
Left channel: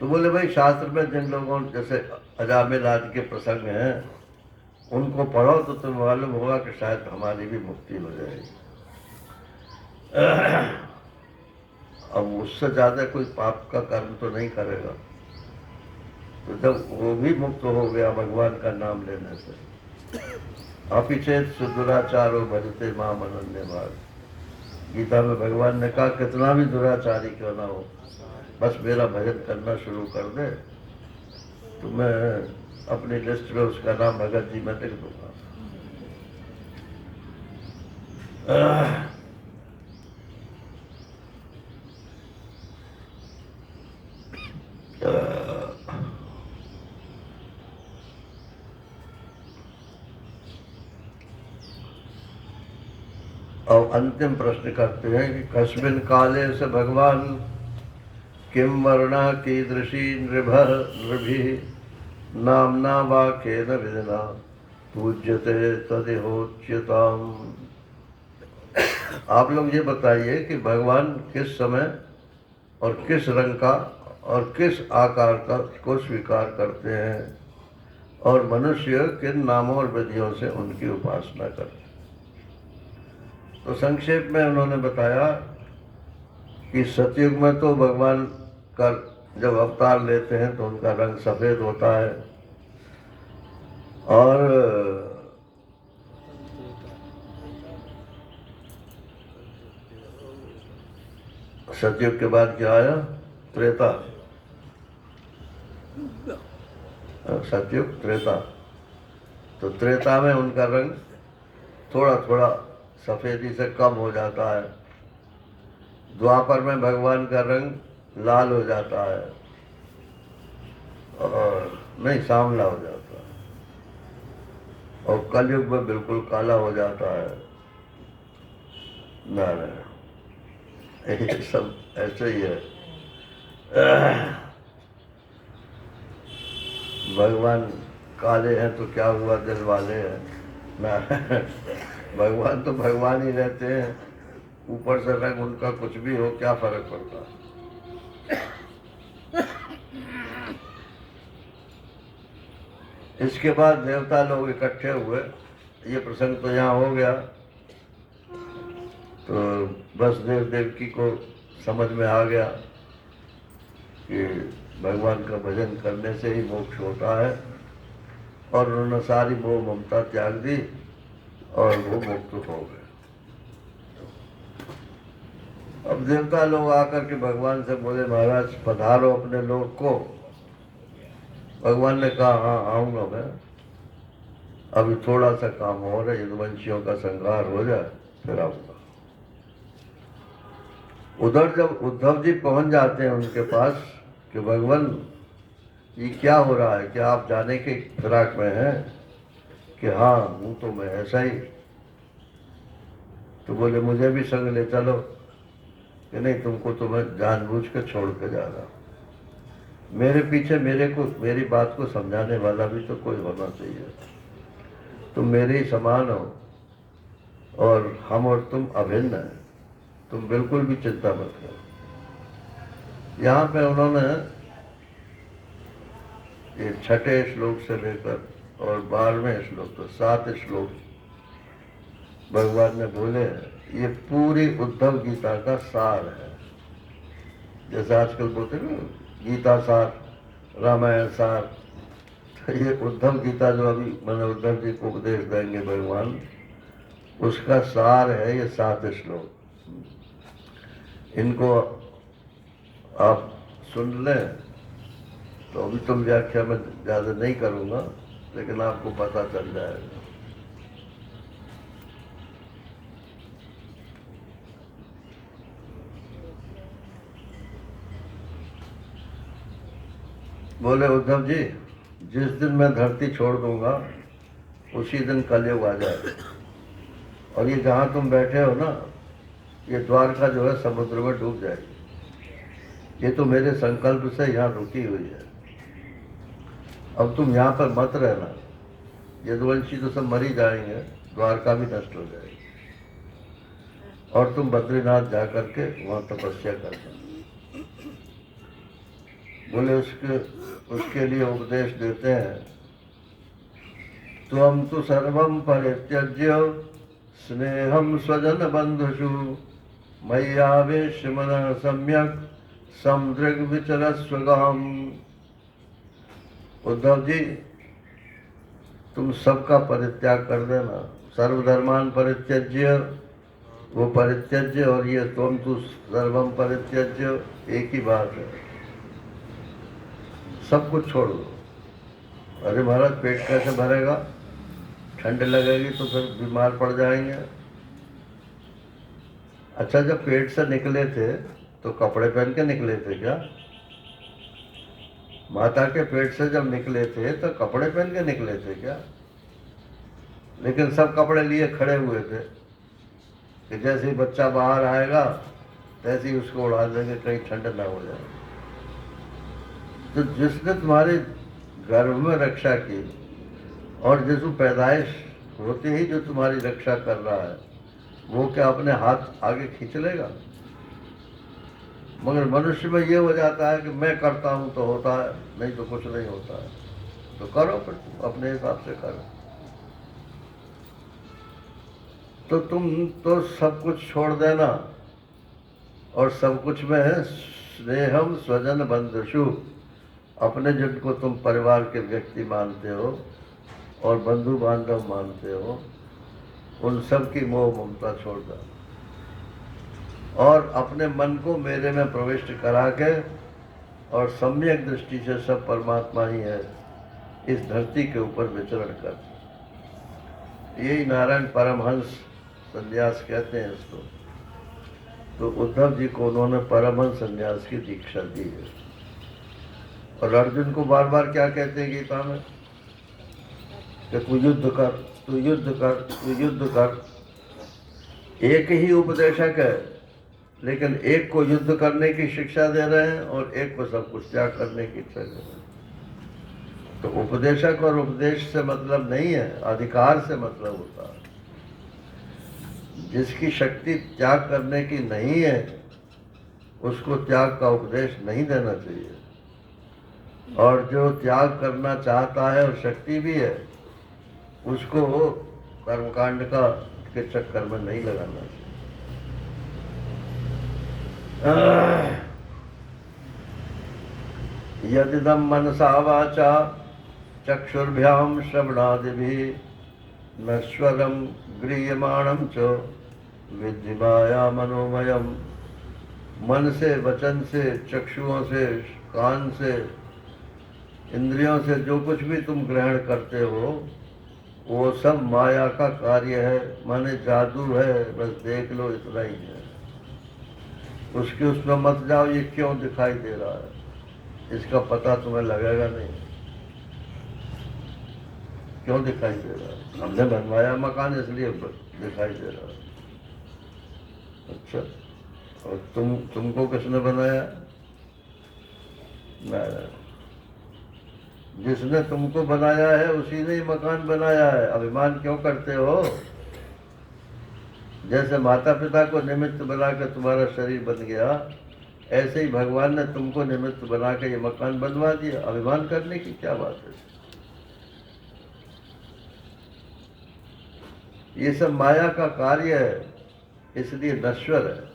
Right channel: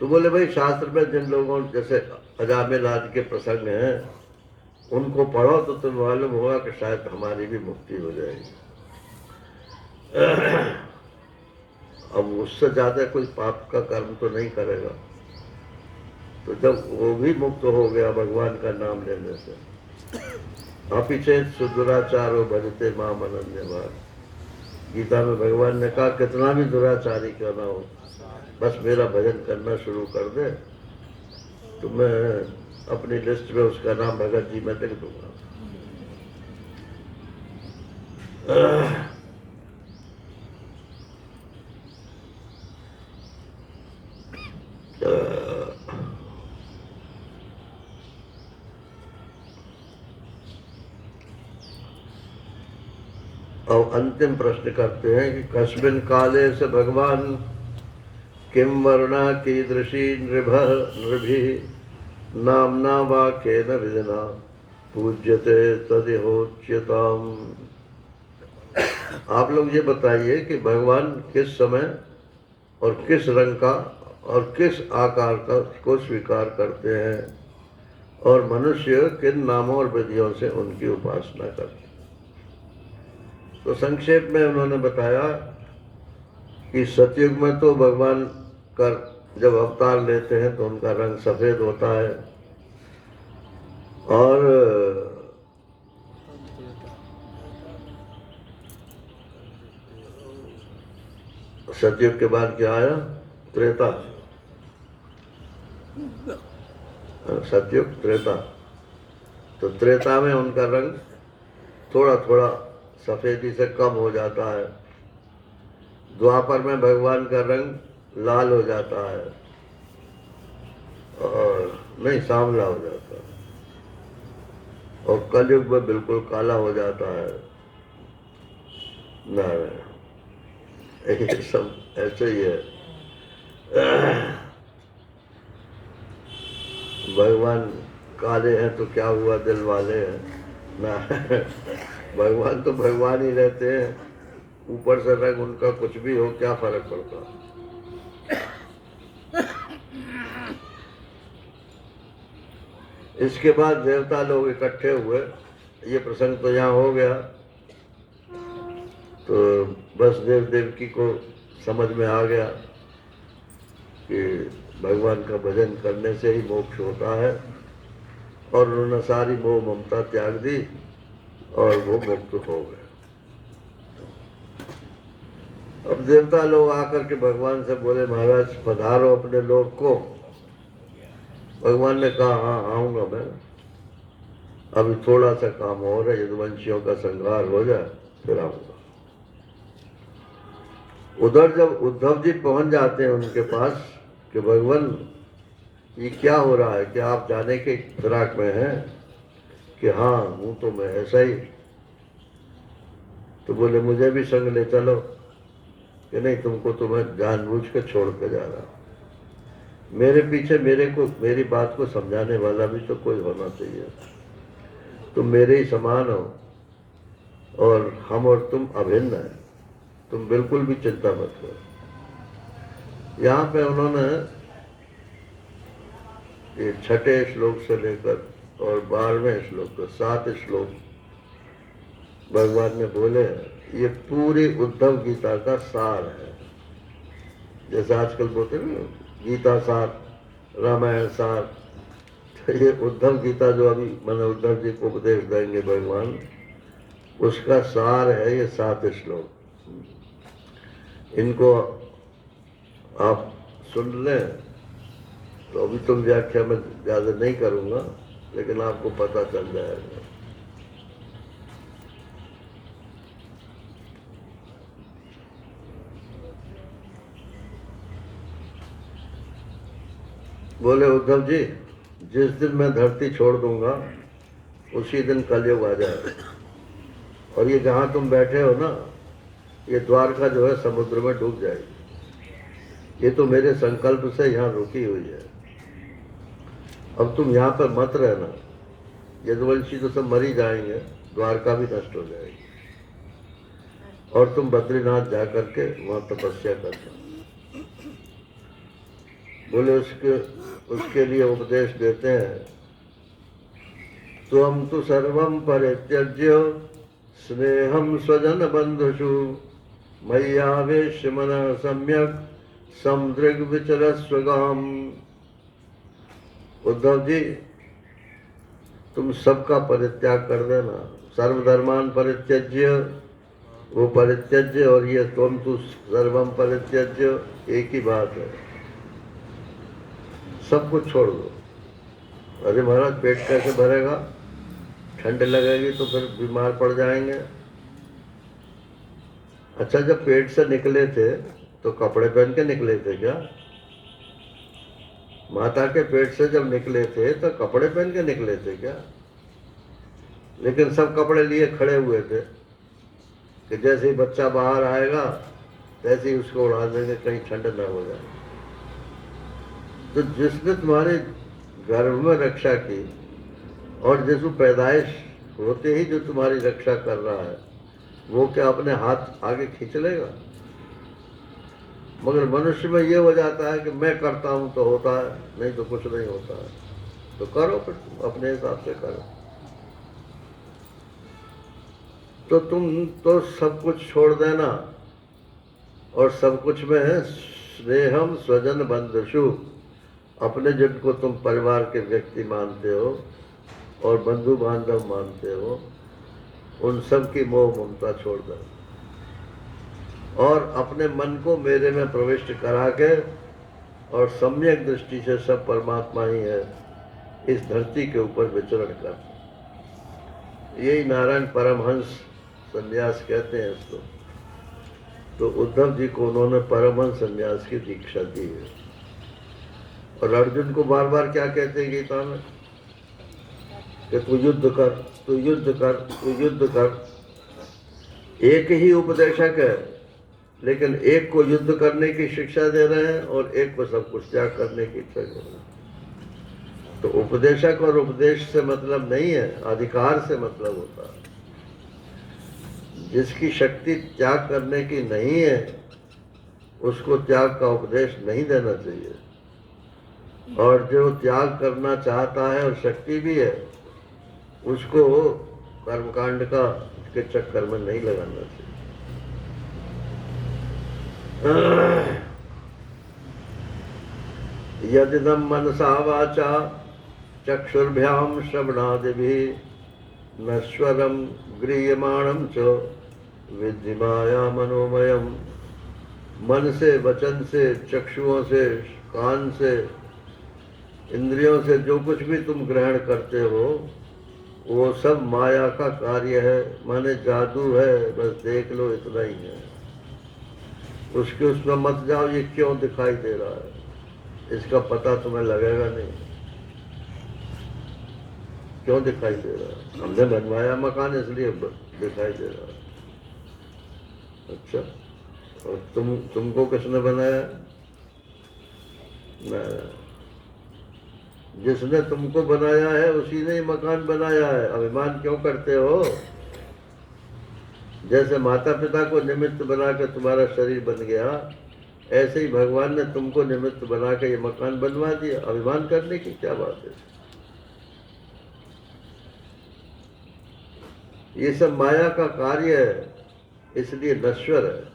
तो बोले भाई शास्त्र में जिन लोगों जैसे अजामिल आदि के प्रसंग हैं उनको पढ़ो तो तुम्हें मालूम होगा कि शायद हमारी भी मुक्ति हो जाएगी। अब उससे ज्यादा कोई पाप का कर्म तो नहीं करेगा। तो जब वो भी मुक्त हो गया भगवान का नाम लेने से, अपीछे सुदुराचारो भजते माम अनन्य भाग। गीता में भगवान ने कहा कितना भी दुराचारी क्यों ना हो, बस मेरा भजन करना शुरू कर दे तो मैं अपनी लिस्ट में उसका नाम भगत जी में लिख दूंगा। और अंतिम प्रश्न करते हैं कि कस्मिन काले से भगवान किम वर्णा कीदृशी नृभि नामना वा केन विधिना पूज्यते तदिहोच्यताम। आप लोग ये बताइए कि भगवान किस समय और किस रंग का और किस आकार का को स्वीकार करते हैं और मनुष्य किन नामों और विधियों से उनकी उपासना करते हैं। तो संक्षेप में उन्होंने बताया कि सतयुग में तो भगवान का जब अवतार लेते हैं तो उनका रंग सफेद होता है, और सतयुग के बाद क्या आया, त्रेता। सतयुग त्रेता, तो त्रेता में उनका रंग थोड़ा थोड़ा सफेदी से कम हो जाता है। द्वापर में भगवान का रंग लाल हो जाता है, और नहीं सांवला हो जाता है, और कलयुग में बिल्कुल काला हो जाता है। नारायण, ये सब ऐसे ही है। भगवान काले हैं तो क्या हुआ, दिल वाले हैं ना। भगवान तो भगवान ही रहते हैं, ऊपर से रंग उनका कुछ भी हो, क्या फर्क पड़ता। इसके बाद देवता लोग इकट्ठे हुए, ये प्रसंग तो यहाँ हो गया। तो वसुदेव देवकी को समझ में आ गया कि भगवान का भजन करने से ही मोक्ष होता है, और उन्होंने सारी मोह ममता त्याग दी और वो मुक्त हो गए। अब देवता लोग आकर के भगवान से बोले, महाराज पधारो अपने लोक को। भगवान ने कहा, हाँ आऊंगा मैं, अभी थोड़ा सा काम और है, यदुवंशियों का संहार हो जाए फिर आऊंगा। उधर जब उद्धव जी पहुंच जाते हैं उनके पास कि भगवान ये क्या हो रहा है, क्या आप जाने के फिराक में हैं? कि हाँ हूँ तो मैं ऐसा ही। तो बोले मुझे भी संग ले चलो। कि नहीं, तुमको तो मैं जानबूझ कर छोड़ कर जा रहा हूँ। मेरे पीछे मेरी बात को समझाने वाला भी तो कोई होना चाहिए। तुम मेरे ही समान हो, और हम और तुम अभिन्न हैं, तुम बिल्कुल भी चिंता मत करो। यहाँ पे उन्होंने ये 6ठे श्लोक से लेकर और 12वें श्लोक तो 7 श्लोक भगवान ने बोले, ये पूरी उद्धव गीता का सार है। जैसे आजकल बोलते हैं ना, गीता सार, रामायण सार, तो ये उद्धव गीता जो अभी मैंने उद्धव जी को उपदेश देंगे भगवान, उसका सार है ये 7 श्लोक। इनको आप सुन लें तो अभी तुम व्याख्या में ज़्यादा नहीं करूँगा, लेकिन आपको पता चल जाएगा। बोले उद्धव जी, जिस दिन मैं धरती छोड़ दूंगा उसी दिन कलयुग आ जाएगा, और ये जहाँ तुम बैठे हो ना, ये द्वारका जो है समुद्र में डूब जाएगी। ये तो मेरे संकल्प से यहाँ रुकी हुई है। अब तुम यहाँ पर मत रहना, यदुवंशी तो सब मर ही जाएंगे, द्वारका भी नष्ट हो जाएगी, और तुम बद्रीनाथ जा करके वहाँ तपस्या करना। बोले उसके लिए उपदेश देते हैं, त्वं तु सर्वं परित्यज्य स्नेहं स्वजन बंधुषु मय्यावेश्य मनः सम्यक समदृग्विचरस्व गाम। उद्धव जी, तुम सबका परित्याग कर देना। सर्वधर्मान परित्यज्य, वो परित्यज्य, और ये त्वं तु सर्वं परित्यज्य, एक ही बात है। सब कुछ छोड़ दो। अरे महाराज, पेट कैसे भरेगा? ठंड लगेगी तो फिर बीमार पड़ जाएंगे। अच्छा, जब पेट से निकले थे तो कपड़े पहन के निकले थे क्या? माता के पेट से जब निकले थे तो कपड़े पहन के निकले थे क्या? लेकिन सब कपड़े लिए खड़े हुए थे कि जैसे ही बच्चा बाहर आएगा तैसे ही उसको उड़ा देंगे, कहीं ठंड ना हो जाए। तो जिसने तुम्हारे गर्भ में रक्षा की, और जिस पैदाइश होते ही जो तुम्हारी रक्षा कर रहा है, वो क्या अपने हाथ आगे खींच लेगा? मगर मनुष्य में ये हो जाता है कि मैं करता हूँ तो होता है, नहीं तो कुछ नहीं होता है। तो करो, फिर तुम अपने हिसाब से करो। तो तुम तो सब कुछ छोड़ देना, और सब कुछ में है स्नेहम स्वजन बंधुषु। अपने जिनको तुम परिवार के व्यक्ति मानते हो और बंधु बांधव मानते हो, उन सब की मोह ममता छोड़ दो, और अपने मन को मेरे में प्रविष्ट करा के, और सम्यक दृष्टि से सब परमात्मा ही है, इस धरती के ऊपर विचरण कर। यही नारायण परमहंस संन्यास कहते हैं इसको। तो उद्धव जी को उन्होंने परमहंस संन्यास की दीक्षा दी है। और अर्जुन को बार बार क्या कहते हैं गीता में कि तू युद्ध कर, तू युद्ध कर, तू युद्ध कर। एक ही उपदेशक है, लेकिन एक को युद्ध करने की शिक्षा दे रहे हैं और एक को सब कुछ त्याग करने की इच्छा दे रहे हैं। तो उपदेशक और उपदेश से मतलब नहीं है, अधिकार से मतलब होता है। जिसकी शक्ति त्याग करने की नहीं है उसको त्याग का उपदेश नहीं देना चाहिए, और जो त्याग करना चाहता है और शक्ति भी है उसको कर्मकांड का के चक्कर में नहीं लगाना चाहिए। यदिदं मनसा वाचा चक्षुर्भ्याम श्रवणादिभिः नश्वरं गृह्यमाणं च विद्धि माया मनोमयम्। मन से, वचन से, चक्षुओं से, कान से, इंद्रियों से जो कुछ भी तुम ग्रहण करते हो वो सब माया का कार्य है, माने जादू है, बस देख लो, इतना ही है। उसमें मत जाओ ये क्यों दिखाई दे रहा है, इसका पता तुम्हें लगेगा नहीं क्यों दिखाई दे रहा है। हमने बनवाया मकान इसलिए दिखाई दे रहा है। अच्छा, और तुमको किसने बनाया? मैं। जिसने तुमको बनाया है उसी ने मकान बनाया है। अभिमान क्यों करते हो? जैसे माता पिता को निमित्त बना के तुम्हारा शरीर बन गया, ऐसे ही भगवान ने तुमको निमित्त बना के ये मकान बनवा दिया। अभिमान करने की क्या बात है? ये सब माया का कार्य है, इसलिए नश्वर है।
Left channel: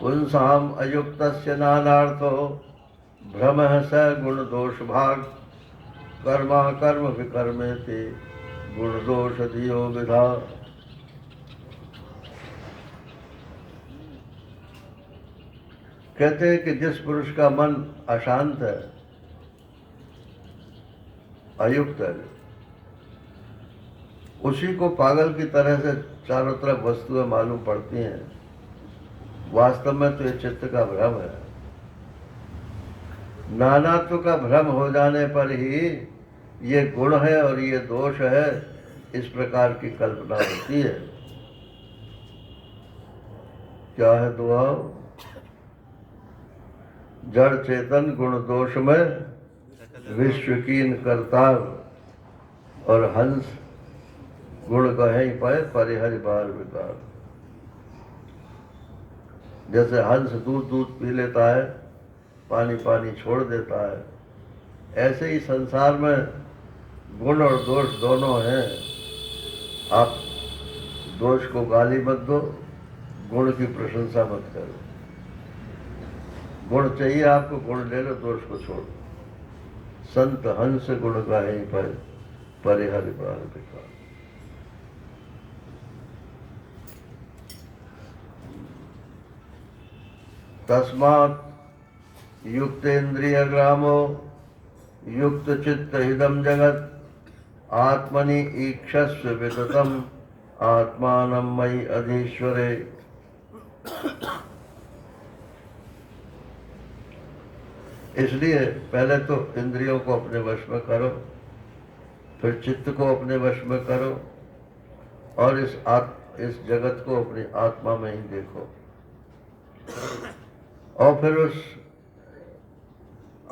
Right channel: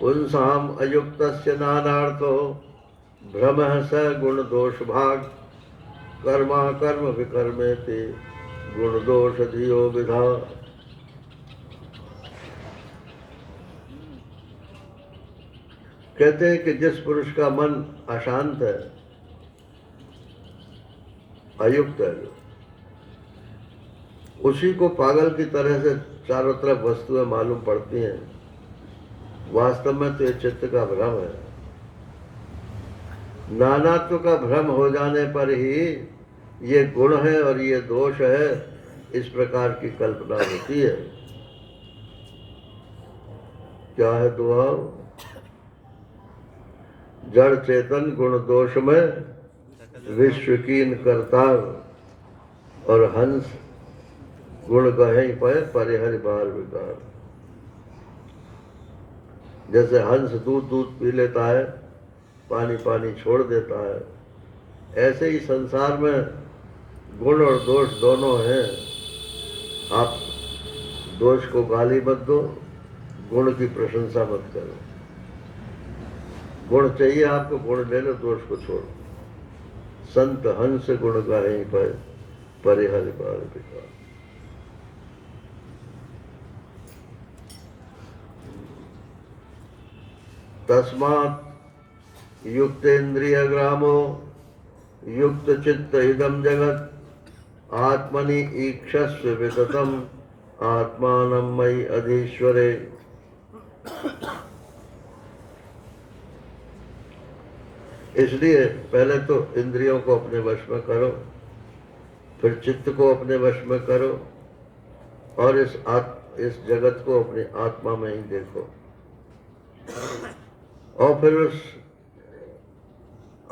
पुंसाम अयुक्तस्य नानार्थो भ्रमः स गुण दोष भाग कर्मा कर्म विकर्मेति गुण दोष धियो विधा। कहते हैं कि जिस पुरुष का मन अशांत है, अयुक्त है, उसी को पागल की तरह से चारों तरफ वस्तुएं मालूम पड़ती हैं। वास्तव में तो ये चित्त का भ्रम है। नानात्व का भ्रम हो जाने पर ही ये गुण है और ये दोष है, इस प्रकार की कल्पना होती है। क्या है दुआ? जड़ चेतन गुण दोष में विश्व कीन करताव, और हंस गुण कहीं पर परिहरि बार विकार। जैसे हंस दूध पी लेता है, पानी पानी छोड़ देता है, ऐसे ही संसार में गुण और दोष दोनों हैं। आप दोष को गाली मत दो, गुण की प्रशंसा मत करो। गुण चाहिए आपको, गुण ले लो, दोष को छोड़ो। संत हंस गुण गायी पर परिहरि बार विकार। तस्मात् युक्तेन्द्रिय ग्रामो युक्त चित्त इदम जगत आत्मनि ईक्षस्व विततम आत्मानं मयि अधीश्वरे। इसलिए पहले तो इंद्रियों को अपने वश में करो, फिर चित्त को अपने वश में करो, और इस जगत को अपनी आत्मा में ही देखो, और फिर उस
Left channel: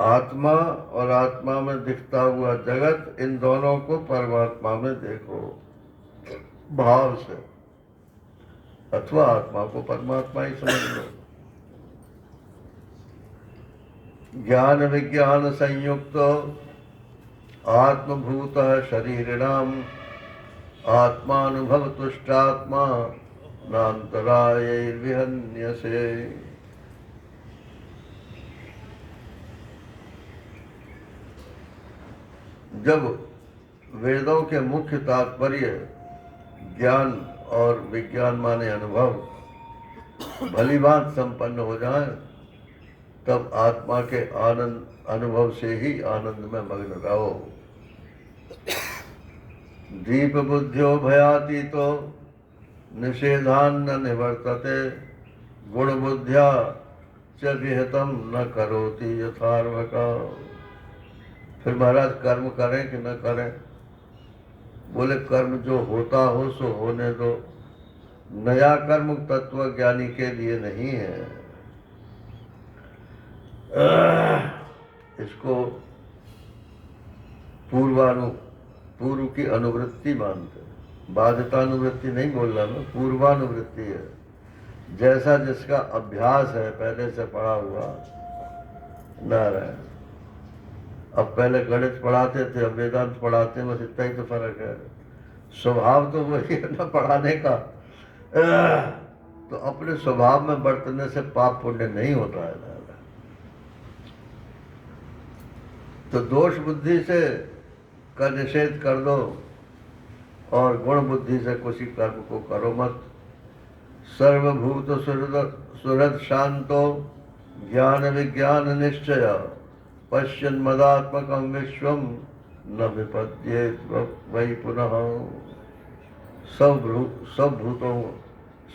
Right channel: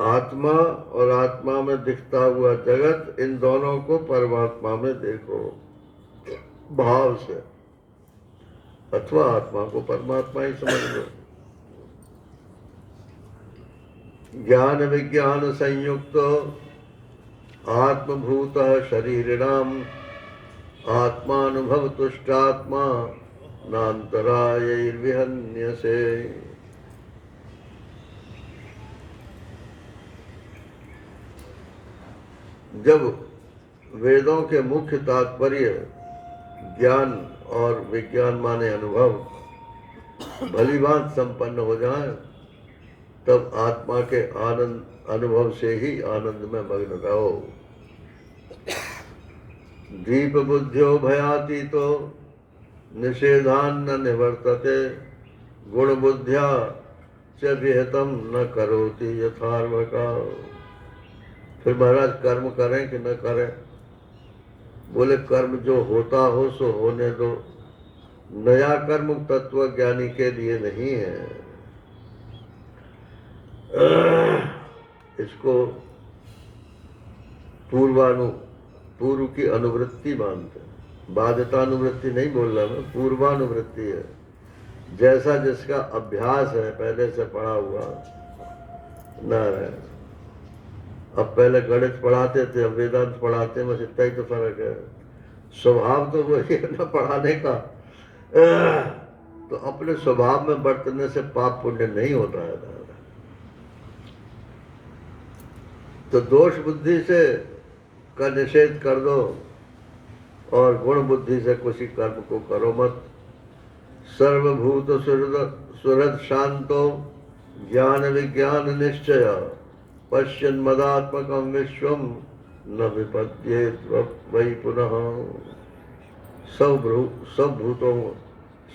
आत्मा और आत्मा में दिखता हुआ जगत, इन दोनों को परमात्मा में देखो भाव से, अथवा आत्मा को परमात्मा ही समझ लो। ज्ञान विज्ञान संयुक्त आत्मभूत शरीरिणाम आत्मानुभव तुष्टात्मा नान्तरायैर्विहन्यसे। जब वेदों के मुख्य तात्पर्य ज्ञान और विज्ञान माने अनुभव भली बात संपन्न हो जाए, तब आत्मा के आनंद अनुभव से ही आनंद में मग्न रहो। दीप बुद्ध्यो भयातीतो निषेधान्न निवर्तते गुण बुद्ध्या च विहितम न करोति यथार्वका। फिर महाराज कर्म करें कि न करें? बोले कर्म जो होता हो सो होने दो, नया कर्म तत्व ज्ञानी के लिए नहीं है। इसको पूर्व की अनुवृत्ति मानते हैं। बाध्यतानुवृत्ति नहीं बोल रहा मैं, पूर्वानुवृत्ति है। जैसा जिसका अभ्यास है पहले से पढ़ा हुआ, नारायण। अब पहले गणित पढ़ाते थे, अब वेदांत पढ़ाते हैं, बस इतना ही तो फर्क है। स्वभाव तो वही है ना पढ़ाने का। तो अपने स्वभाव में बरतने से पाप पुण्य नहीं होता है ना। तो दोष बुद्धि से का निषेध कर दो और गुण बुद्धि से किसी कर्म को करो मत। सर्वभूत सुहृद शांतो ज्ञान विज्ञान निश्चय पश्यन् मदात्मकं विश्वम न विपद्येत वै पुनः। सब भूतों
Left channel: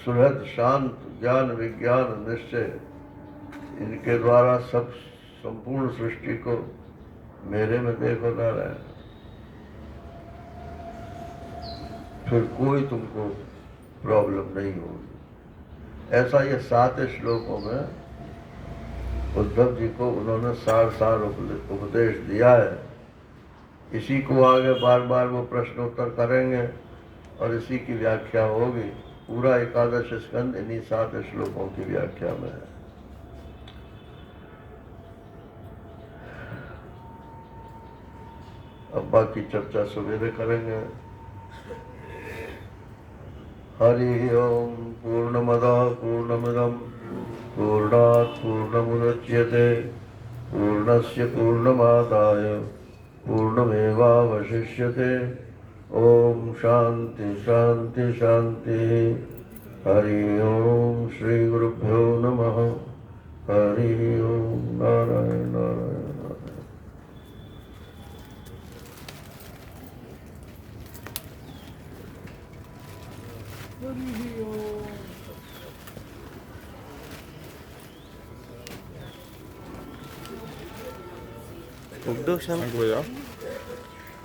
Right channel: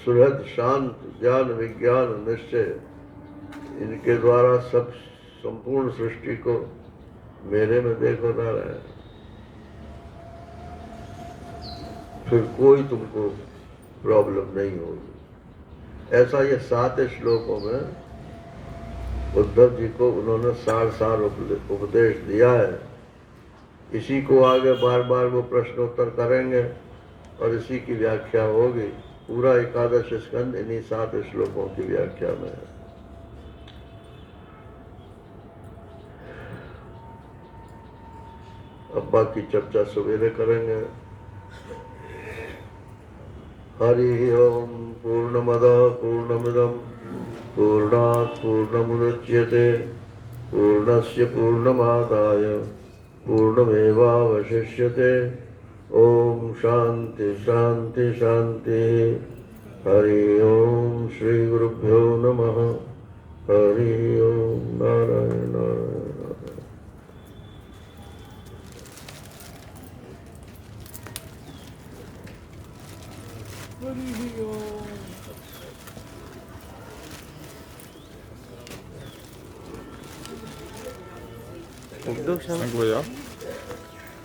सुहृद शांत ज्ञान विज्ञान निश्चय, इनके द्वारा सब संपूर्ण सृष्टि को मेरे में देख बता रहा है। फिर कोई तुमको प्रॉब्लम नहीं होगी। ऐसा ये 7 श्लोकों में उद्धव जी को उन्होंने सार उपदेश दिया है। इसी को आगे बार बार वो प्रश्नोत्तर करेंगे और इसी की व्याख्या होगी। पूरा 11 स्कंद इन्हीं 7 श्लोकों की व्याख्या में है। अब बाकी चर्चा सवेरे करेंगे। हरि ओम। पूर्णमदः पूर्णमिदं पूर्णात् पूर्णमुदच्यते पूर्णस्य पूर्णमादाय पूर्णमेवावशिष्यते। ओम शांति शांति शांति। हरि ओम। श्री गुरुभ्यो नमः। हरि ओम। नारायण नारायण। 뭐야?